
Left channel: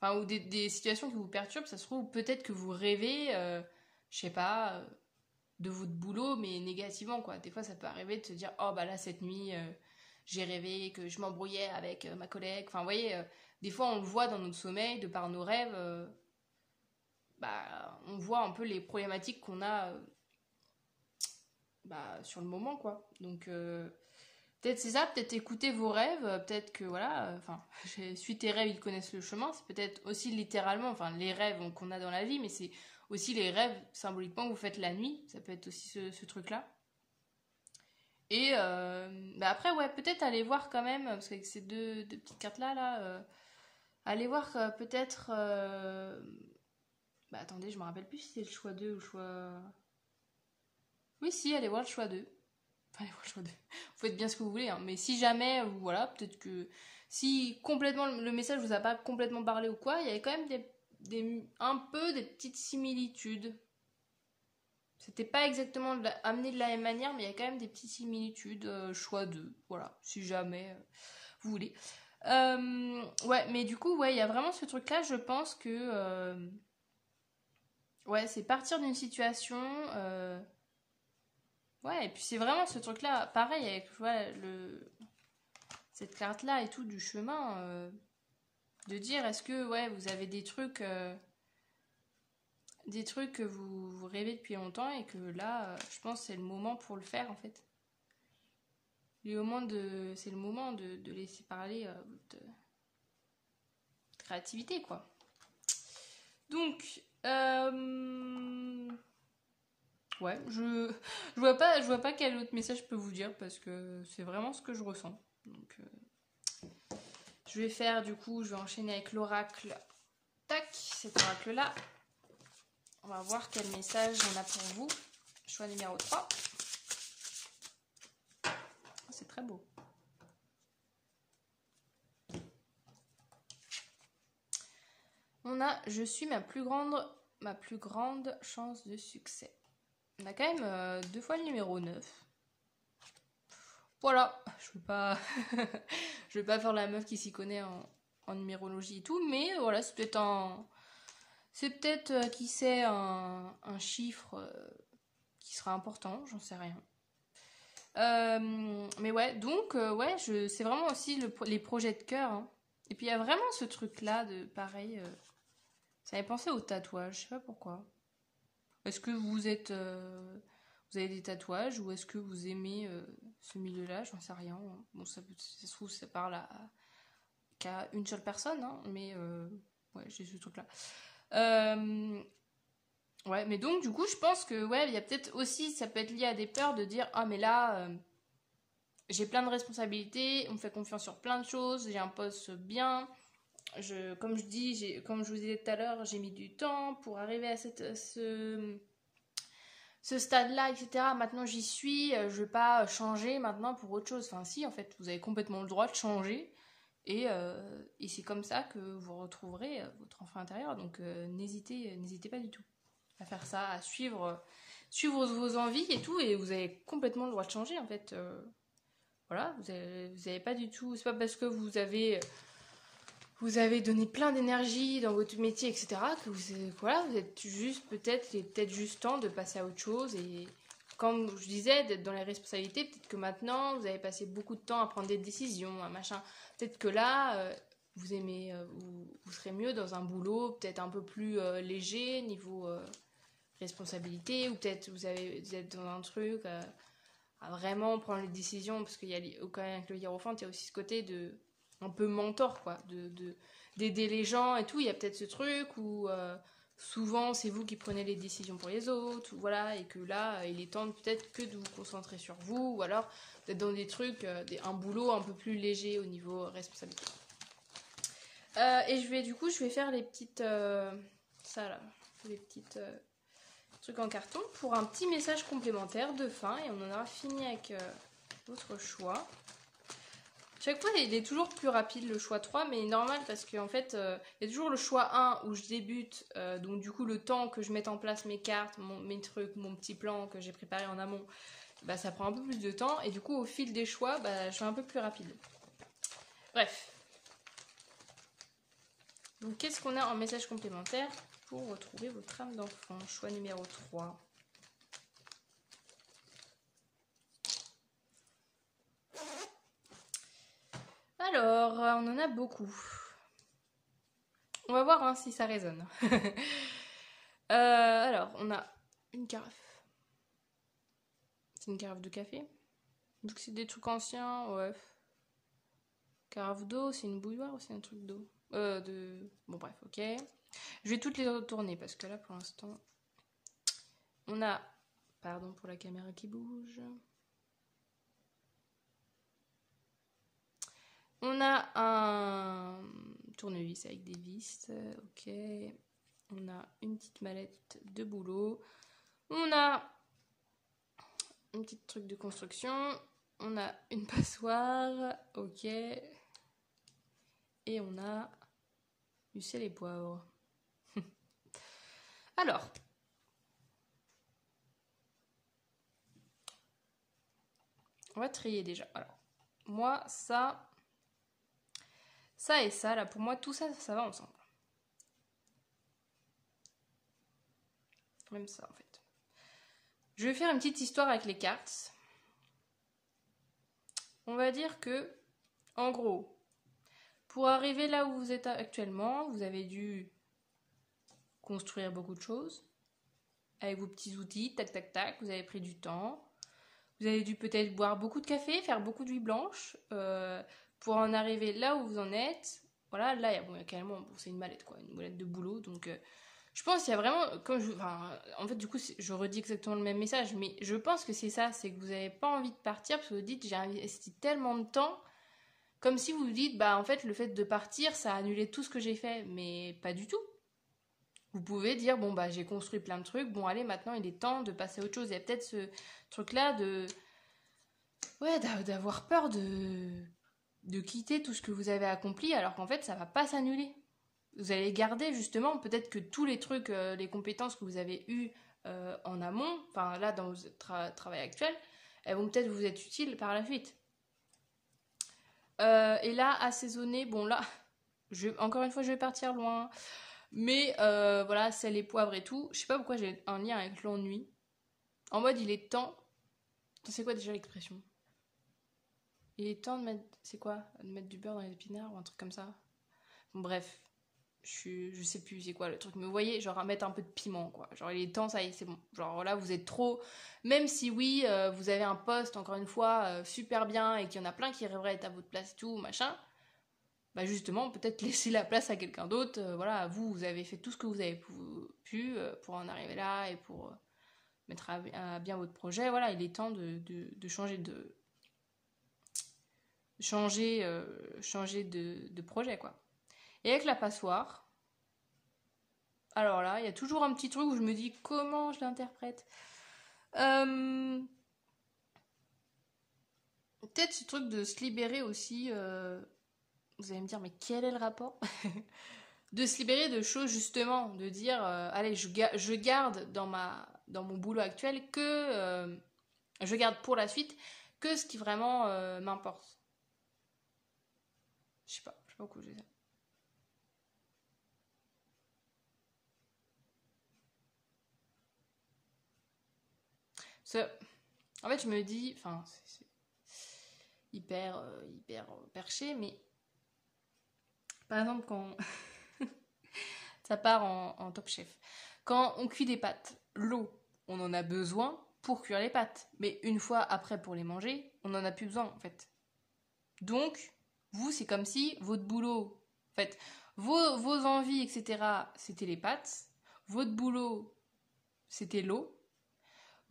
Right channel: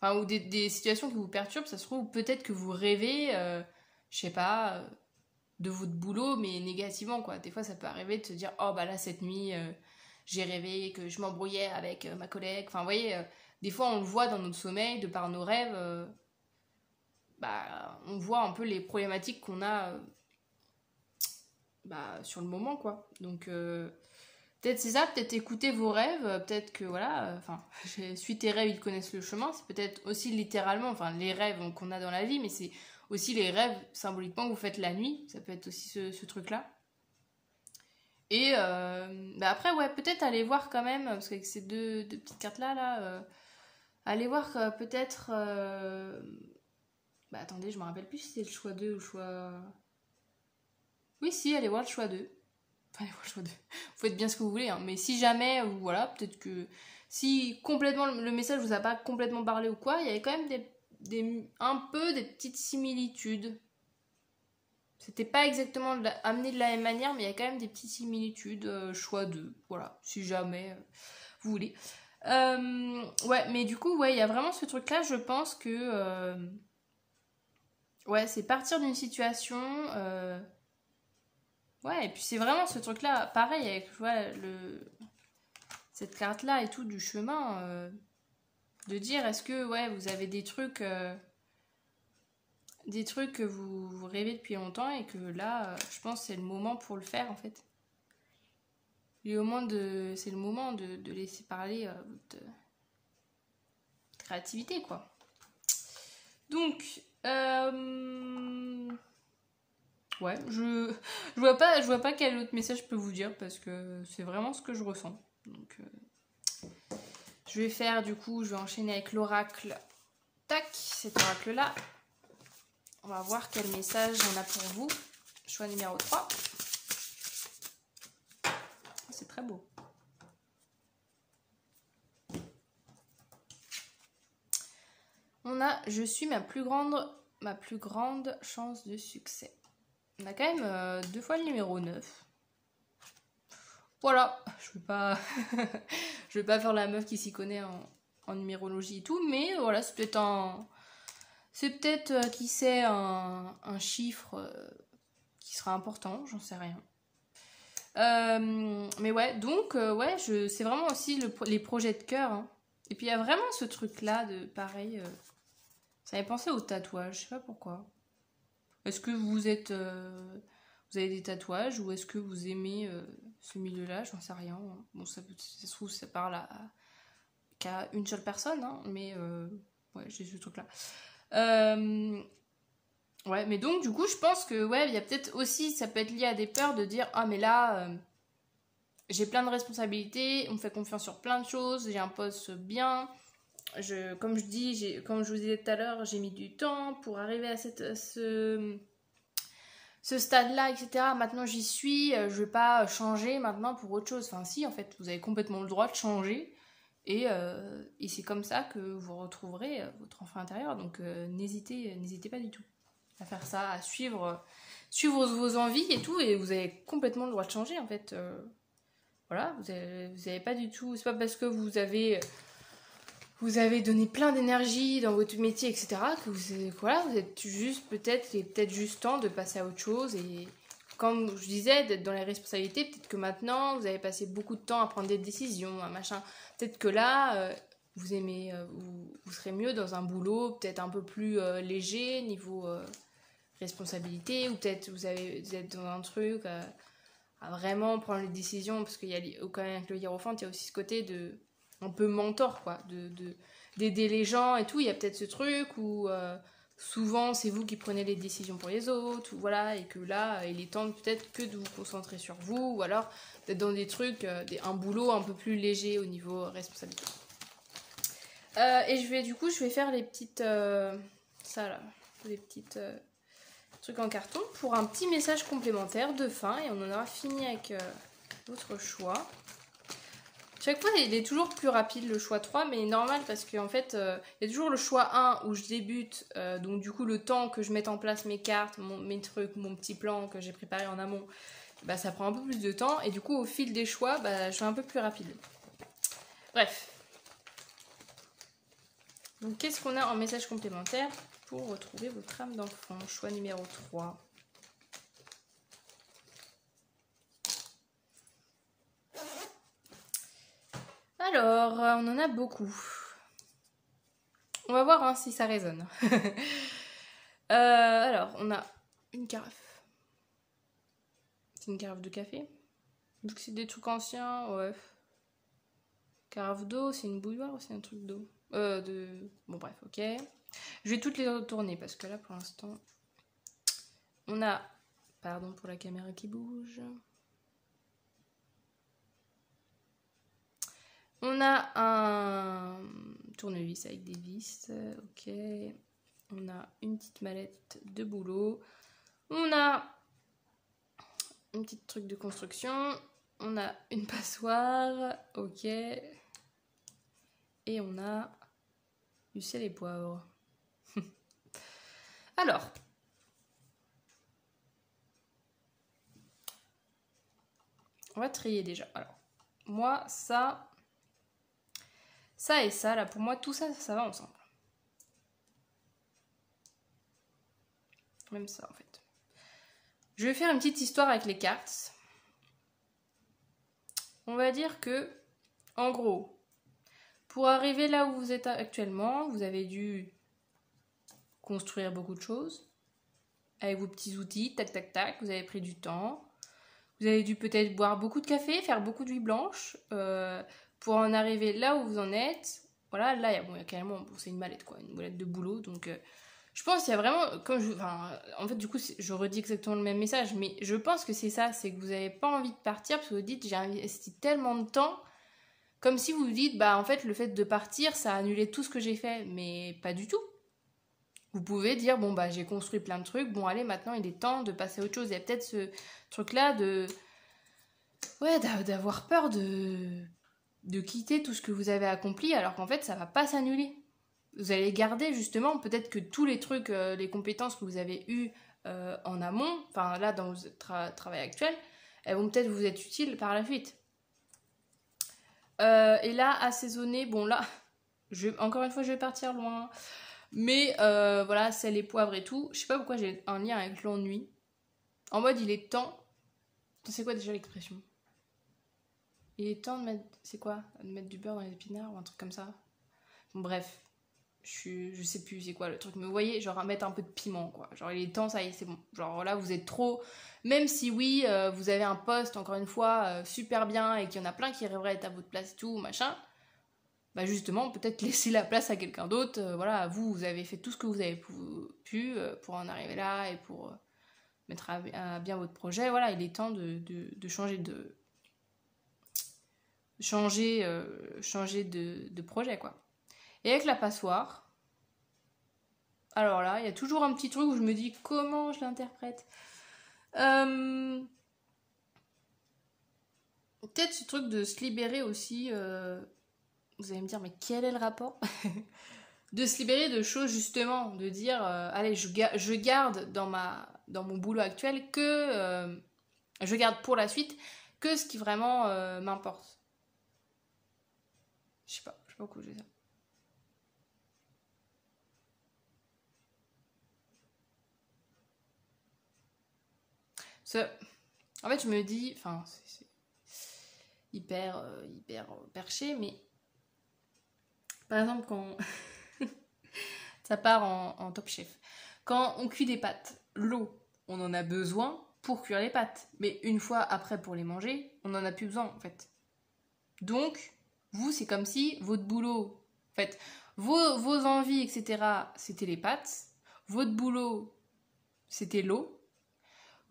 Enfin, ou des situations qui vous perturbent, ça se trouve, peut-être que vous rêvez, je sais pas, de votre boulot, mais négativement, quoi. Des fois, ça peut arriver de se dire, oh bah là, cette nuit, j'ai rêvé que je m'embrouillais avec ma collègue. Enfin, vous voyez... Des fois, on le voit dans notre sommeil, de par nos rêves, bah, on voit un peu les problématiques qu'on a sur le moment, quoi. Donc, peut-être c'est ça, peut-être écouter vos rêves, peut-être que, voilà, enfin, suis tes rêves, ils connaissent le chemin. C'est peut-être aussi littéralement, enfin, les rêves qu'on a dans la vie, mais c'est aussi les rêves, symboliquement, que vous faites la nuit. Ça peut être aussi ce truc-là. Et après, ouais, peut-être aller voir quand même, parce qu'avec ces deux petites cartes-là, aller voir peut-être... attendez, je me rappelle plus si c'est le choix 2 ou le choix... Oui, si, allez voir le choix 2. Enfin, allez voir le choix 2. Vous faites bien ce que vous voulez, hein. Mais si jamais, ou voilà, peut-être que... Si complètement le message vous a pas complètement parlé ou quoi, il y avait quand même un peu des petites similitudes. C'était pas exactement amené de la même manière, mais il y a quand même des petites similitudes. Choix 2, voilà, si jamais vous voulez. Ouais, mais du coup, ouais, il y a vraiment ce truc-là, je pense que... ouais, c'est partir d'une situation... ouais, et puis c'est vraiment ce truc-là, pareil, avec ouais, cette carte-là et tout, du chemin, de dire, est-ce que, ouais, vous avez des trucs que vous rêvez depuis longtemps et que là, je pense que c'est le moment pour le faire, en fait. C'est le moment de laisser parler votre créativité, quoi. Donc, ouais, je vois pas quel autre message je peux vous dire parce que c'est vraiment ce que je ressens. Donc, je vais faire, du coup, je vais enchaîner avec l'oracle. Tac, cet oracle-là. On va voir quel message on a pour vous. Choix numéro 3. C'est très beau. On a « Je suis ma plus grande chance de succès ». On a quand même 2 fois le numéro 9. Voilà, je veux pas faire la meuf qui s'y connaît en numérologie et tout, mais voilà, c'est peut-être qui sait un chiffre qui sera important, j'en sais rien. Mais ouais, donc ouais, c'est vraiment aussi les projets de cœur. Hein. Et puis il y a vraiment ce truc-là de pareil. Ça m'avait pensé au tatouage, je sais pas pourquoi. Est-ce que vous avez des tatouages ou est-ce que vous aimez ce milieu-là? J'en sais rien. Bon, ça se trouve, ça parle qu'à une seule personne, hein, mais ouais, j'ai ce truc-là. Ouais, mais donc du coup, je pense que ouais, il y a peut-être aussi, ça peut être lié à des peurs de dire ah mais là, j'ai plein de responsabilités, on me fait confiance sur plein de choses, j'ai un poste bien. Comme je vous disais tout à l'heure, j'ai mis du temps pour arriver à ce stade-là, etc. Maintenant, j'y suis. Je ne vais pas changer maintenant pour autre chose. Enfin, si, en fait, vous avez complètement le droit de changer. Et c'est comme ça que vous retrouverez votre enfant intérieur. Donc, n'hésitez pas du tout à faire ça, à suivre vos envies et tout. Et vous avez complètement le droit de changer, en fait. Voilà, vous avez pas du tout... C'est pas parce que vous avez donné plein d'énergie dans votre métier, etc., que vous êtes juste peut-être juste temps de passer à autre chose. Et comme je disais, d'être dans les responsabilités, peut-être que maintenant, vous avez passé beaucoup de temps à prendre des décisions, machin. Peut-être que là, vous serez mieux dans un boulot peut-être un peu plus léger, niveau responsabilité, ou peut-être vous êtes dans un truc à vraiment prendre les décisions, parce qu'il y a quand même avec le hiérophante, il y a aussi ce côté de un peu mentor, quoi, d'aider les gens et tout. Il y a peut-être ce truc où souvent c'est vous qui prenez les décisions pour les autres, voilà, et que là il est temps peut-être que de vous concentrer sur vous, ou alors d'être dans des trucs, un boulot un peu plus léger au niveau responsabilité. Et je vais faire les petites les petites trucs en carton pour un petit message complémentaire de fin, et on en aura fini avec votre choix. Chaque fois, il est toujours plus rapide le choix 3, mais normal parce qu'en fait, il y a toujours le choix 1 où je débute, donc du coup, le temps que je mette en place mes cartes, mes trucs, mon petit plan que j'ai préparé en amont, bah, ça prend un peu plus de temps, et du coup, au fil des choix, bah, je suis un peu plus rapide. Bref. Donc, qu'est-ce qu'on a en message complémentaire pour retrouver votre âme d'enfant? Choix numéro 3. Alors, on en a beaucoup. On va voir si ça résonne. Alors, on a une carafe. une carafe de café. Donc c'est des trucs anciens, ouais. Carafe d'eau, c'est une bouilloire ou c'est un truc d'eau Bon bref, ok. Je vais toutes les retourner parce que là pour l'instant, on a... Pardon pour la caméra qui bouge. On a un tournevis avec des vis, ok. On a une petite mallette de boulot. On a un petit truc de construction. On a une passoire, ok. Et on a du sel et poivre. Alors, on va trier déjà. Alors, moi, ça et ça, là, pour moi, tout ça, ça va ensemble. Même ça, en fait. Je vais faire une petite histoire avec les cartes. On va dire que, en gros, pour arriver là où vous êtes actuellement, vous avez dû construire beaucoup de choses avec vos petits outils, tac, tac, tac. Vous avez pris du temps. Vous avez dû peut-être boire beaucoup de café, faire beaucoup d'huile blanche pour en arriver là où vous en êtes. Voilà, là, il y a carrément, bon, c'est une mallette, quoi, une mallette de boulot. Donc, je pense qu'il y a vraiment, en fait, du coup, je redis exactement le même message, mais je pense que c'est ça, c'est que vous n'avez pas envie de partir parce que vous dites, j'ai investi tellement de temps, comme si vous vous dites, bah, en fait, le fait de partir, ça a annulé tout ce que j'ai fait, mais pas du tout. Vous pouvez dire, bon, bah, j'ai construit plein de trucs, bon, allez, maintenant, il est temps de passer à autre chose. Il y a peut-être ce truc-là d'avoir peur de quitter tout ce que vous avez accompli, alors qu'en fait, ça va pas s'annuler. Vous allez garder, justement, peut-être que tous les trucs, les compétences que vous avez eues en amont, enfin, là, dans votre travail actuel, elles vont peut-être vous être utiles par la suite. Et là, assaisonner, bon, là, encore une fois, je vais partir loin. Mais voilà, sel et poivre et tout. Je sais pas pourquoi j'ai un lien avec l'ennui. En mode, il est temps. C'est quoi déjà l'expression? Il est temps de mettre. C'est quoi? De mettre du beurre dans les épinards ou un truc comme ça? Bon, bref. Je sais plus c'est quoi le truc. Mais vous voyez, genre mettre un peu de piment, quoi. Genre, il est temps, ça y est, c'est bon. Genre là, vous êtes trop. Même si oui, vous avez un poste, encore une fois, super bien et qu'il y en a plein qui rêveraient être à votre place et tout, machin. Bah justement, peut-être laisser la place à quelqu'un d'autre. Voilà, vous avez fait tout ce que vous avez pu pour en arriver là et pour mettre à bien votre projet. Voilà, il est temps de changer de projet, quoi. Et avec la passoire, alors là, il y a toujours un petit truc où je me dis comment je l'interprète. Peut-être ce truc de se libérer aussi. Vous allez me dire, mais quel est le rapport? De se libérer de choses, justement, de dire, allez, je garde dans mon boulot actuel que, je garde pour la suite que ce qui vraiment m'importe. Je sais pas pourquoi je dis ça. En fait, je me dis, enfin, c'est hyper perché, mais par exemple, quand ça part en Top Chef, quand on cuit des pâtes, l'eau, on en a besoin pour cuire les pâtes, mais une fois après pour les manger, on n'en a plus besoin en fait. Donc, vous, c'est comme si votre boulot, en fait, vos envies, etc., c'était les pâtes, votre boulot, c'était l'eau.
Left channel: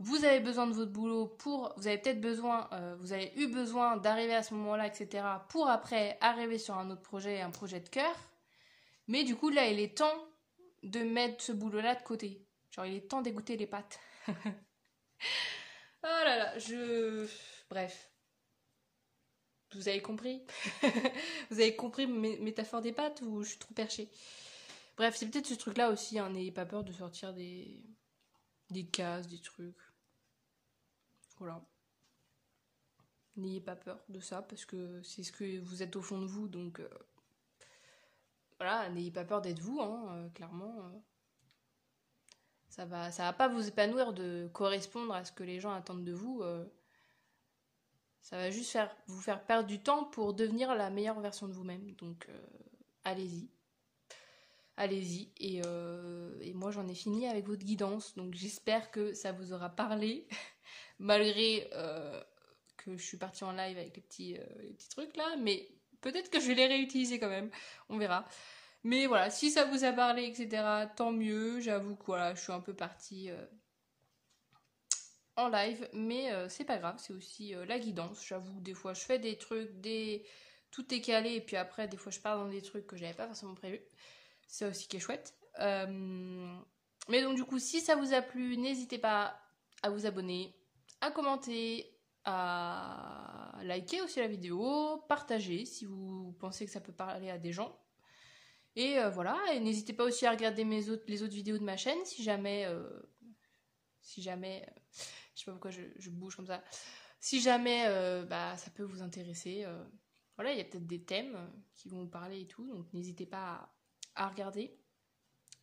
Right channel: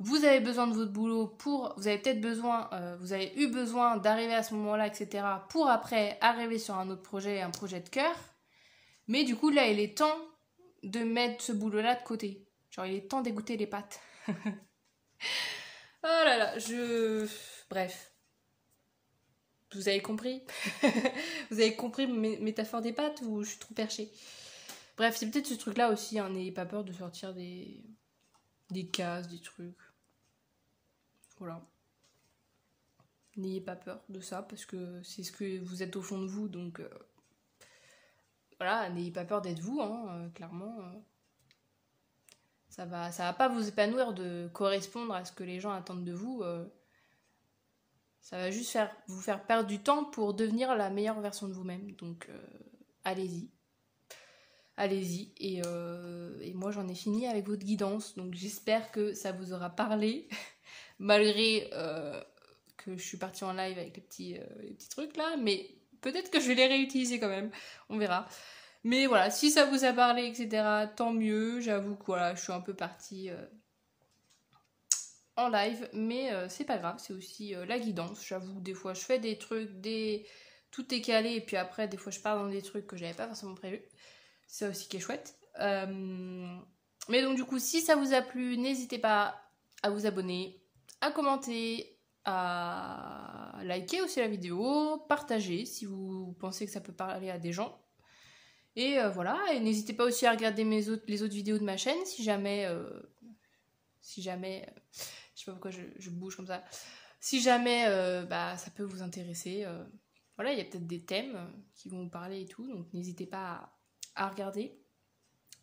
Vous avez besoin de votre boulot vous avez peut-être besoin, vous avez eu besoin d'arriver à ce moment-là, etc., pour après arriver sur un autre projet, un projet de cœur. Mais du coup, là, il est temps de mettre ce boulot-là de côté. Genre, il est temps d'égoutter les pâtes. Oh là là, bref. Vous avez compris? Vous avez compris mes métaphores des pâtes ou je suis trop perchée? Bref, c'est peut-être ce truc-là aussi, hein, n'ayez pas peur de sortir des cases, des trucs. Voilà. N'ayez pas peur de ça, parce que c'est ce que vous êtes au fond de vous, donc voilà, n'ayez pas peur d'être vous, hein, clairement. Ça va pas vous épanouir de correspondre à ce que les gens attendent de vous. Ça va juste vous faire perdre du temps pour devenir la meilleure version de vous-même. Donc, allez-y. Allez-y. Et moi, j'en ai fini avec votre guidance. Donc, j'espère que ça vous aura parlé. malgré que je suis partie en live avec les petits trucs là, mais peut-être que je vais les réutiliser quand même, on verra. Mais voilà, si ça vous a parlé, etc., tant mieux. J'avoue que voilà, je suis un peu partie en live, mais c'est pas grave, c'est aussi la guidance. J'avoue, des fois je fais des trucs, tout est calé, et puis après, des fois je pars dans des trucs que j'avais pas forcément prévu. C'est ça aussi qui est chouette. Mais donc du coup, si ça vous a plu, n'hésitez pas à vous abonner, à commenter, à liker aussi la vidéo, partager si vous pensez que ça peut parler à des gens. Et voilà, et n'hésitez pas aussi à regarder les autres vidéos de ma chaîne si jamais, je sais pas pourquoi je bouge comme ça, si jamais ça peut vous intéresser. Voilà, il y a peut-être des thèmes qui vont vous parler et tout, donc n'hésitez pas à regarder.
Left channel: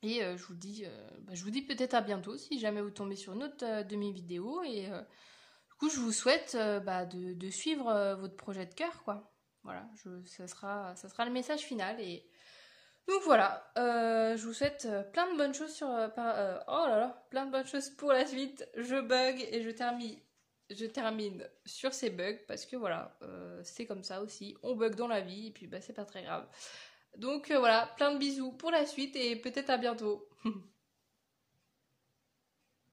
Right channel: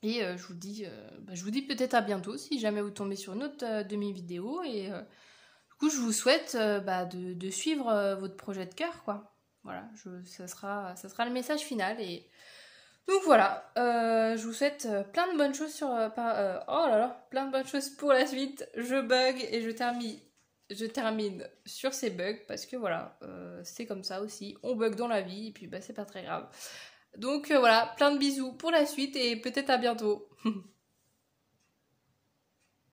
Et je vous dis peut-être à bientôt si jamais vous tombez sur une autre de mes vidéos. Et du coup, je vous souhaite de suivre votre projet de cœur, quoi. Voilà, ça sera le message final. Et donc voilà, je vous souhaite plein de bonnes choses plein de bonnes choses pour la suite. Je bug et je termine sur ces bugs parce que voilà, c'est comme ça aussi. On bug dans la vie et puis c'est pas très grave. Donc voilà, plein de bisous pour la suite et peut-être à bientôt.